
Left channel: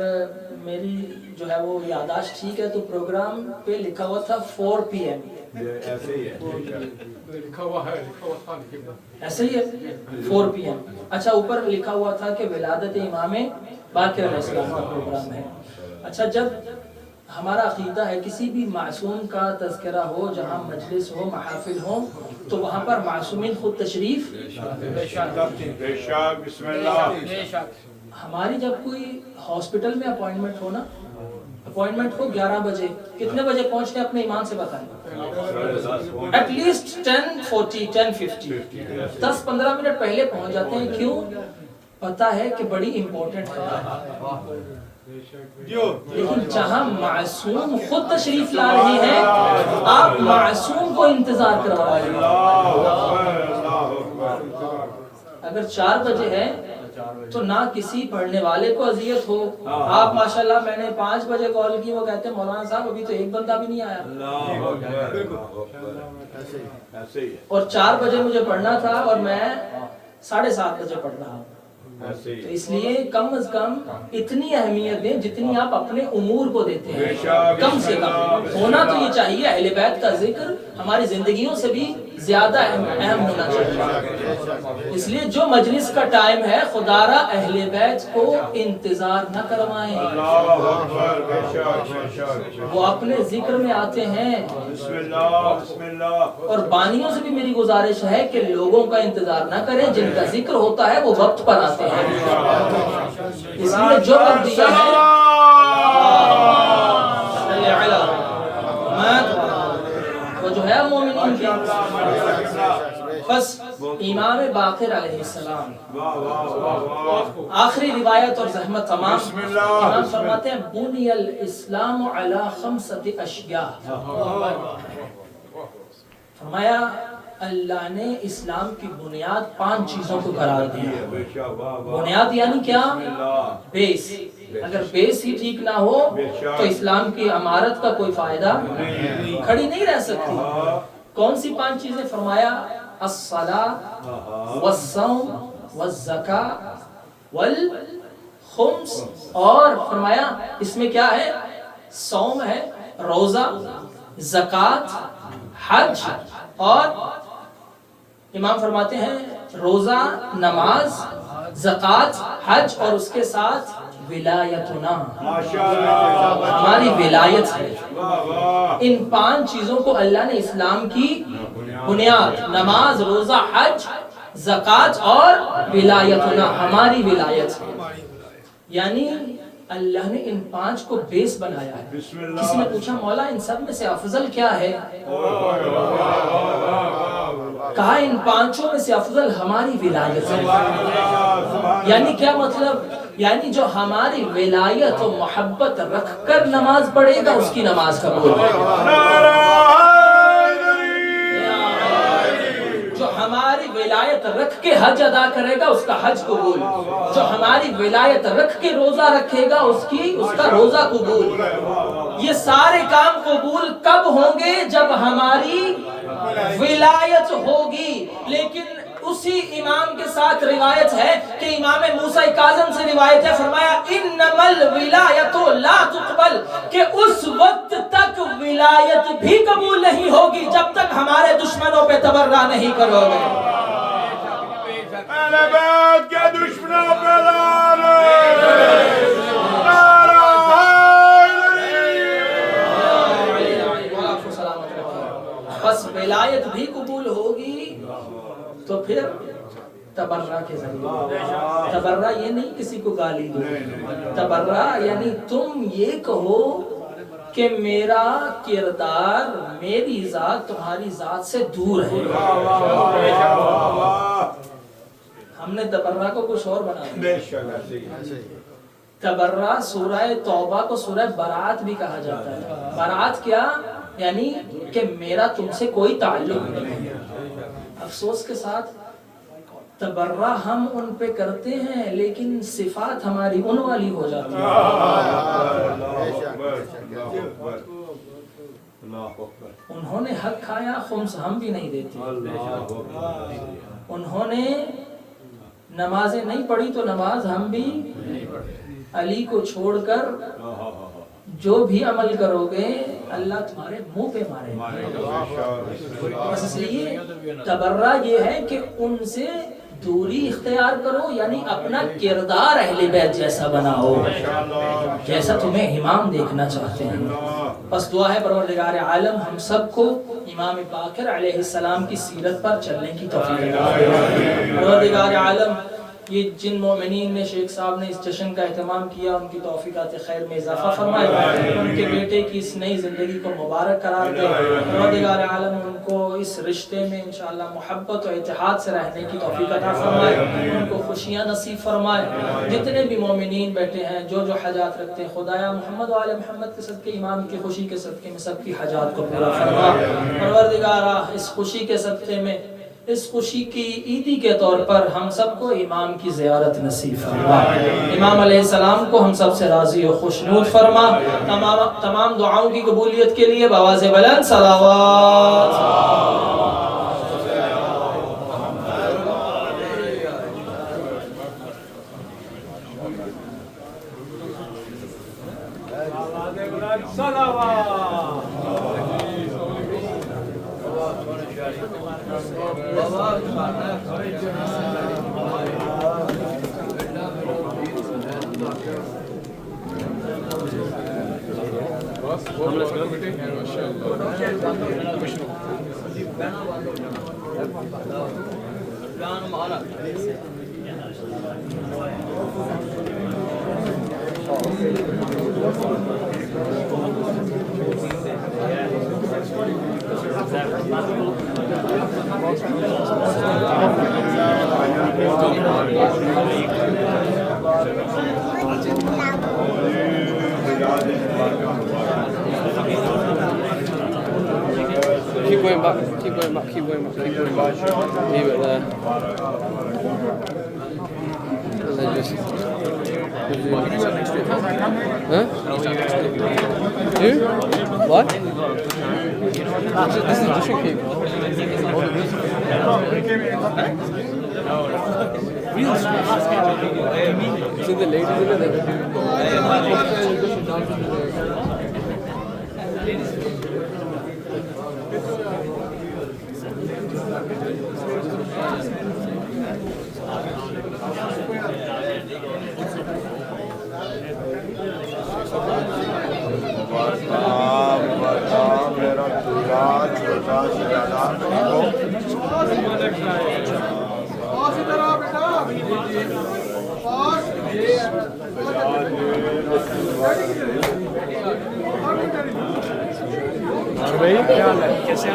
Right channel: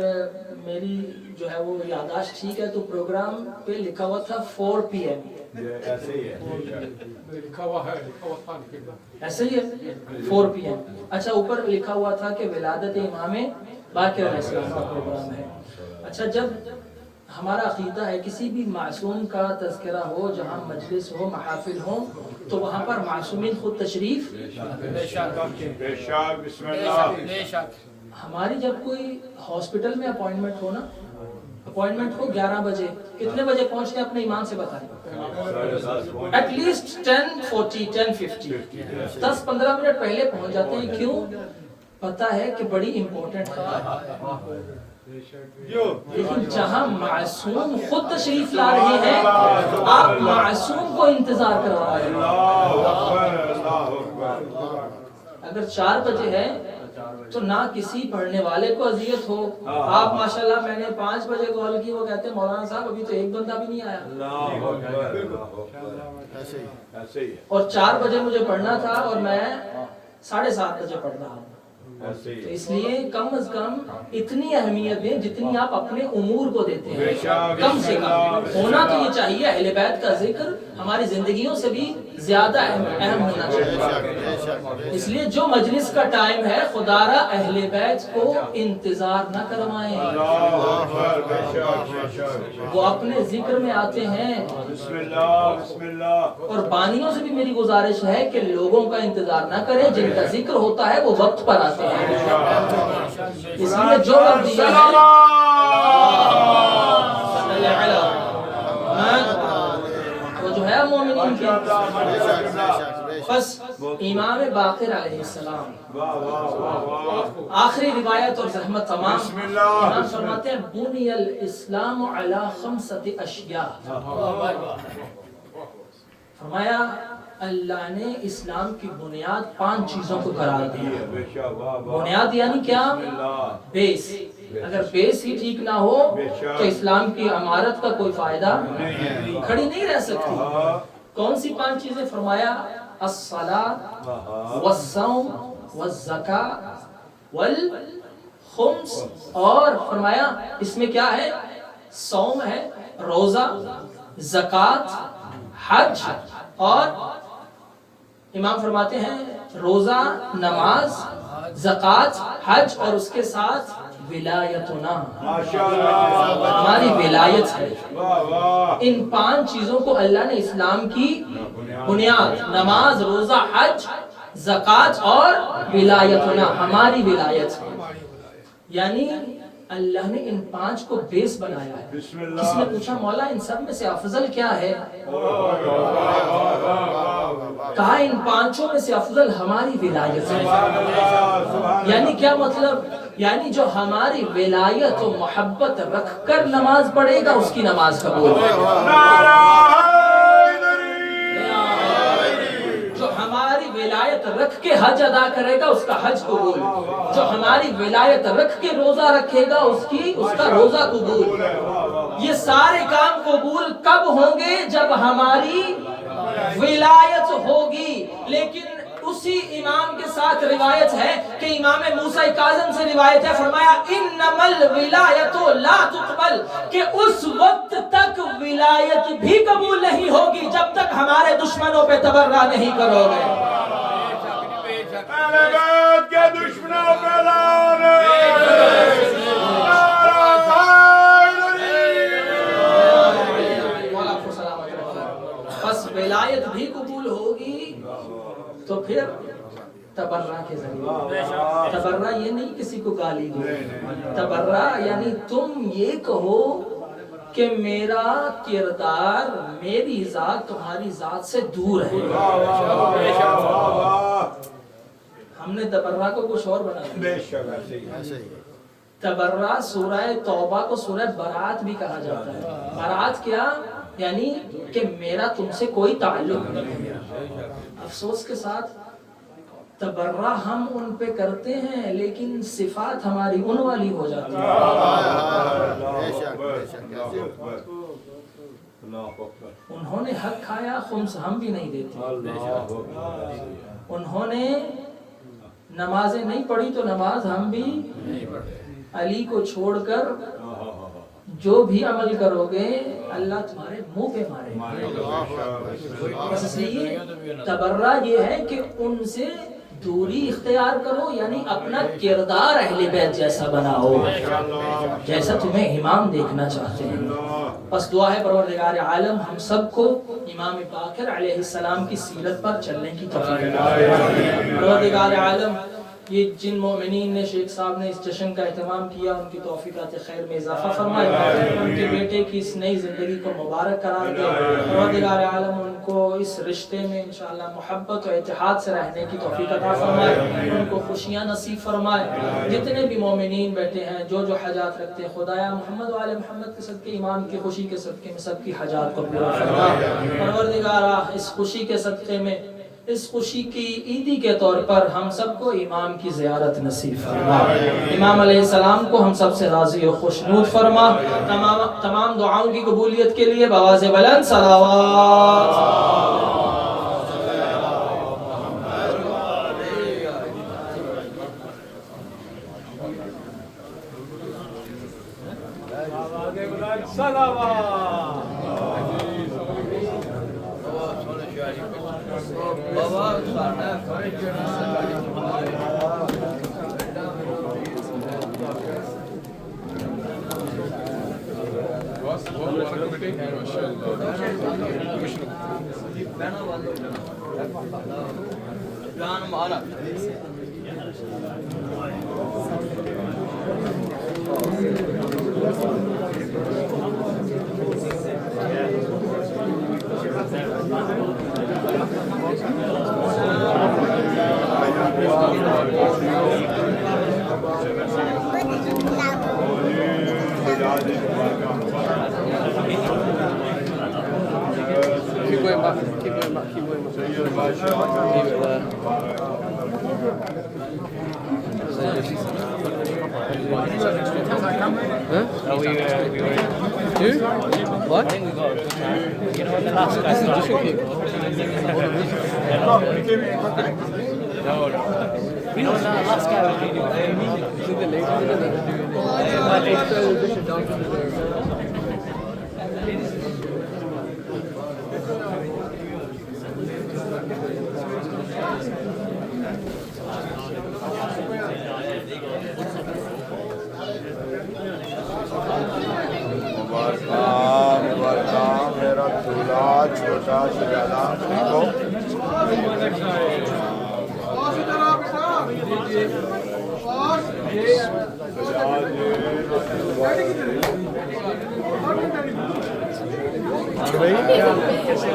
میری جو ہے وہ یادداشت ٹھیک ہے تو پروگرام پہ لکھا ہوا تھا 4 PM۔ ایسے ہی ہے، لکھا ہوا تھا ایسے ہی ہے 4 PM۔ اچھا اوپر لکھا ہوا تھا کہ ولادت امام باقر علیہ السلام کا پروگرام ہے۔ اچھا جب ہمارا عقیدہ ہے کسی بھی معصوم کا تذکرہ ہو، جہاں مجلس ہو، محافل ہو، تو وہاں پر معصومین خود تشریف۔ بسم اللہ۔ ہماری جب کوئی ہاسپٹل میں اپوائنٹمنٹ ہو نا، اپوائنٹمنٹ ہو 11 بجے، کتنے بجے پہنچتے ہیں اپنے ایمان سے بتائیں؟ ایٹ لیسٹ 10:40 10:50 10-15 منٹ پہلے پہنچ جاتے ہیں۔ کیوں؟ پتا ہے کہ بڑی امپورٹنٹ ہے، لیکن جہاں معصوم خود تشریف لا رہے ہیں آپ معصوم کو انتظار کروا رہے ہیں۔ اگر 4 بجے ہے تو نہ کسی پڑھنے والے کو اذیت ہو۔ آپ ماشاءاللہ میں نے 5 بجے کال کی، وہ کہتے ہیں مولانا صاحب ابھی تو ایک بندہ بھی نہیں آیا، اور 4 بجے مجھے پڑھنا تھا اور میں 7:30 بجے پڑھ رہا ہوں۔ تو اس لیے کم از کم اتنی اہمیت دیں جتنی آپ اپنے امور کو دیتے ہیں، کم سے کم ہونا تو یہ چاہیے۔ اہل بیت کا ذکر ہماری زندگیوں سے بھی زیادہ اہم ہونا چاہیے۔ اس لیے جو مجلس کا ٹائم ہے خدا را اہل بیت کو انتظار نہ کروائیں، وہ اپنے ذکر میں آتے ہیں۔ اور بانیوں سے بھی میری گزارش ہے کہ لوگوں کا انتظار نہ کریں، جن کا ذکر ہوتا ہے وہ وقت پر آتے ہیں۔ اس لیے جو وقت دیا ہے وہ جو ہے مومنین کی۔ بس امام باقر علیہ السلام، آخری روایت اور زحمت تمام، امام فرماتے ہیں بنی الاسلام علی 5 اشیاء، فرمایا اللہ نے اسلام کی بنیاد 5 چیزوں کو قرار دیا۔ بنیاد یعنی کیا؟ بیس۔ اگر بیس ہی ٹھیک نہ ہو تو اسلام کی عمارت کا کوئی فائدہ کھڑی نہیں رہ سکتی۔ کون سی 5 چیزیں؟ فرمایا الصلاۃ والصوم والزکاۃ والخمس، اور فرمایا اس میں کیا ہے؟ صوم ہے، روزہ، زکاۃ، حج، اور امام فرماتے ہیں روزہ، نماز، زکاۃ، حج، اور اس کے ساتھ ولایتنا، ہماری ولایت ہے۔ ان 5 چیزوں کو اللہ نے اسلام کی بنیاد، نماز، روزہ، حج، زکاۃ اور ولایتنا، ہماری ولایت ہے۔ یعنی اللہ نے ان 5 کو بیس بنایا ہے۔ کسی نے پوچھا مولا ان سب میں سے افضل کیا ہے؟ کہا ان 5 میں سے افضل ہماری ولایت ہے۔ یعنی کیا مطلب؟ یعنی جو ہماری ولایت و محبت رکھ کر نماز پڑھے گا اس کی نماز قبول ہے، جو ہماری ولایت رکھ کے حج ادا کرے گا اس کا حج قبول، جو ہماری ولایت رکھ کے روزہ رکھے گا اس کا روزہ قبول۔ یہ سارے کام قبول کب ہوں گے؟ جب ہماری ولایت ہوگی۔ لیکن اسی امام کے ساتھ روایت ہے کہ امام موسیٰ کاظم سے روایت ہے، فرمایا انما الولایت لا تقبل، کہ اس وقت تک ولایت بھی قبول نہیں ہوگی جب تک ہمارے دشمنوں پہ تبرہ نہیں کرو گے۔ اہل بیت کے دشمنوں پہ لعنت۔ بس ہدایت بھی قبول ہوگی تو پھر تبرہ کے ذریعے. تبرہ یہ نہیں کسی کو گالی دو، تبرہ یعنی تم یہ کہو کہ میرا کردار میری ذات تمہاری ذات سے دور ہے. ہم نے تبرہ کو کچھ اور بنایا. تبرہ سورہ توبہ کو سورہ برات بھی کہا جاتا ہے. برات کیا یعنی کہ میرا تم سے کوئی تعلق نہیں. افسوس کے ساتھ تبرہ ہم ان پہ کرتے ہیں لیکن صفات ہماری ان والی ہو جاتی ہے. انہوں نے حق کھایا خمس ہم بھی نہیں دیتے. انہوں نے نمازیں نہیں پڑھی تو نماز ہم بھی. علی کو چھوڑ کر جو بھی عمل کرو گے اللہ تمہارے منہ پہ مارے گا. بس اس لیے تبرہ یہ ہے کہ ان سے دوری اختیار کرو، یعنی اپنا کردار اہل بیت جیسا بناؤ جیسا تمہیں امام دیکھنا چاہتے ہیں. بس دعا ہے پروردگار عالم ہم سب کو امام باقر علیہ السلام کی سیرت پر چلنے کی توفیق عطا فرمائے. پروردگار عالم یہ جن مومنین نے شیخ صاحب نے اس جشن کا اہتمام کیا ان کی توفیقات خیر میں اضافہ فرمائے. ان کے بیٹے کی اس نئی زندگی کو مبارک قرار دے. پروردگار عالم ان کو اس رشتے میں انشاءاللہ محبت و اتحاد سے رہنے کی توفیق عطا فرمائے. ان کو خوشیاں نصیب فرمائے. جتنے بھی مومنین بیٹھے ہیں جو جو حاجات رکھتے ہیں خدایا محمد و آل محمد کے صدقے امام کی خوشی کے صدقے میں سب کی حاجات کو پورا فرما. پروردگارا اس خوشی کے صدقے میں اس خوشی کی عیدی کے طور پر ہم سب کو امام کی زیارت نصیب فرما. امام علیہ السلام کو ہم سب سے راضی و خوشنود فرما. تمام دعاؤں کی قبولیت کے لیے بآواز بلند صلوات. Keep going back, keep going back, keep going back. Leave it there. Huh? What? This is different cake. See the ladies in it? میرا دلہا چھوٹا زیادہ اور بھائی کیا حال ہے کیسے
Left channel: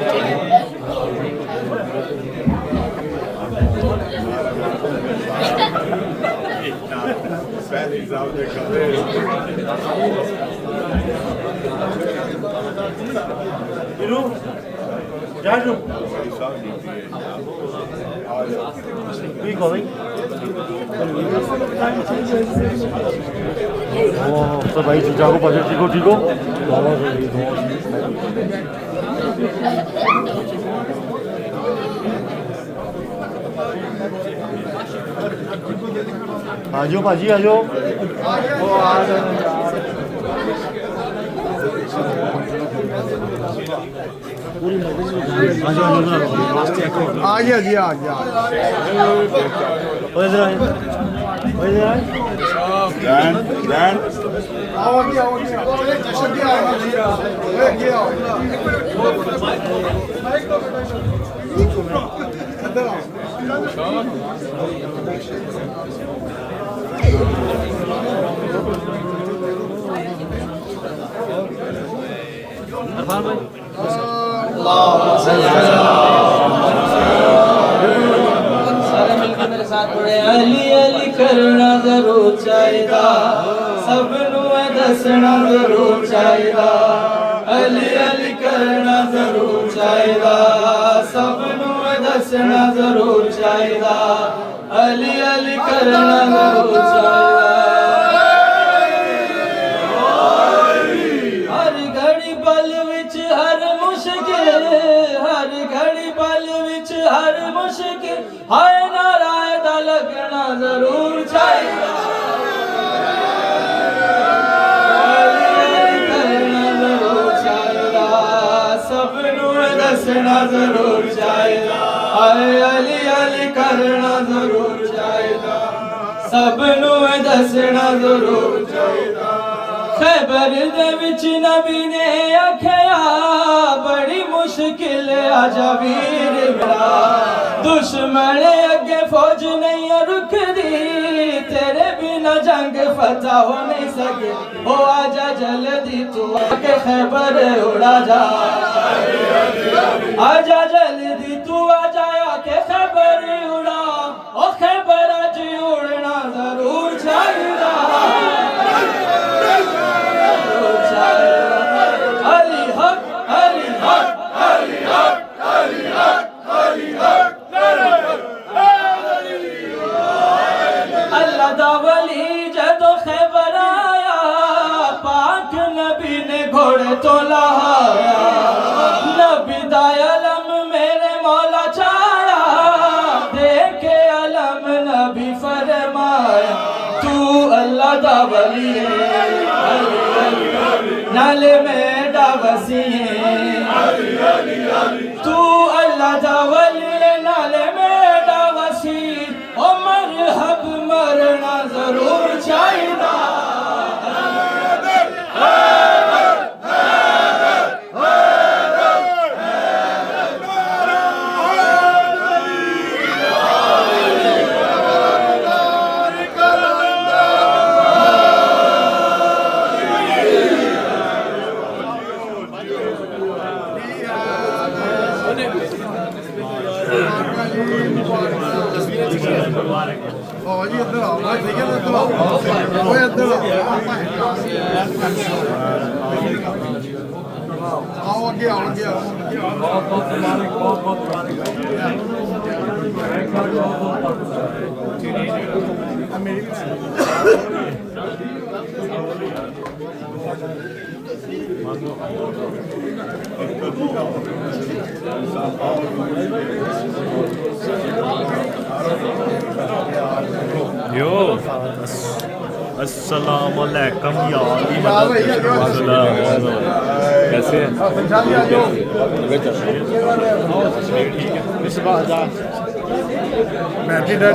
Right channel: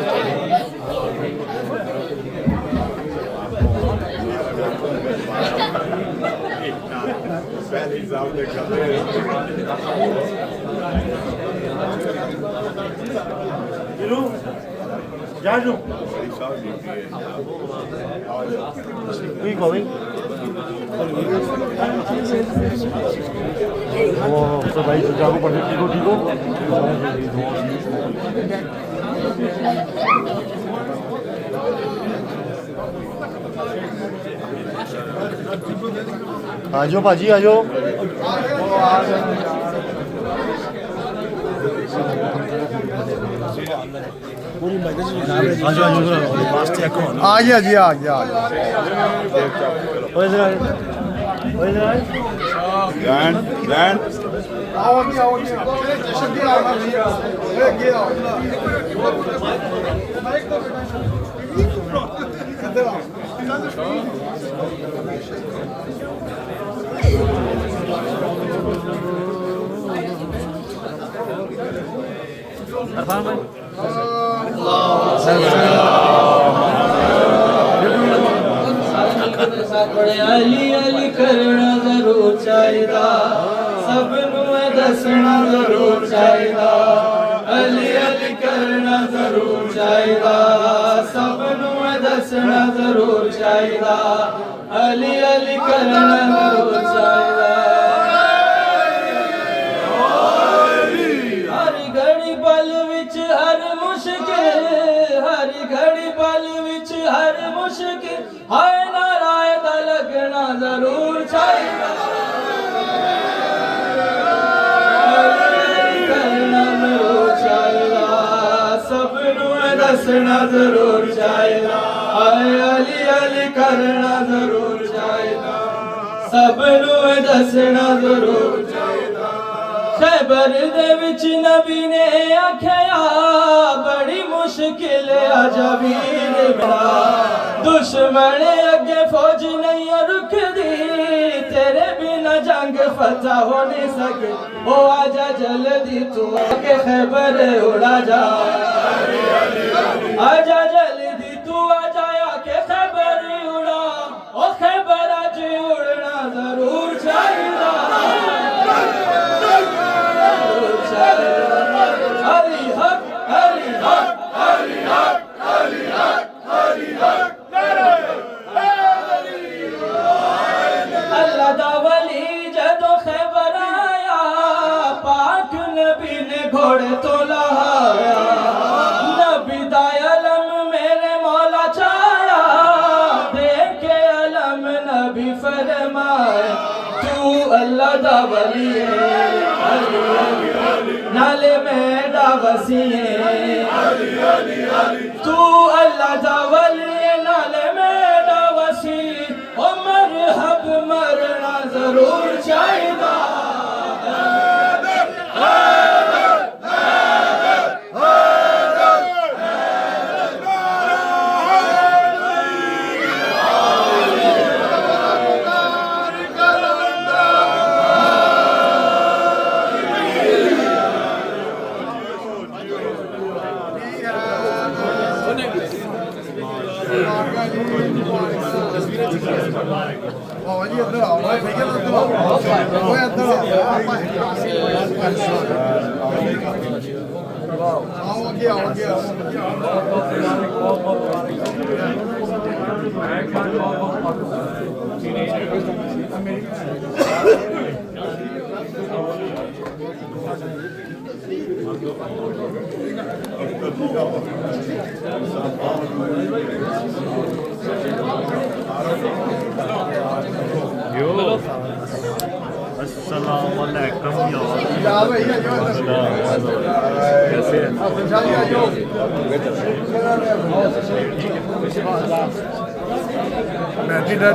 بھائی چچا کو پسند ٹھیک ہو ٹھیک ہو آ جاؤ باجی آ جاؤ آ گیا جی آ گیا ادھر آئے آؤ اگے آؤ اگے آؤ اگے آؤ ادھر آؤ عرفان بھائی علی علی کرنا ضرور چاہیدا سب نو دسنا ضرور چاہیدا علی علی کرنا ضرور چاہیدا سب نو دسنا ضرور چاہیدا علی علی کرنا ضرور چاہیدا ہر گھڑی پل وچ ہر مشکل ہر گھڑی پل وچ ہر مشکل ہائے نارائے دا لگنا ضرور چاہیدا علی کرنا ضرور چاہیدا سب نو دسنا ضرور چاہیدا ہائے علی علی کرنا ضرور چاہیدا سب نو دسنا ضرور چاہیدا خیبر دے وچ نبی نے آکھیا بڑی مشکل آجا ویر میرا دشمن اگے فوج نہیں رک دی تیرے بنا جنگ فتح ہو نہیں سکے او آجا جلدی تو آکے خیبر اڑا جا آجا جلدی تو آجا آکے خیبر اڑا او خیبر آج اڑنا ضرور چاہیدا علی حق علی حق علی حق علی حق علی حق اللہ دا ولی جدو خیبر آیا پاک نبی نے گھوڑے تو لایا نبی دا علم میرے مولا چایا دیکھے علم نبی فرمایا تو اللہ دا ولی ہے نالے میں دا وسیع تو اللہ دا ولی نالے میں دا وسیع او مرحب مرنا ضرور چاہیدا آؤ جی ادھر آؤ ٹھیک ہے ادھر آؤ ادھر آؤ اگے آؤ اگے السلام علیکم کیسے میں بھی ڈر